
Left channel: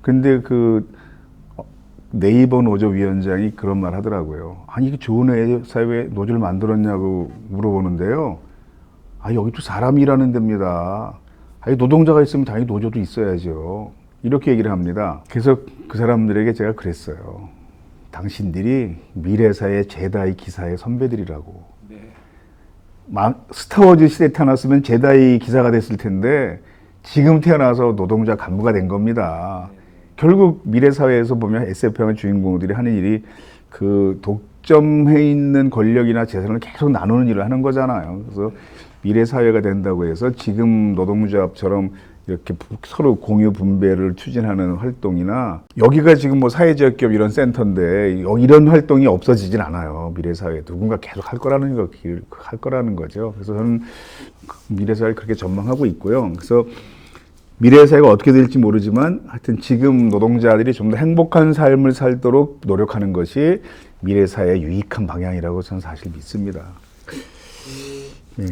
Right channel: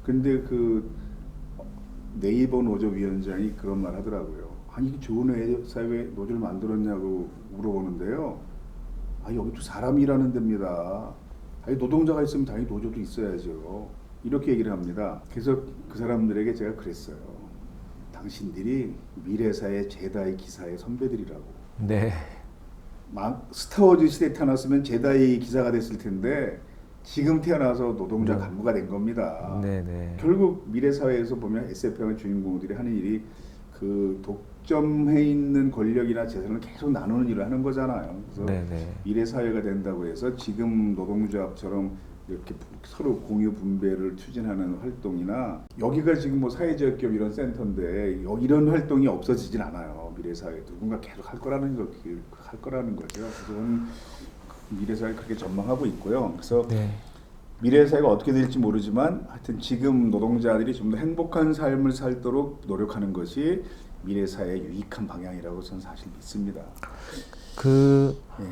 근데 그 네이버 노조 위원장이 그런 말 하더라고요. 아니 이게 좋은 회사에 왜 노조를 만들었냐고 물어보는데요. 아 여기도 사람이 일하는 데입니다. 아니 노동자가 있으면 당연히 노조도 있어야죠. 이렇게 얘기를 합니다. 그래서 그 사람들에게 제가 그랬어요. 당신들이 미래사의 제다이 기사의 선배들이라고. 네. 스타워즈 시대에 태어났으면 제다이 기사가 됐을 텐데 지금 태어나서 노동자 간부가 된 겁니다. 네, 네. 결국 미래사회에서 보면 SF 영화 주인공들이 하는 일이 그 독점해 있는 권력이나 재산을 계속 나누는 일을 하는 거잖아요. 그래서 네, 네. 미래사회가 된다고 해서 지금 노동조합처럼 이렇게 서로 공유 분배를 추진하는 활동이나 여기가 지금 뭐 사회적 기업 이런 센터인데 이런 활동이 없어지진 않아요. 미래사회 누군가 계속 할 거라는 거죠. 그래서 저는 미래사회를 그렇게 전망하고 있고요. 그래서 네. 미래사회가 어떻게 될지 모르지만 하여튼 지금 노동자들이 좀 더 행복한 삶을 살도록 노력하는 것이 미래사회의 유익한 방향이라고 저는 사실 믿습니다. 네.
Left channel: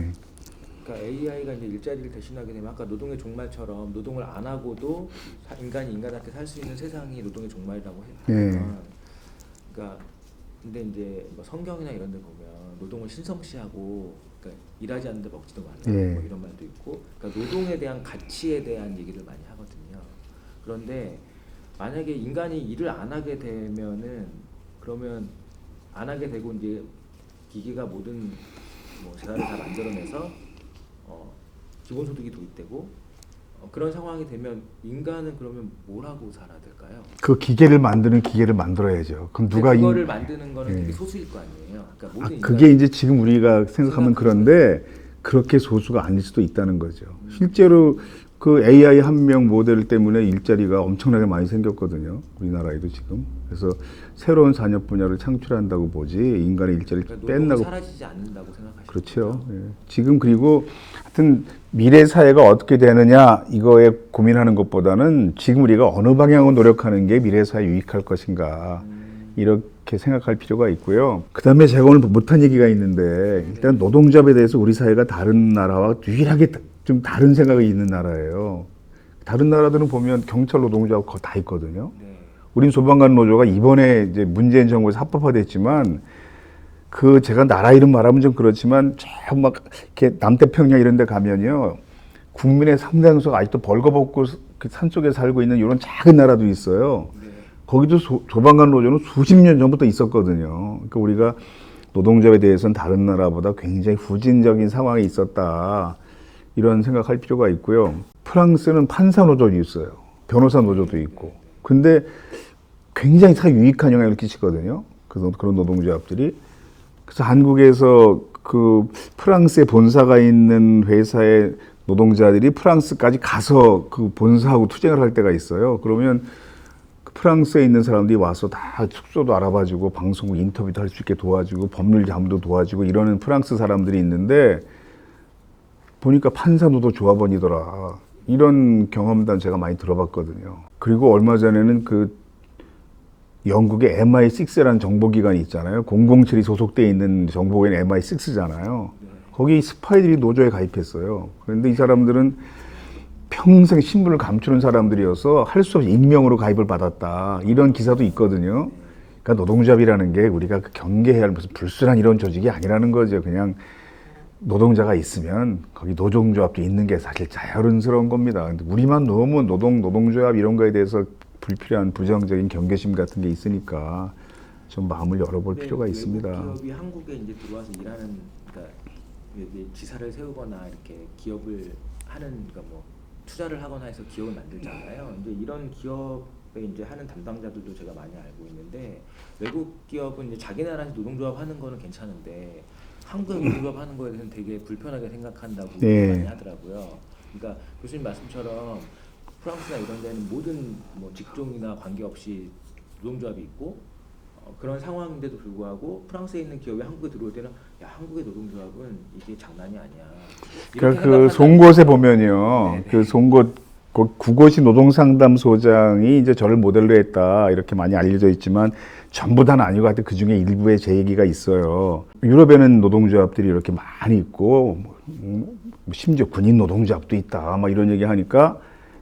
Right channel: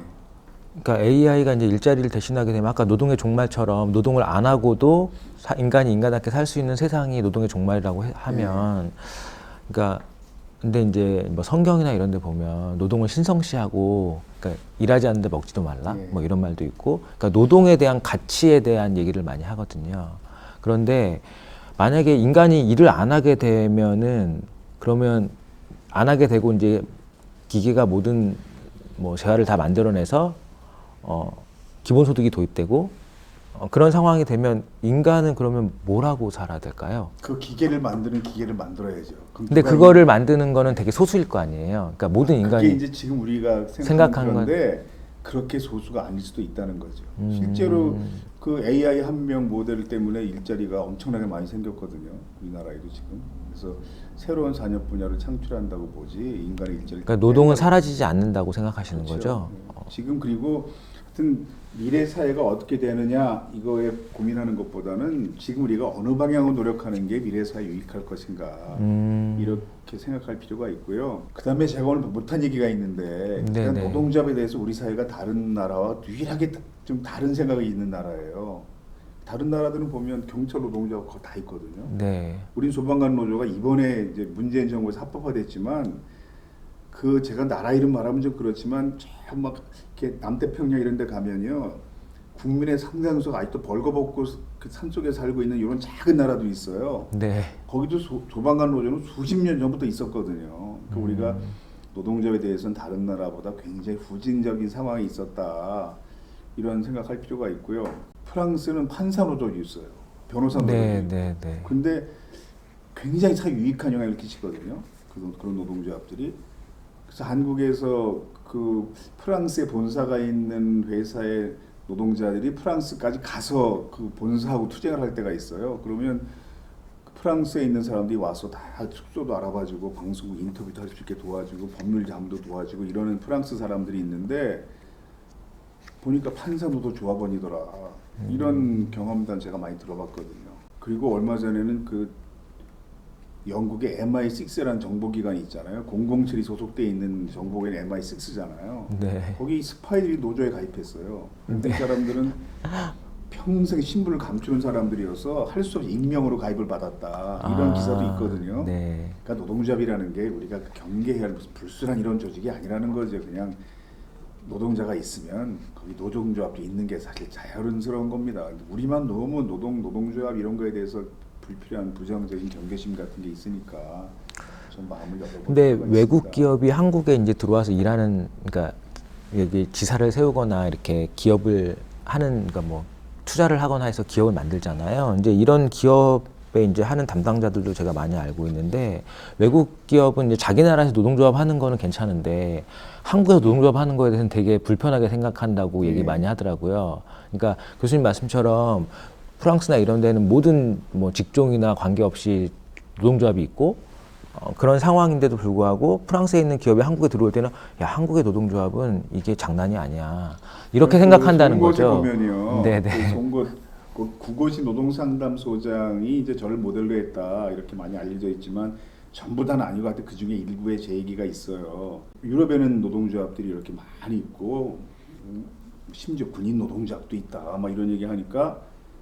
그러니까 AI가 이제 일자리를 대신하게 되면 아까 노동의 종말처럼 노동을 안 하고도 인간이 인간답게 살 수 있는 세상이 노동의 종말이라고 하면, 그러니까 근데 이제 뭐 성경이나 이런 데 보면 노동을 신성시하고, 그러니까 일하지 않는데 먹지도 말라, 뭐 이런 말도 있고, 그러니까 노동에 대한 가치에 대한 얘기를 많이 하거든요. 그런데 만약에 인간이 일을 안 하게 되면은 그러면 안 하게 되고 이제 기계가 모든 뭐 재화를 다 만들어내서 기본소득이 도입되고 그런 상황이 되면 인간은 그러면 뭘 하고 살아야 될까요? 그 기계를 만드는 기계를 만들어야죠. 그럼 근데 그거를 만드는 거는 되게 소수일 거 아니에요. 그러니까 모든 인간이 그게 이제 지금 우리가 생각하는 그런데 그렇게 소수가 아닐 수도 있다는 거죠. 실제로 그 AI 한명 모델 때문에 일자리가 엄청나게 많이 생겼거든요. 우리나라에도 지금. 그래서 새로운 산업 분야를 창출한다고 보지 인간의 일자리를 그러니까 노동은 뺀다고- 사라지지 않는다고 생각하시는 그렇죠. 거죠? 네. 지금 그리고 하여튼 미래 사회가 어떻게 되느냐 이거에 고민하는 것보다는 지금 우리가 어느 방향으로 노력하는 게 미래 사회에 유익할 것인가 이렇게 생각할 필요가 있고요. 그다음에 제가 오늘 못한 얘기가 있는데 일단 네네. 노동조합에 대해서 우리 사회가 다른 나라와 유일하게 좀 다른 생각이 있는 나라예요. 다른 나라들은 보면 경찰 노동조합 거의 다 있거든요. 네. 우린 소방관 노조가 이번에 이제 문재인 정부에서 합법화됐지만 그 제가 나라 이름 말하면 좀 그렇지만 저 막 이렇게 남태평양 이런 데 가면요. 국민의 상당수가 아직도 벌거벗고 그 산속에 살고 있는 이런 작은 나라도 있어요. 네. 거기도 소방관 노조는 수십 년 전부터 있었거든요. 그러니까 우리가 노동조합에 대해서는 다른 나라보다 굉장히 후진적인 상황이 있었다. 이런 생각할 필요가 있고요. 프랑스는 판사 노조도 있어요. 변호사 노조도 네, 있고. 네, 네. 근데 굉장히 사회 유익한 영향을 끼치거든요. 그런 노동조합들이. 그래서 한국에서 그 프랑스에 본사가 있는 회사의 노동자들이 프랑스까지 가서 그 본사하고 투쟁을 할 때가 있어요. 그러면 그 프랑스에 있는 사람들이 와서 다 숙소도 알아봐주고 방송국 인터뷰도 할 수 있게 도와주고 법률 자문도 도와주고 이러는 프랑스 사람들이 있는데 보니까 판사노조 조합원이더라. 이런 경험담 제가 많이 들어봤거든요. 그리고 얼마 전에는 그 영국의 MI6라는 정보기관이 있잖아요. 007이 소속돼 있는 정보기관 MI6잖아요. 네. 거기 스파이들이 노조에 가입했어요. 그런데 이 사람들은 평생 신분을 감추는 사람들이어서 할 수 없이 익명으로 가입을 받았다. 이런 기사도 있거든요. 네. 그러니까 노동조합이라는 게 우리가 경계해야 할 무슨 불순한 이런 조직이 아니라는 거죠. 그냥 노동자가 있으면 거기 노동조합도 있는 게 사실 자연스러운 겁니다. 근데 우리만 너무 노동조합 이런 거에 대해서 불필요한 부정적인 경계심 같은 게 있으니까 좀 마음을 열어볼 근데 필요가 있습니다. 외국 기업이 한국에 이제 들어와서 일하는, 그러니까 여기 지사를 세우거나 이렇게 기업을 하는, 그러니까 뭐 투자를 하거나 해서 기업을 만들잖아요. 이제 이런 기업에 이제 하는 담당자들도 제가 많이 알고 있는데, 외국 기업은 이제 자기 나라에서 노동조합 하는 거는 괜찮은데 한국에서 노동조합 하는 거에 대해서는 되게 불편하게 생각한다고 얘기 많이 하더라고요. 그러니까 교수님 말씀처럼 프랑스나 이런 데는 모든 뭐 직종이나 관계없이 노동조합이 있고 그런 상황인데도 불구하고 프랑스에 있는 기업이 한국에 들어올 때는 야, 한국의 노동조합은 이게 장난이 아니야. 이렇게 생각한다는 송곳에 거죠. 보면요. 네네. 그 송곳 구고시 노동상담소장이 이제 저를 모델로 했다 이렇게 많이 알려져 있지만 전부 다는 아니고 하여튼 그 중에 일부의 제 얘기가 있어요. 유럽에는 노동조합들이 이렇게 많이 있고 심지어 군인 노동조합도 있다. 막 이런 얘기 하니까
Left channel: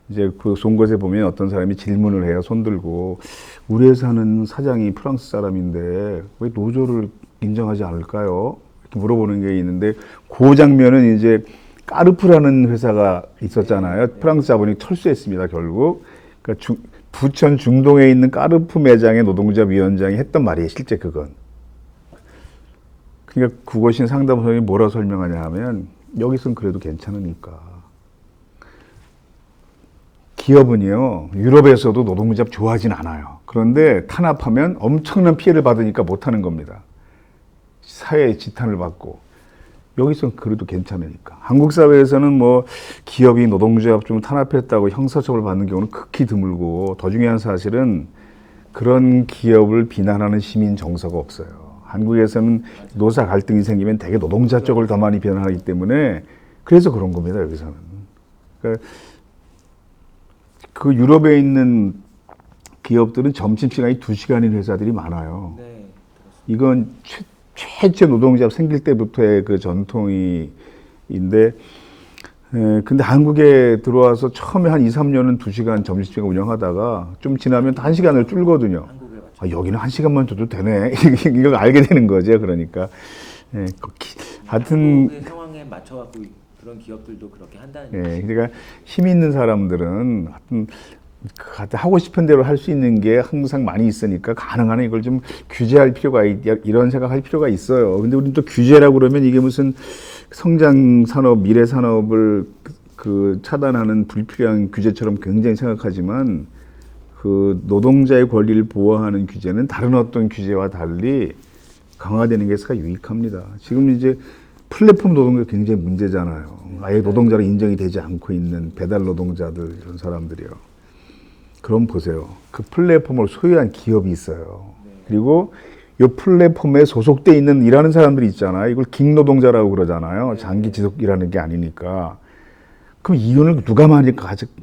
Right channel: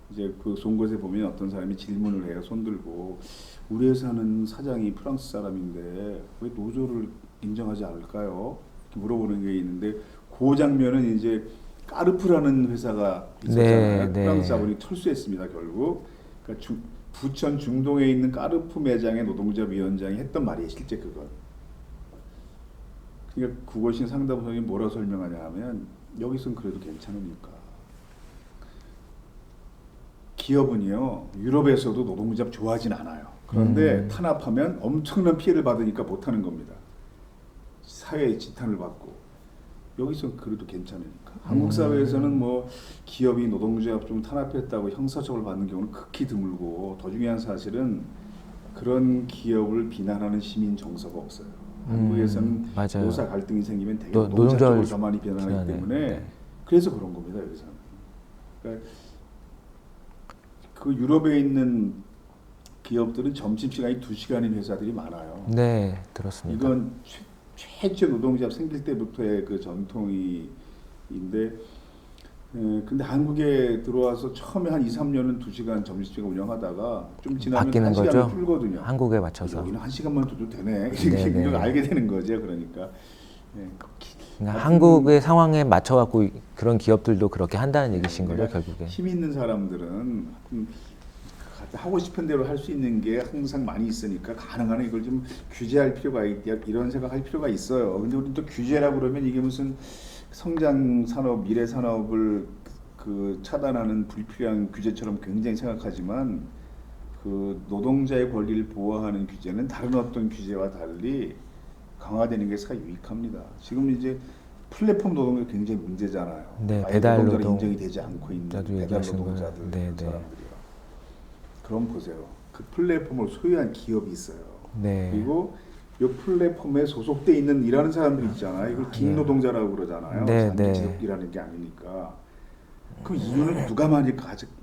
이제 그 송곳에 보면 어떤 사람이 질문을 해요. 손들고 우리 회사는 사장이 프랑스 사람인데 왜 노조를 인정하지 않을까요? 이렇게 물어보는 게 있는데 그 장면은 이제 까르프라는 회사가 있었잖아요. 네, 네. 프랑스 자본이 철수했습니다. 결국. 그러니까 부천 중동에 있는 까르프 매장의 노동자 위원장이 했던 말이에요. 실제 그건. 그러니까 국어신 상담소장이 뭐라 설명하냐 하면 여기선 그래도 괜찮으니까. 기업은요, 유럽에서도 노동조합 좋아하진 않아요. 그런데 탄압하면 엄청난 피해를 받으니까 못하는 겁니다. 사회의 지탄을 받고. 여기서는 그래도 괜찮으니까. 한국 사회에서는 뭐 기업이 노동조합 좀 탄압했다고 형사처벌 받는 경우는 극히 드물고 더 중요한 사실은 그런 기업을 비난하는 시민 정서가 없어요. 한국에서는 맞아요. 노사 갈등이 생기면 대개 노동자 쪽을 더 많이 비난하기 때문에 그래서 그런 겁니다. 여기서는. 그러니까 그 유럽에 있는 기업들은 점심시간이 2시간인 회사들이 많아요. 네, 들었습니다. 이건 최초 노동조합 생길 때부터의 그 전통인데, 근데 한국에 들어와서 처음에 한 2, 3년은 2시간 점심시간 운영하다가 좀 지나면 바뀌는 1시간을 거죠? 줄거든요. 한국에 맞춰서. 여기는 1시간만 줘도 되네. 이걸 알게 되는 거죠. 그러니까. 한국의 상황에 맞춰갖고 그런 기업들도 그렇게 한다는 얘기신 거예요, 그러니까 결국에. 힘 있는 사람들은 하고 싶은 대로 할 수 있는 게 항상 많이 있으니까 가능한 한 이걸 좀 규제할 필요가 이런 생각할 필요가 있어요. 근데 우리는 또 규제라고 그러면 이게 무슨 성장 산업, 미래 산업을 그 차단하는 불필요한 규제처럼 굉장히 생각하지만 그 노동자의 권리를 보호하는 규제는 다른 어떤 규제와 달리 강화되는 게 유익합니다. 지금 이제 플랫폼 노동자 굉장히 문제잖아요. 네, 아예 노동자로 노동. 인정이 되지 않고 있는 배달 노동자들 네, 이런 네. 사람들이요. 그럼 보세요. 그 플랫폼을 소유한 기업이 있어요. 네. 그리고 이 플랫폼에 소속돼 있는 일하는 사람들이 있잖아요. 이걸 깅노동자라고 그러잖아요. 네, 장기 네. 지속 일하는 게 아니니까. 그럼 이윤을 누가 많이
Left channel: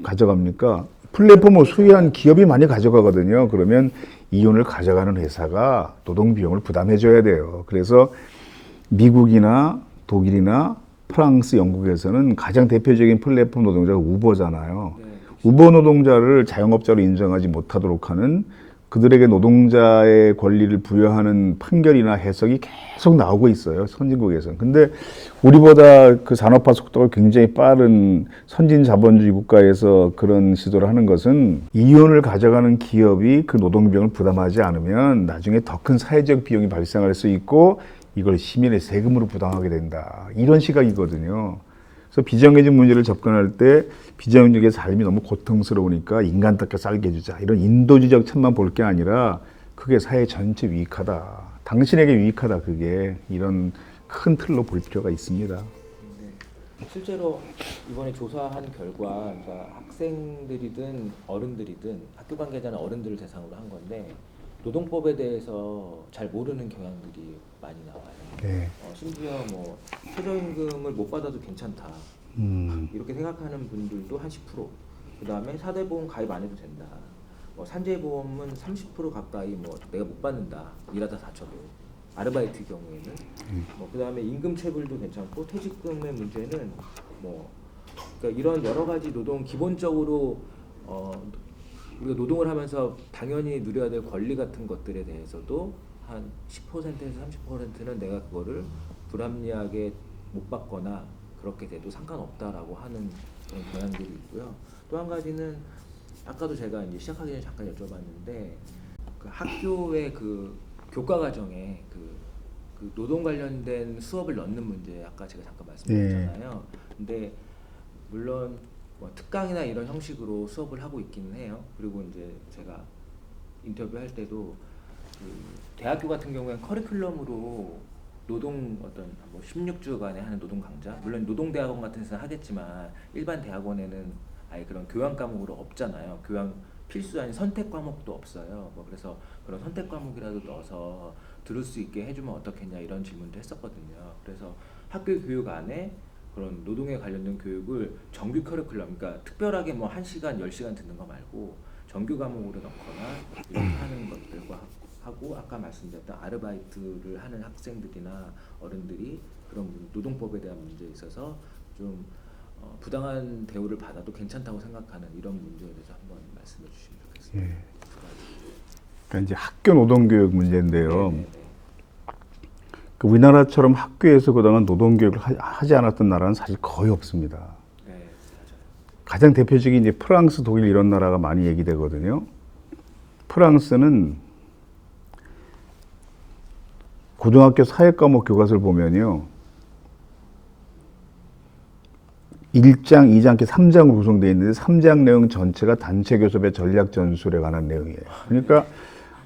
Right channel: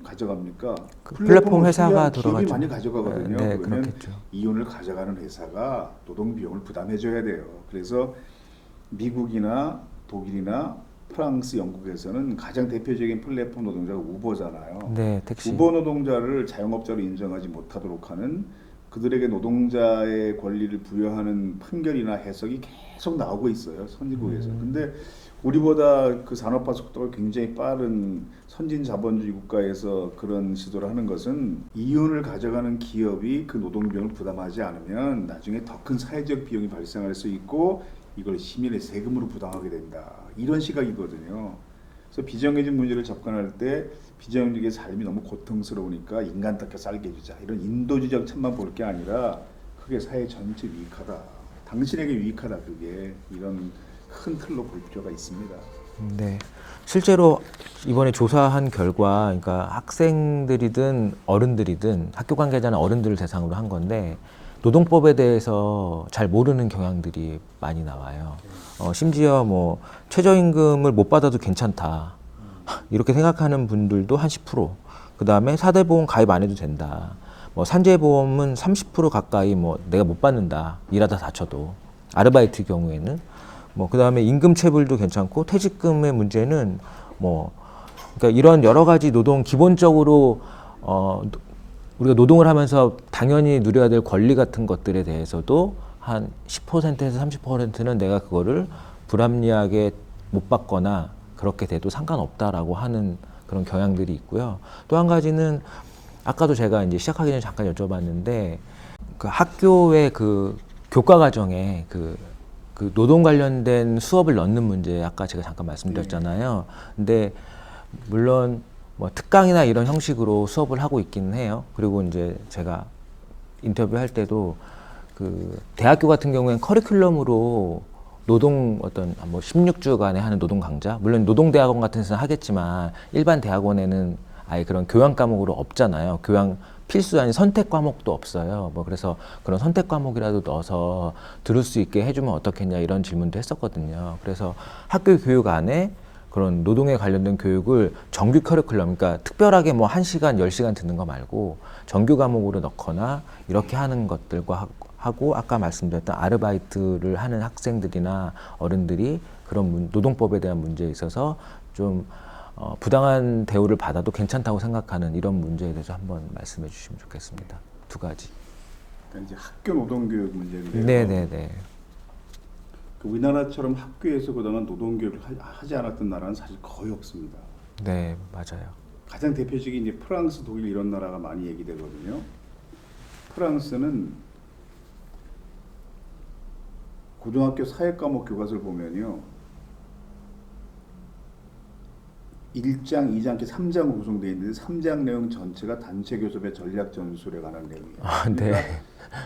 가져갑니까? 플랫폼을 소유한 기업이 많이 가져가거든요. 네, 그러면 이윤을 가져가는 회사가 노동 비용을 부담해줘야 돼요. 그래서 미국이나 독일이나 프랑스, 영국에서는 가장 대표적인 플랫폼 노동자가 우버잖아요. 네, 택시. 우버 노동자를 자영업자로 인정하지 못하도록 하는 그들에게 노동자의 권리를 부여하는 판결이나 해석이 계속 나오고 있어요. 선진국에서는. 근데 우리보다 그 산업화 속도가 굉장히 빠른 선진 자본주의 국가에서 그런 시도를 하는 것은 이윤을 가져가는 기업이 그 노동 비용을 부담하지 않으면 나중에 더 큰 사회적 비용이 발생할 수 있고 이걸 시민의 세금으로 부담하게 된다. 이런 시각이거든요. 그래서 비정규직 문제를 접근할 때 비정규직의 삶이 너무 고통스러우니까 인간답게 살게 해주자. 이런 인도주의적 참만 볼 게 아니라 그게 사회 전체 유익하다. 당신에게 유익하다. 그게 이런 큰 틀로 볼 필요가 있습니다. 네. 실제로 이번에 조사한 결과, 그러니까 학생들이든 어른들이든 학교 관계자나 어른들을 대상으로 한 건데 노동법에 대해서 잘 모르는 경향들이 많이 나와요. 심지어 뭐 최저임금을 못 받아도 괜찮다. 이렇게 생각하는 분들도 한 10%. 그 다음에 4대 보험 가입 안 해도 된다. 뭐 산재보험은 30% 가까이 뭐 내가 못 받는다. 일하다 다쳐도. 아르바이트 경우에는. 뭐 그다음에 임금 체불도 괜찮고 퇴직금의 문제는 뭐 그러니까 이런 여러 가지 노동 기본적으로 우리가 노동을 하면서 당연히 누려야 될 권리 같은 것들에 대해서도 한 10%에서 30%는 내가 그거를 불합리하게 못 받거나 그렇게 돼도 상관없다라고 하는 그런 경향들이 있고요. 또 한 가지는 아까도 제가 이제 시작하기 전에 잠깐 여쭤봤는데 그 학교의 그 교과 과정에 그 노동 관련된 수업을 넣는 문제 아까 제가 잠깐 말씀드렸잖아요. 근데 물론 뭐 특강이나 이런 형식으로 수업을 하고 있기는 해요. 그리고 이제 제가 인터뷰할 때도 그 대학교 같은 경우에는 커리큘럼으로 노동 어떤 뭐 16주간에 하는 노동 강좌, 물론 노동대학원 같은 데서는 하겠지만 일반 대학원에는 아예 그런 교양 과목으로 없잖아요. 교양 필수 아닌 선택 과목도 없어요. 뭐 그래서 그런 선택 과목이라도 넣어서 들을 수 있게 해주면 어떻겠냐 이런 질문도 했었거든요. 그래서 학교 교육 안에 그런 노동에 관련된 교육을 정규 커리큘럼, 그러니까 특별하게 뭐 1시간, 10시간 듣는 거 말고 정규 과목으로 넣거나 이렇게 하는 것들과 하고 아까 말씀드렸던 아르바이트를 하는 학생들이나 어른들이 그런 노동법에 대한 문제에 있어서 좀 부당한 대우를 받아도 괜찮다고 생각하는 이런 문제에 대해서 한번 말씀해 주시면 좋겠습니다. 두 가지. 그러니까 이제 학교 노동교육 문제인데요. 네네네. 그 우리나라처럼 학교에서 그동안 노동교육을 하지 않았던 나라는 사실 거의 없습니다. 네, 맞아요. 가장 대표적인 이제 프랑스, 독일 이런 나라가 많이 얘기되거든요. 프랑스는 고등학교 사회과목 교과서를 보면요. 1장, 2장, 이렇게 3장으로 구성되어 있는데 3장 내용 전체가 단체 교섭의 전략 전술에 관한 내용이에요. 그러니까 네.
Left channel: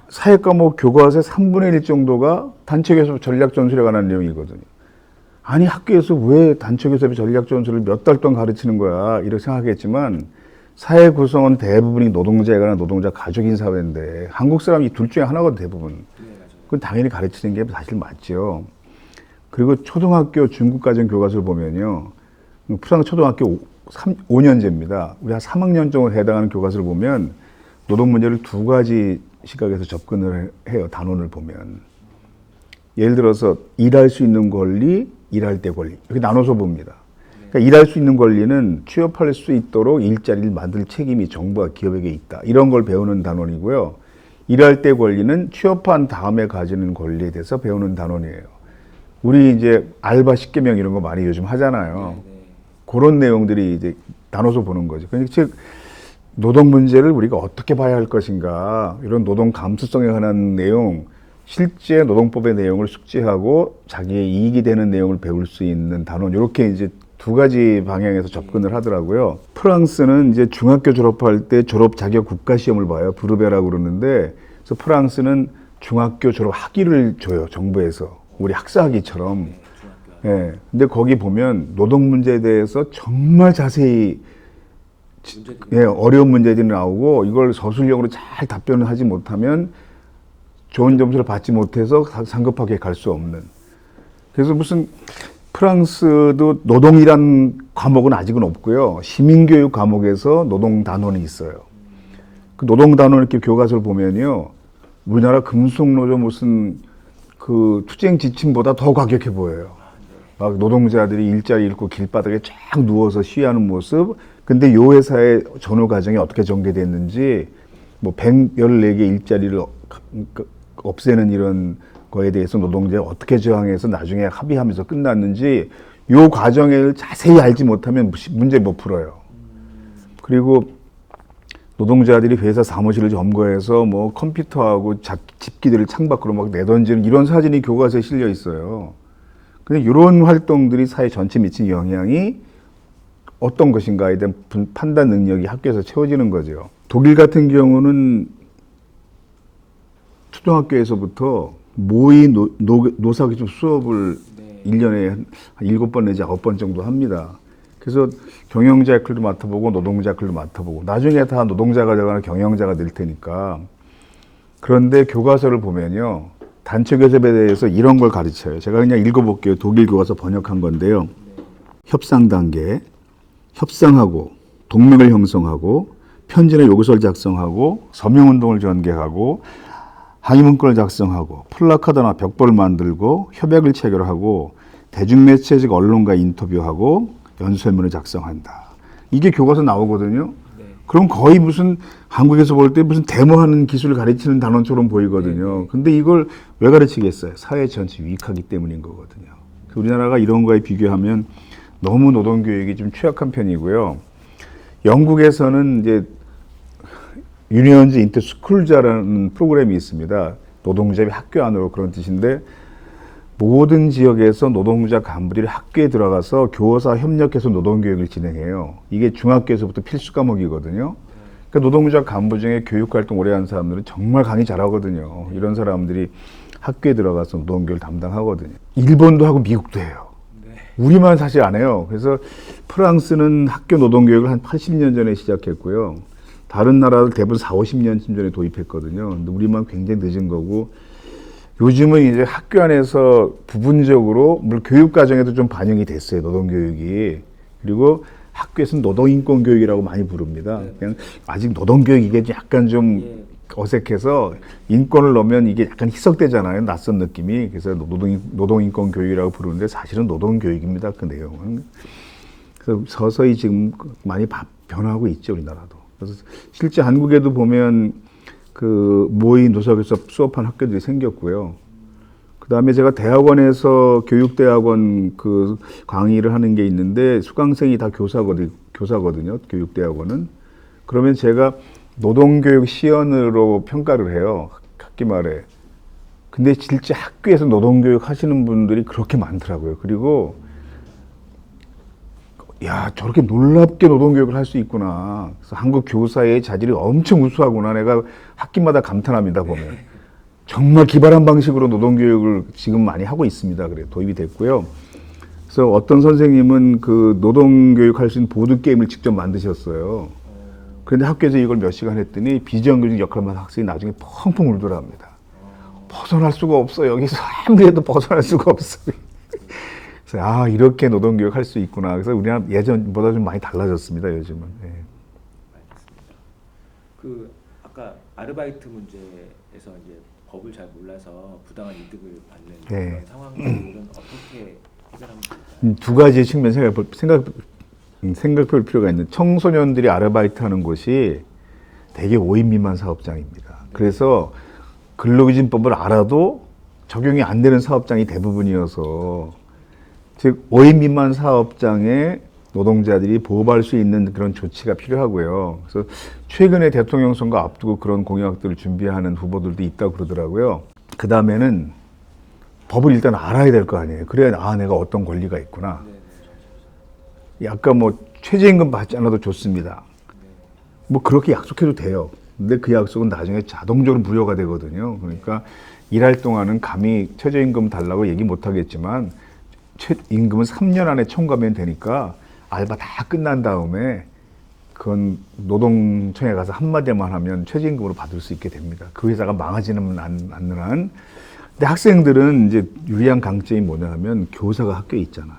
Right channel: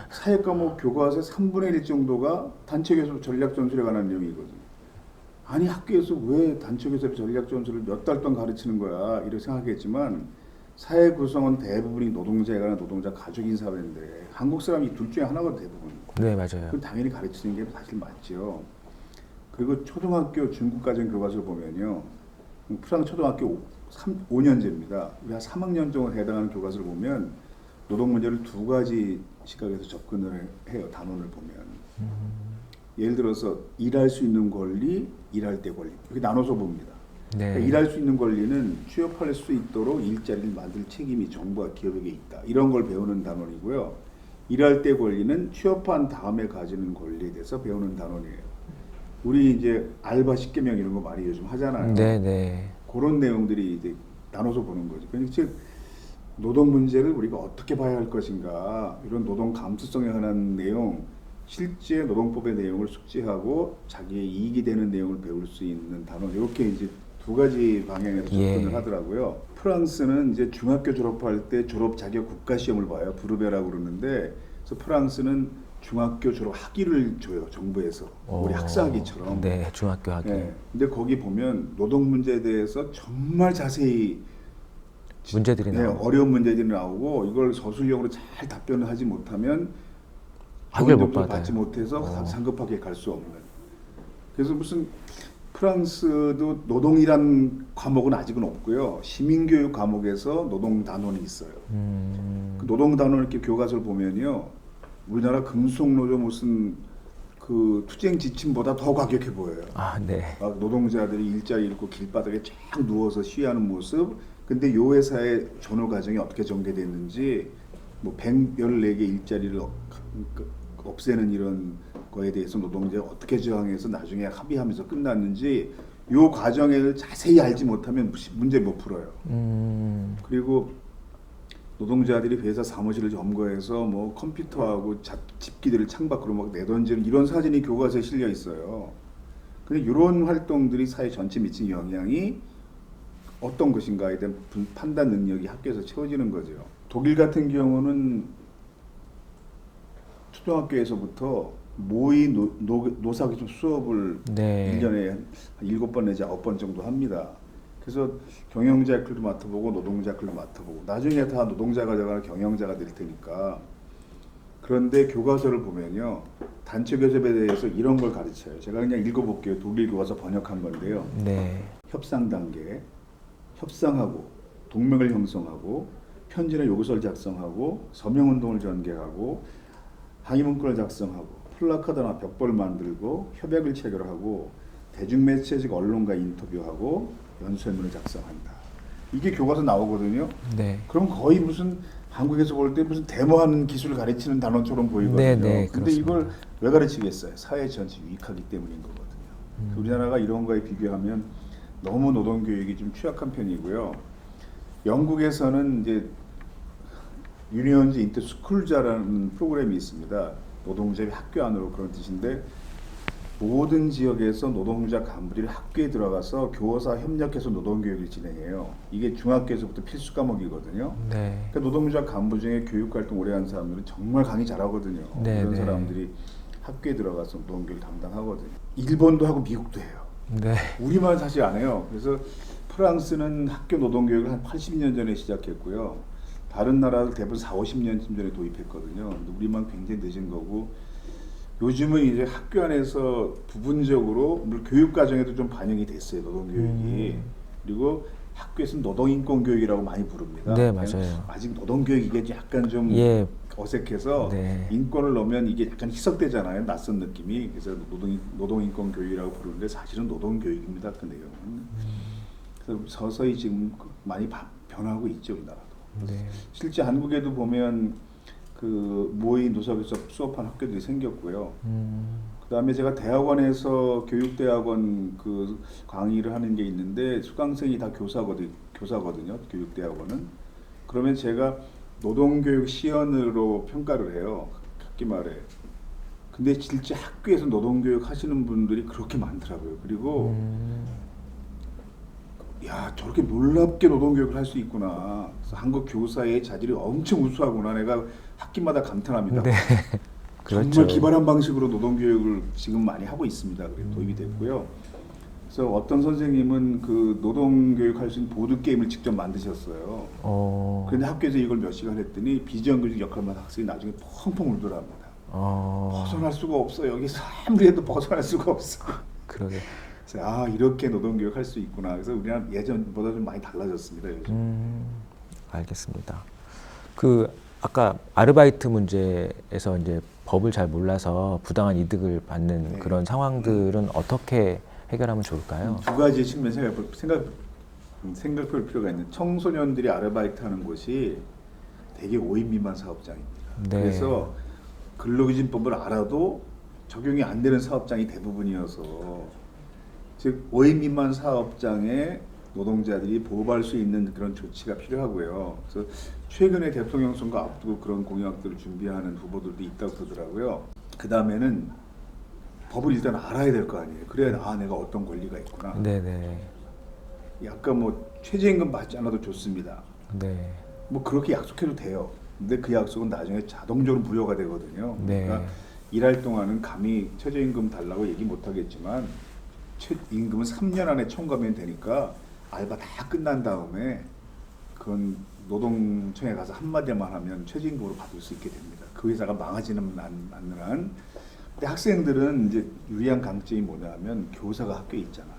사회과목 교과서의 3분의 1 정도가 단체 교섭 전략 전술에 관한 내용이거든요. 아니 학교에서 왜 단체 교섭의 전략 전술을 몇 달 동안 가르치는 거야 이렇게 생각하겠지만 사회 구성원 대부분이 노동자이거나 노동자 가족인 사회인데 한국 사람이 둘 중에 하나거든 대부분. 네, 맞아요. 그건 당연히 가르치는 게 사실 맞죠. 그리고 초등학교 중국가정 교과서를 보면요. 프랑스 초등학교 5년제입니다. 우리 한 3학년 정도 해당하는 교과서를 보면 노동 문제를 두 가지 시각에서 접근을 해요. 단원을 보면. 예를 들어서 일할 수 있는 권리, 일할 때 권리 이렇게 나눠서 봅니다. 네. 그러니까 일할 수 있는 권리는 취업할 수 있도록 일자리를 만들 책임이 정부와 기업에게 있다. 이런 걸 배우는 단원이고요. 일할 때 권리는 취업한 다음에 가지는 권리에 대해서 배우는 단원이에요. 우리 이제 알바 10개명 이런 거 많이 요즘 하잖아요. 네네. 그런 내용들이 이제 나눠서 보는 거죠. 그러니까 즉 노동 문제를 우리가 어떻게 봐야 할 것인가 이런 노동 감수성에 관한 내용, 실제 노동법의 내용을 숙지하고 자기의 이익이 되는 내용을 배울 수 있는 단원 이렇게 이제 두 가지 방향에서 접근을 하더라고요. 프랑스는 이제 중학교 졸업할 때 졸업 자격 국가 시험을 봐요. 브르베라고 그러는데 그래서 프랑스는 중학교 졸업 학위를 줘요. 정부에서. 우리 학사학위처럼. 네, 중학교 학위. 예. 근데 거기 보면 노동 문제에 대해서 정말 자세히 문제들이 예, 어려운 문제들이 나오고 이걸 서술형으로 잘 답변을 하지 못하면 좋은 점수를 받지 못해서 상급하게 갈 수 없는. 그래서 무슨 프랑스도 노동이란 과목은 아직은 없고요. 시민교육 과목에서 노동 단원이 있어요. 그 노동 단원 이렇게 교과서를 보면요. 우리나라 금속노조 무슨 그 투쟁 지침보다 더 과격해 보여요. 아, 네. 막 노동자들이 일자리 잃고 길바닥에 쫙 누워서 시위하는 모습. 근데 요 회사의 전후 과정이 어떻게 전개됐는지 뭐 114개 일자리를 없애는 이런 거에 대해서 노동자가 어떻게 저항해서 나중에 합의하면서 끝났는지 요 과정을 자세히 알지 못하면 문제 못 풀어요. 그리고 노동자들이 회사 사무실을 점거해서 뭐 컴퓨터하고 집기들을 창밖으로 막 내던지는 이런 사진이 교과서에 실려 있어요. 근데 이런 활동들이 사회 전체에 미친 영향이 어떤 것인가에 대한 판단 능력이 학교에서 채워지는 거죠. 독일 같은 경우는 초등학교에서부터 모의 노사교육 수업을 네. 1년에 한 7번 내지 9번 정도 합니다. 그래서 경영자 역할도 맡아보고 노동자 역할도 맡아보고 나중에 다 노동자가 되거나 경영자가 될 테니까. 그런데 교과서를 보면요. 단체 교섭에 대해서 이런 걸 가르쳐요. 제가 그냥 읽어볼게요. 독일 교과서 번역한 건데요. 네. 협상 단계, 협상하고 동맹을 형성하고 편지나 요구서를 작성하고 서명운동을 전개하고 항의문건을 작성하고 플래카드나 벽보를 만들고 협약을 체결하고 대중매체 즉 언론과 인터뷰하고 연설문을 작성한다. 이게 교과서 나오거든요. 네. 그럼 거의 무슨 한국에서 볼 때 무슨 데모하는 기술을 가르치는 단원처럼 보이거든요. 네, 네, 근데 이걸 왜 가르치겠어요? 사회 전체 유익하기 때문인 거거든요. 우리나라가 이런 거에 비교하면 너무 노동교육이 좀 취약한 편이고요. 영국에서는 이제 유니언즈 인터 스쿨즈라는 프로그램이 있습니다. 노동자의 학교 안으로 그런 뜻인데 모든 지역에서 노동자 간부들이 학교에 들어가서 교사 협력해서 노동교육을 진행해요. 이게 중학교에서부터 필수 과목이거든요. 네. 그러니까 노동자 간부 중에 교육활동 오래 한 사람들은 정말 강의 잘하거든요. 네, 이런 네. 사람들이 학교에 들어가서 노동교육을 담당하거든요. 일본도 하고 미국도 해요. 네. 우리만 사실 안 해요. 그래서 프랑스는 학교 노동교육을 한 80년 전에 시작했고요. 다른 나라들 대부분 4, 50년쯤 전에 도입했거든요. 근데 우리만 굉장히 늦은 거고 요즘은 이제 학교 안에서 부분적으로 물론 교육 과정에도 좀 반영이 됐어요. 노동교육이. 그리고 학교에서는 노동인권교육이라고 많이 부릅니다. 네, 그냥 맞아요. 아직 노동교육 이게 약간 좀 예. 어색해서 네. 인권을 넣으면 이게 약간 희석되잖아요. 낯선 느낌이. 그래서 노동인권교육이라고 부르는데 사실은 노동교육입니다. 그 내용은. 그래서 서서히 지금 많이 변화하고 있죠. 우리나라도. 그래서 실제 한국에도 보면 그 모의 노사교섭 수업한 학교들이 생겼고요. 그다음에 제가 대학원에서 교육대학원 그 강의를 하는 게 있는데 수강생이 다 교사거든요. 교육대학원은. 그러면 제가 노동교육 시연으로 평가를 해요. 학기 말에. 근데 실제 학교에서 노동교육 하시는 분들이 그렇게 많더라고요. 그리고 야, 저렇게 놀랍게 노동교육을 할 수 있구나. 그래서 한국 교사의 자질이 엄청 우수하구나. 내가 학기마다 감탄합니다. 네. 정말 기발한 방식으로 노동교육을 지금 많이 하고 있습니다. 그래 도입이 됐고요. 그래서 어떤 선생님은 그 노동교육 할 수 있는 보드게임을 직접 만드셨어요. 그런데 학교에서 이걸 몇 시간 했더니 비정규직 역할만 학생이 나중에 펑펑 울더랍니다. 벗어날 수가 없어요. 여기서 아무리 해도 벗어날 수가 없어요. 그래서 아, 이렇게 노동교육 할 수 있구나. 그래서 우리나라 예전보다 좀 많이 달라졌습니다. 요즘은. 네. 알겠습니다. 그 아까 아르바이트 문제에서 이제 법을 잘 몰라서 부당한 이득을 받는 네. 그런 상황들은 어떻게 해결하면 좋을까요? 두 가지 측면 생각해볼 필요가 있는 청소년들이 아르바이트 하는 곳이 대개 5인 미만 사업장입니다. 네. 그래서 근로기준법을 알아도 적용이 안 되는 사업장이 대부분이어서 즉 5인 미만 사업장에 노동자들이 보호받을 수 있는 그런 조치가 필요하고요. 그래서 최근에 대통령 선거 앞두고 그런 공약들을 준비하는 후보들도 있다고 그러더라고요. 그 다음에는 법을 일단 알아야 될 거 아니에요. 그래야 아, 내가 어떤 권리가 있구나. 네네. 약간 뭐 최저임금 받지 않아도 좋습니다. 네. 뭐 그렇게 약속해도 돼요. 근데 그 약속은 나중에 자동적으로 무효가 되거든요. 그러니까 네. 일할 동안은 감히 최저임금 달라고 얘기 못 하겠지만 최임금은 3년 안에 청구하면 되니까 알바 다 끝난 다음에 그건 노동청에 가서 한마디만 하면 최저임금으로 받을 수 있게 됩니다. 그 회사가 망하지는 않는 한. 근데 학생들은 이제 유리한 강점이 뭐냐 하면 교사가 학교에 있잖아요.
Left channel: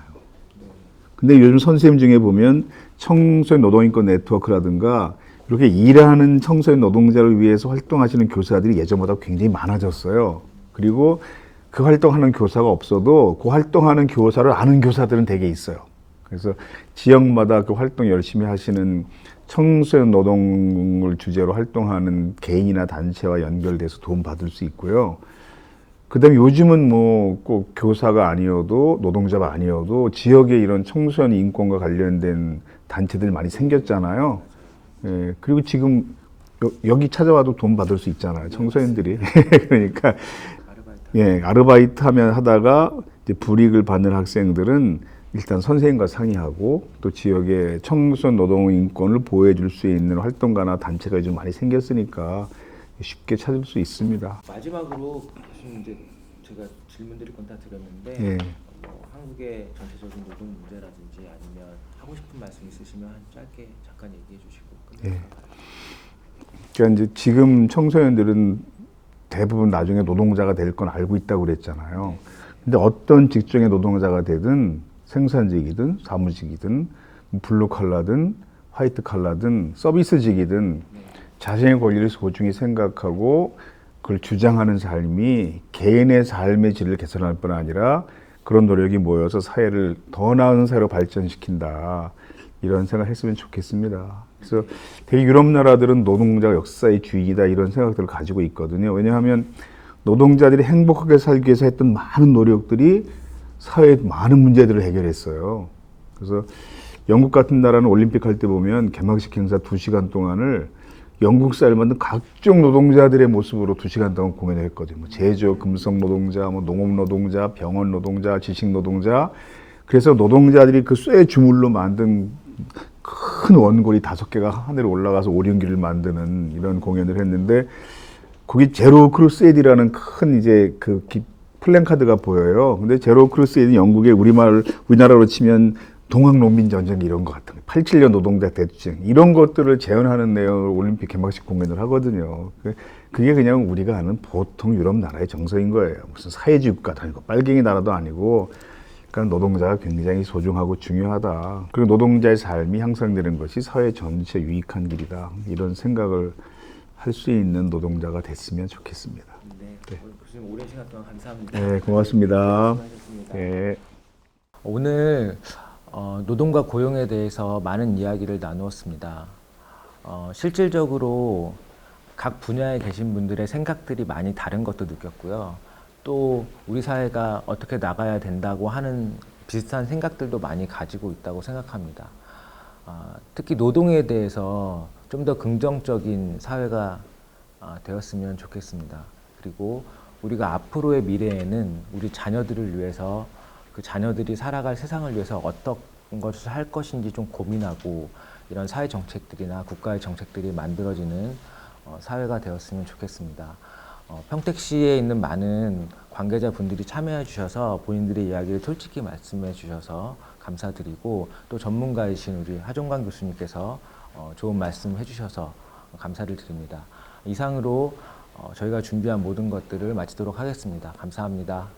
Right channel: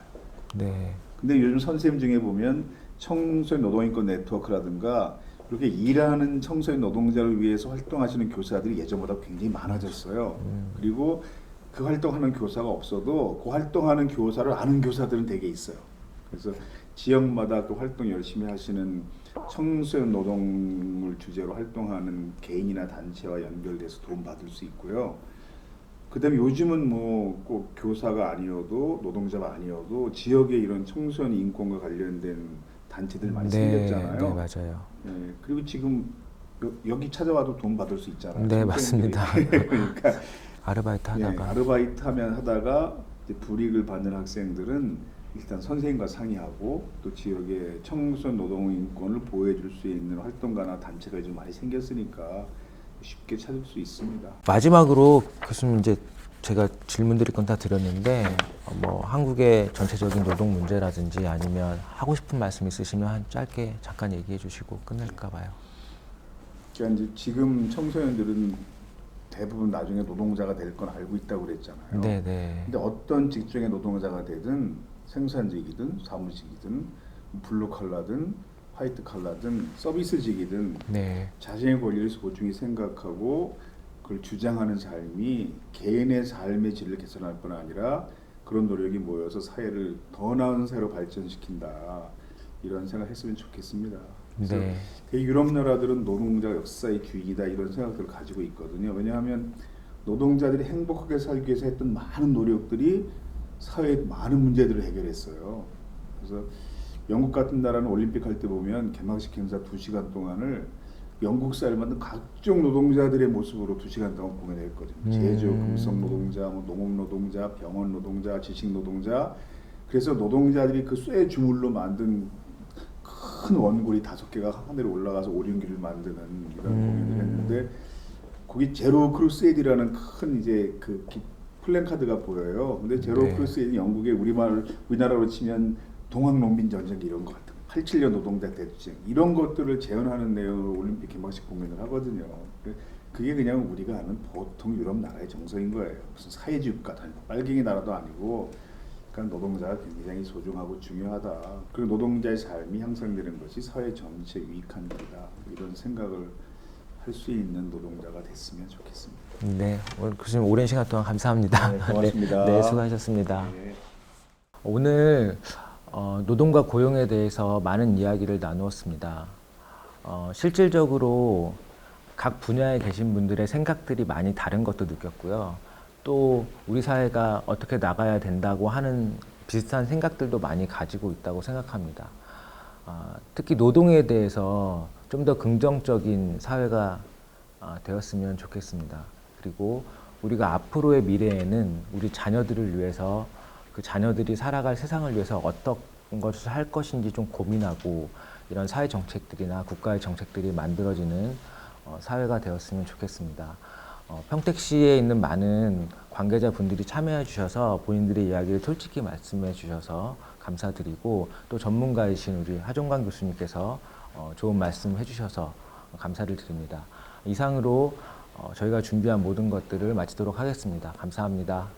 네. 근데 요즘 선생님 중에 보면 청소년 노동인권 네트워크라든가 이렇게 일하는 청소년 노동자를 위해서 활동하시는 교사들이 예전보다 굉장히 많아졌어요. 그리고 그 활동하는 교사가 없어도 그 활동하는 교사를 아는 교사들은 되게 있어요. 그래서 지역마다 그 활동 열심히 하시는 청소년 노동을 주제로 활동하는 개인이나 단체와 연결돼서 도움받을 수 있고요. 그다음에 요즘은 뭐 꼭 교사가 아니어도 노동자가 아니어도 지역에 이런 청소년 인권과 관련된 단체들 많이 네, 생겼잖아요. 네, 맞아요. 예, 그리고 지금 여기 찾아와도 돈 받을 수 있잖아요. 네, 청소년들이. 맞습니다. 그러니까 아르바이트 예, 아르바이트 하면 하다가 이제 불이익을 받는 학생들은 일단 선생님과 상의하고 또 지역의 청소년 노동 인권을 보호해 줄 수 있는 활동가나 단체가 좀 많이 생겼으니까 쉽게 찾을 수 있습니다. 마지막으로 교수님 이제 제가 질문드릴 건 다 드렸는데 네. 뭐 한국의 전체적인 노동 문제라든지 아니면 하고 싶은 말씀 있으시면 한 짧게 잠깐 얘기해 주시고 끝낼까 봐요. 그러니까 이제 지금 청소년들은 대부분 나중에 노동자가 될 건 알고 있다고 그랬잖아요. 네, 네. 근데 어떤 직종의 노동자가 되든 생산직이든 사무직이든 블루 칼라든 화이트 칼라든 서비스직이든 네. 자신의 권리를 소중히 생각하고 그걸 주장하는 삶이 개인의 삶의 질을 개선할 뿐 아니라 그런 노력이 모여서 사회를 더 나은 사회로 발전시킨다. 이런 생각했으면 좋겠습니다. 그래서 네. 되게 유럽 나라들은 노동자 역사의 주익이다 이런 생각들을 가지고 있거든요. 왜냐하면 노동자들이 행복하게 살기 위해서 했던 많은 노력들이 사회의 많은 문제들을 해결했어요. 그래서 영국 같은 나라는 올림픽 할 때 보면 개막식 행사 2시간 동안을 영국 사회를 만든 각종 노동자들의 모습으로 2시간 동안 공연을 했거든요. 뭐 제조업, 금속 노동자, 뭐 농업 노동자, 병원 노동자, 지식 노동자. 그래서 노동자들이 그 쇠 주물로 만든 큰 원골이 5개가 하늘에 올라가서 오륜기를 만드는 이런 공연을 했는데 거기 제로 크루세이드라는 큰 이제 그 플랜카드가 보여요. 근데 제로 크루세이드는 영국의 우리나라로 치면 동학농민전쟁 이런 것 같은 87년 노동자 대투쟁 이런 것들을 재현하는 내용을 올림픽 개막식 공연을 하거든요. 그게 그냥 우리가 아는 보통 유럽 나라의 정서인 거예요. 무슨 사회주의 국가도 아니고 빨갱이 나라도 아니고 그러니까 노동자가 굉장히 소중하고 중요하다. 그리고 노동자의 삶이 향상되는 것이 사회 전체에 유익한 길이다. 이런 생각을 할 수 있는 노동자가 됐으면 좋겠습니다. 네. 오늘 교수님 오랜 시간 동안 감사합니다. 네, 고맙습니다. 네, 수고하셨습니다. 네. 오늘 노동과 고용에 대해서 많은 이야기를 나누었습니다. 실질적으로 각 분야에 계신 분들의 생각들이 많이 다른 것도 느꼈고요. 또 우리 사회가 어떻게 나가야 된다고 하는 비슷한 생각들도 많이 가지고 있다고 생각합니다. 특히 노동에 대해서 좀 더 긍정적인 사회가 되었으면 좋겠습니다. 그리고 우리가 앞으로의 미래에는 우리 자녀들을 위해서 그 자녀들이 살아갈 세상을 위해서 어떤 것을 할 것인지 좀 고민하고 이런 사회 정책들이나 국가의 정책들이 만들어지는 사회가 되었으면 좋겠습니다. 평택시에 있는 많은 관계자분들이 참여해 주셔서 본인들의 이야기를 솔직히 말씀해 주셔서 감사드리고 또 전문가이신 우리 하종관 교수님께서 좋은 말씀 해주셔서 감사를 드립니다. 이상으로 저희가 준비한 모든 것들을 마치도록 하겠습니다. 감사합니다.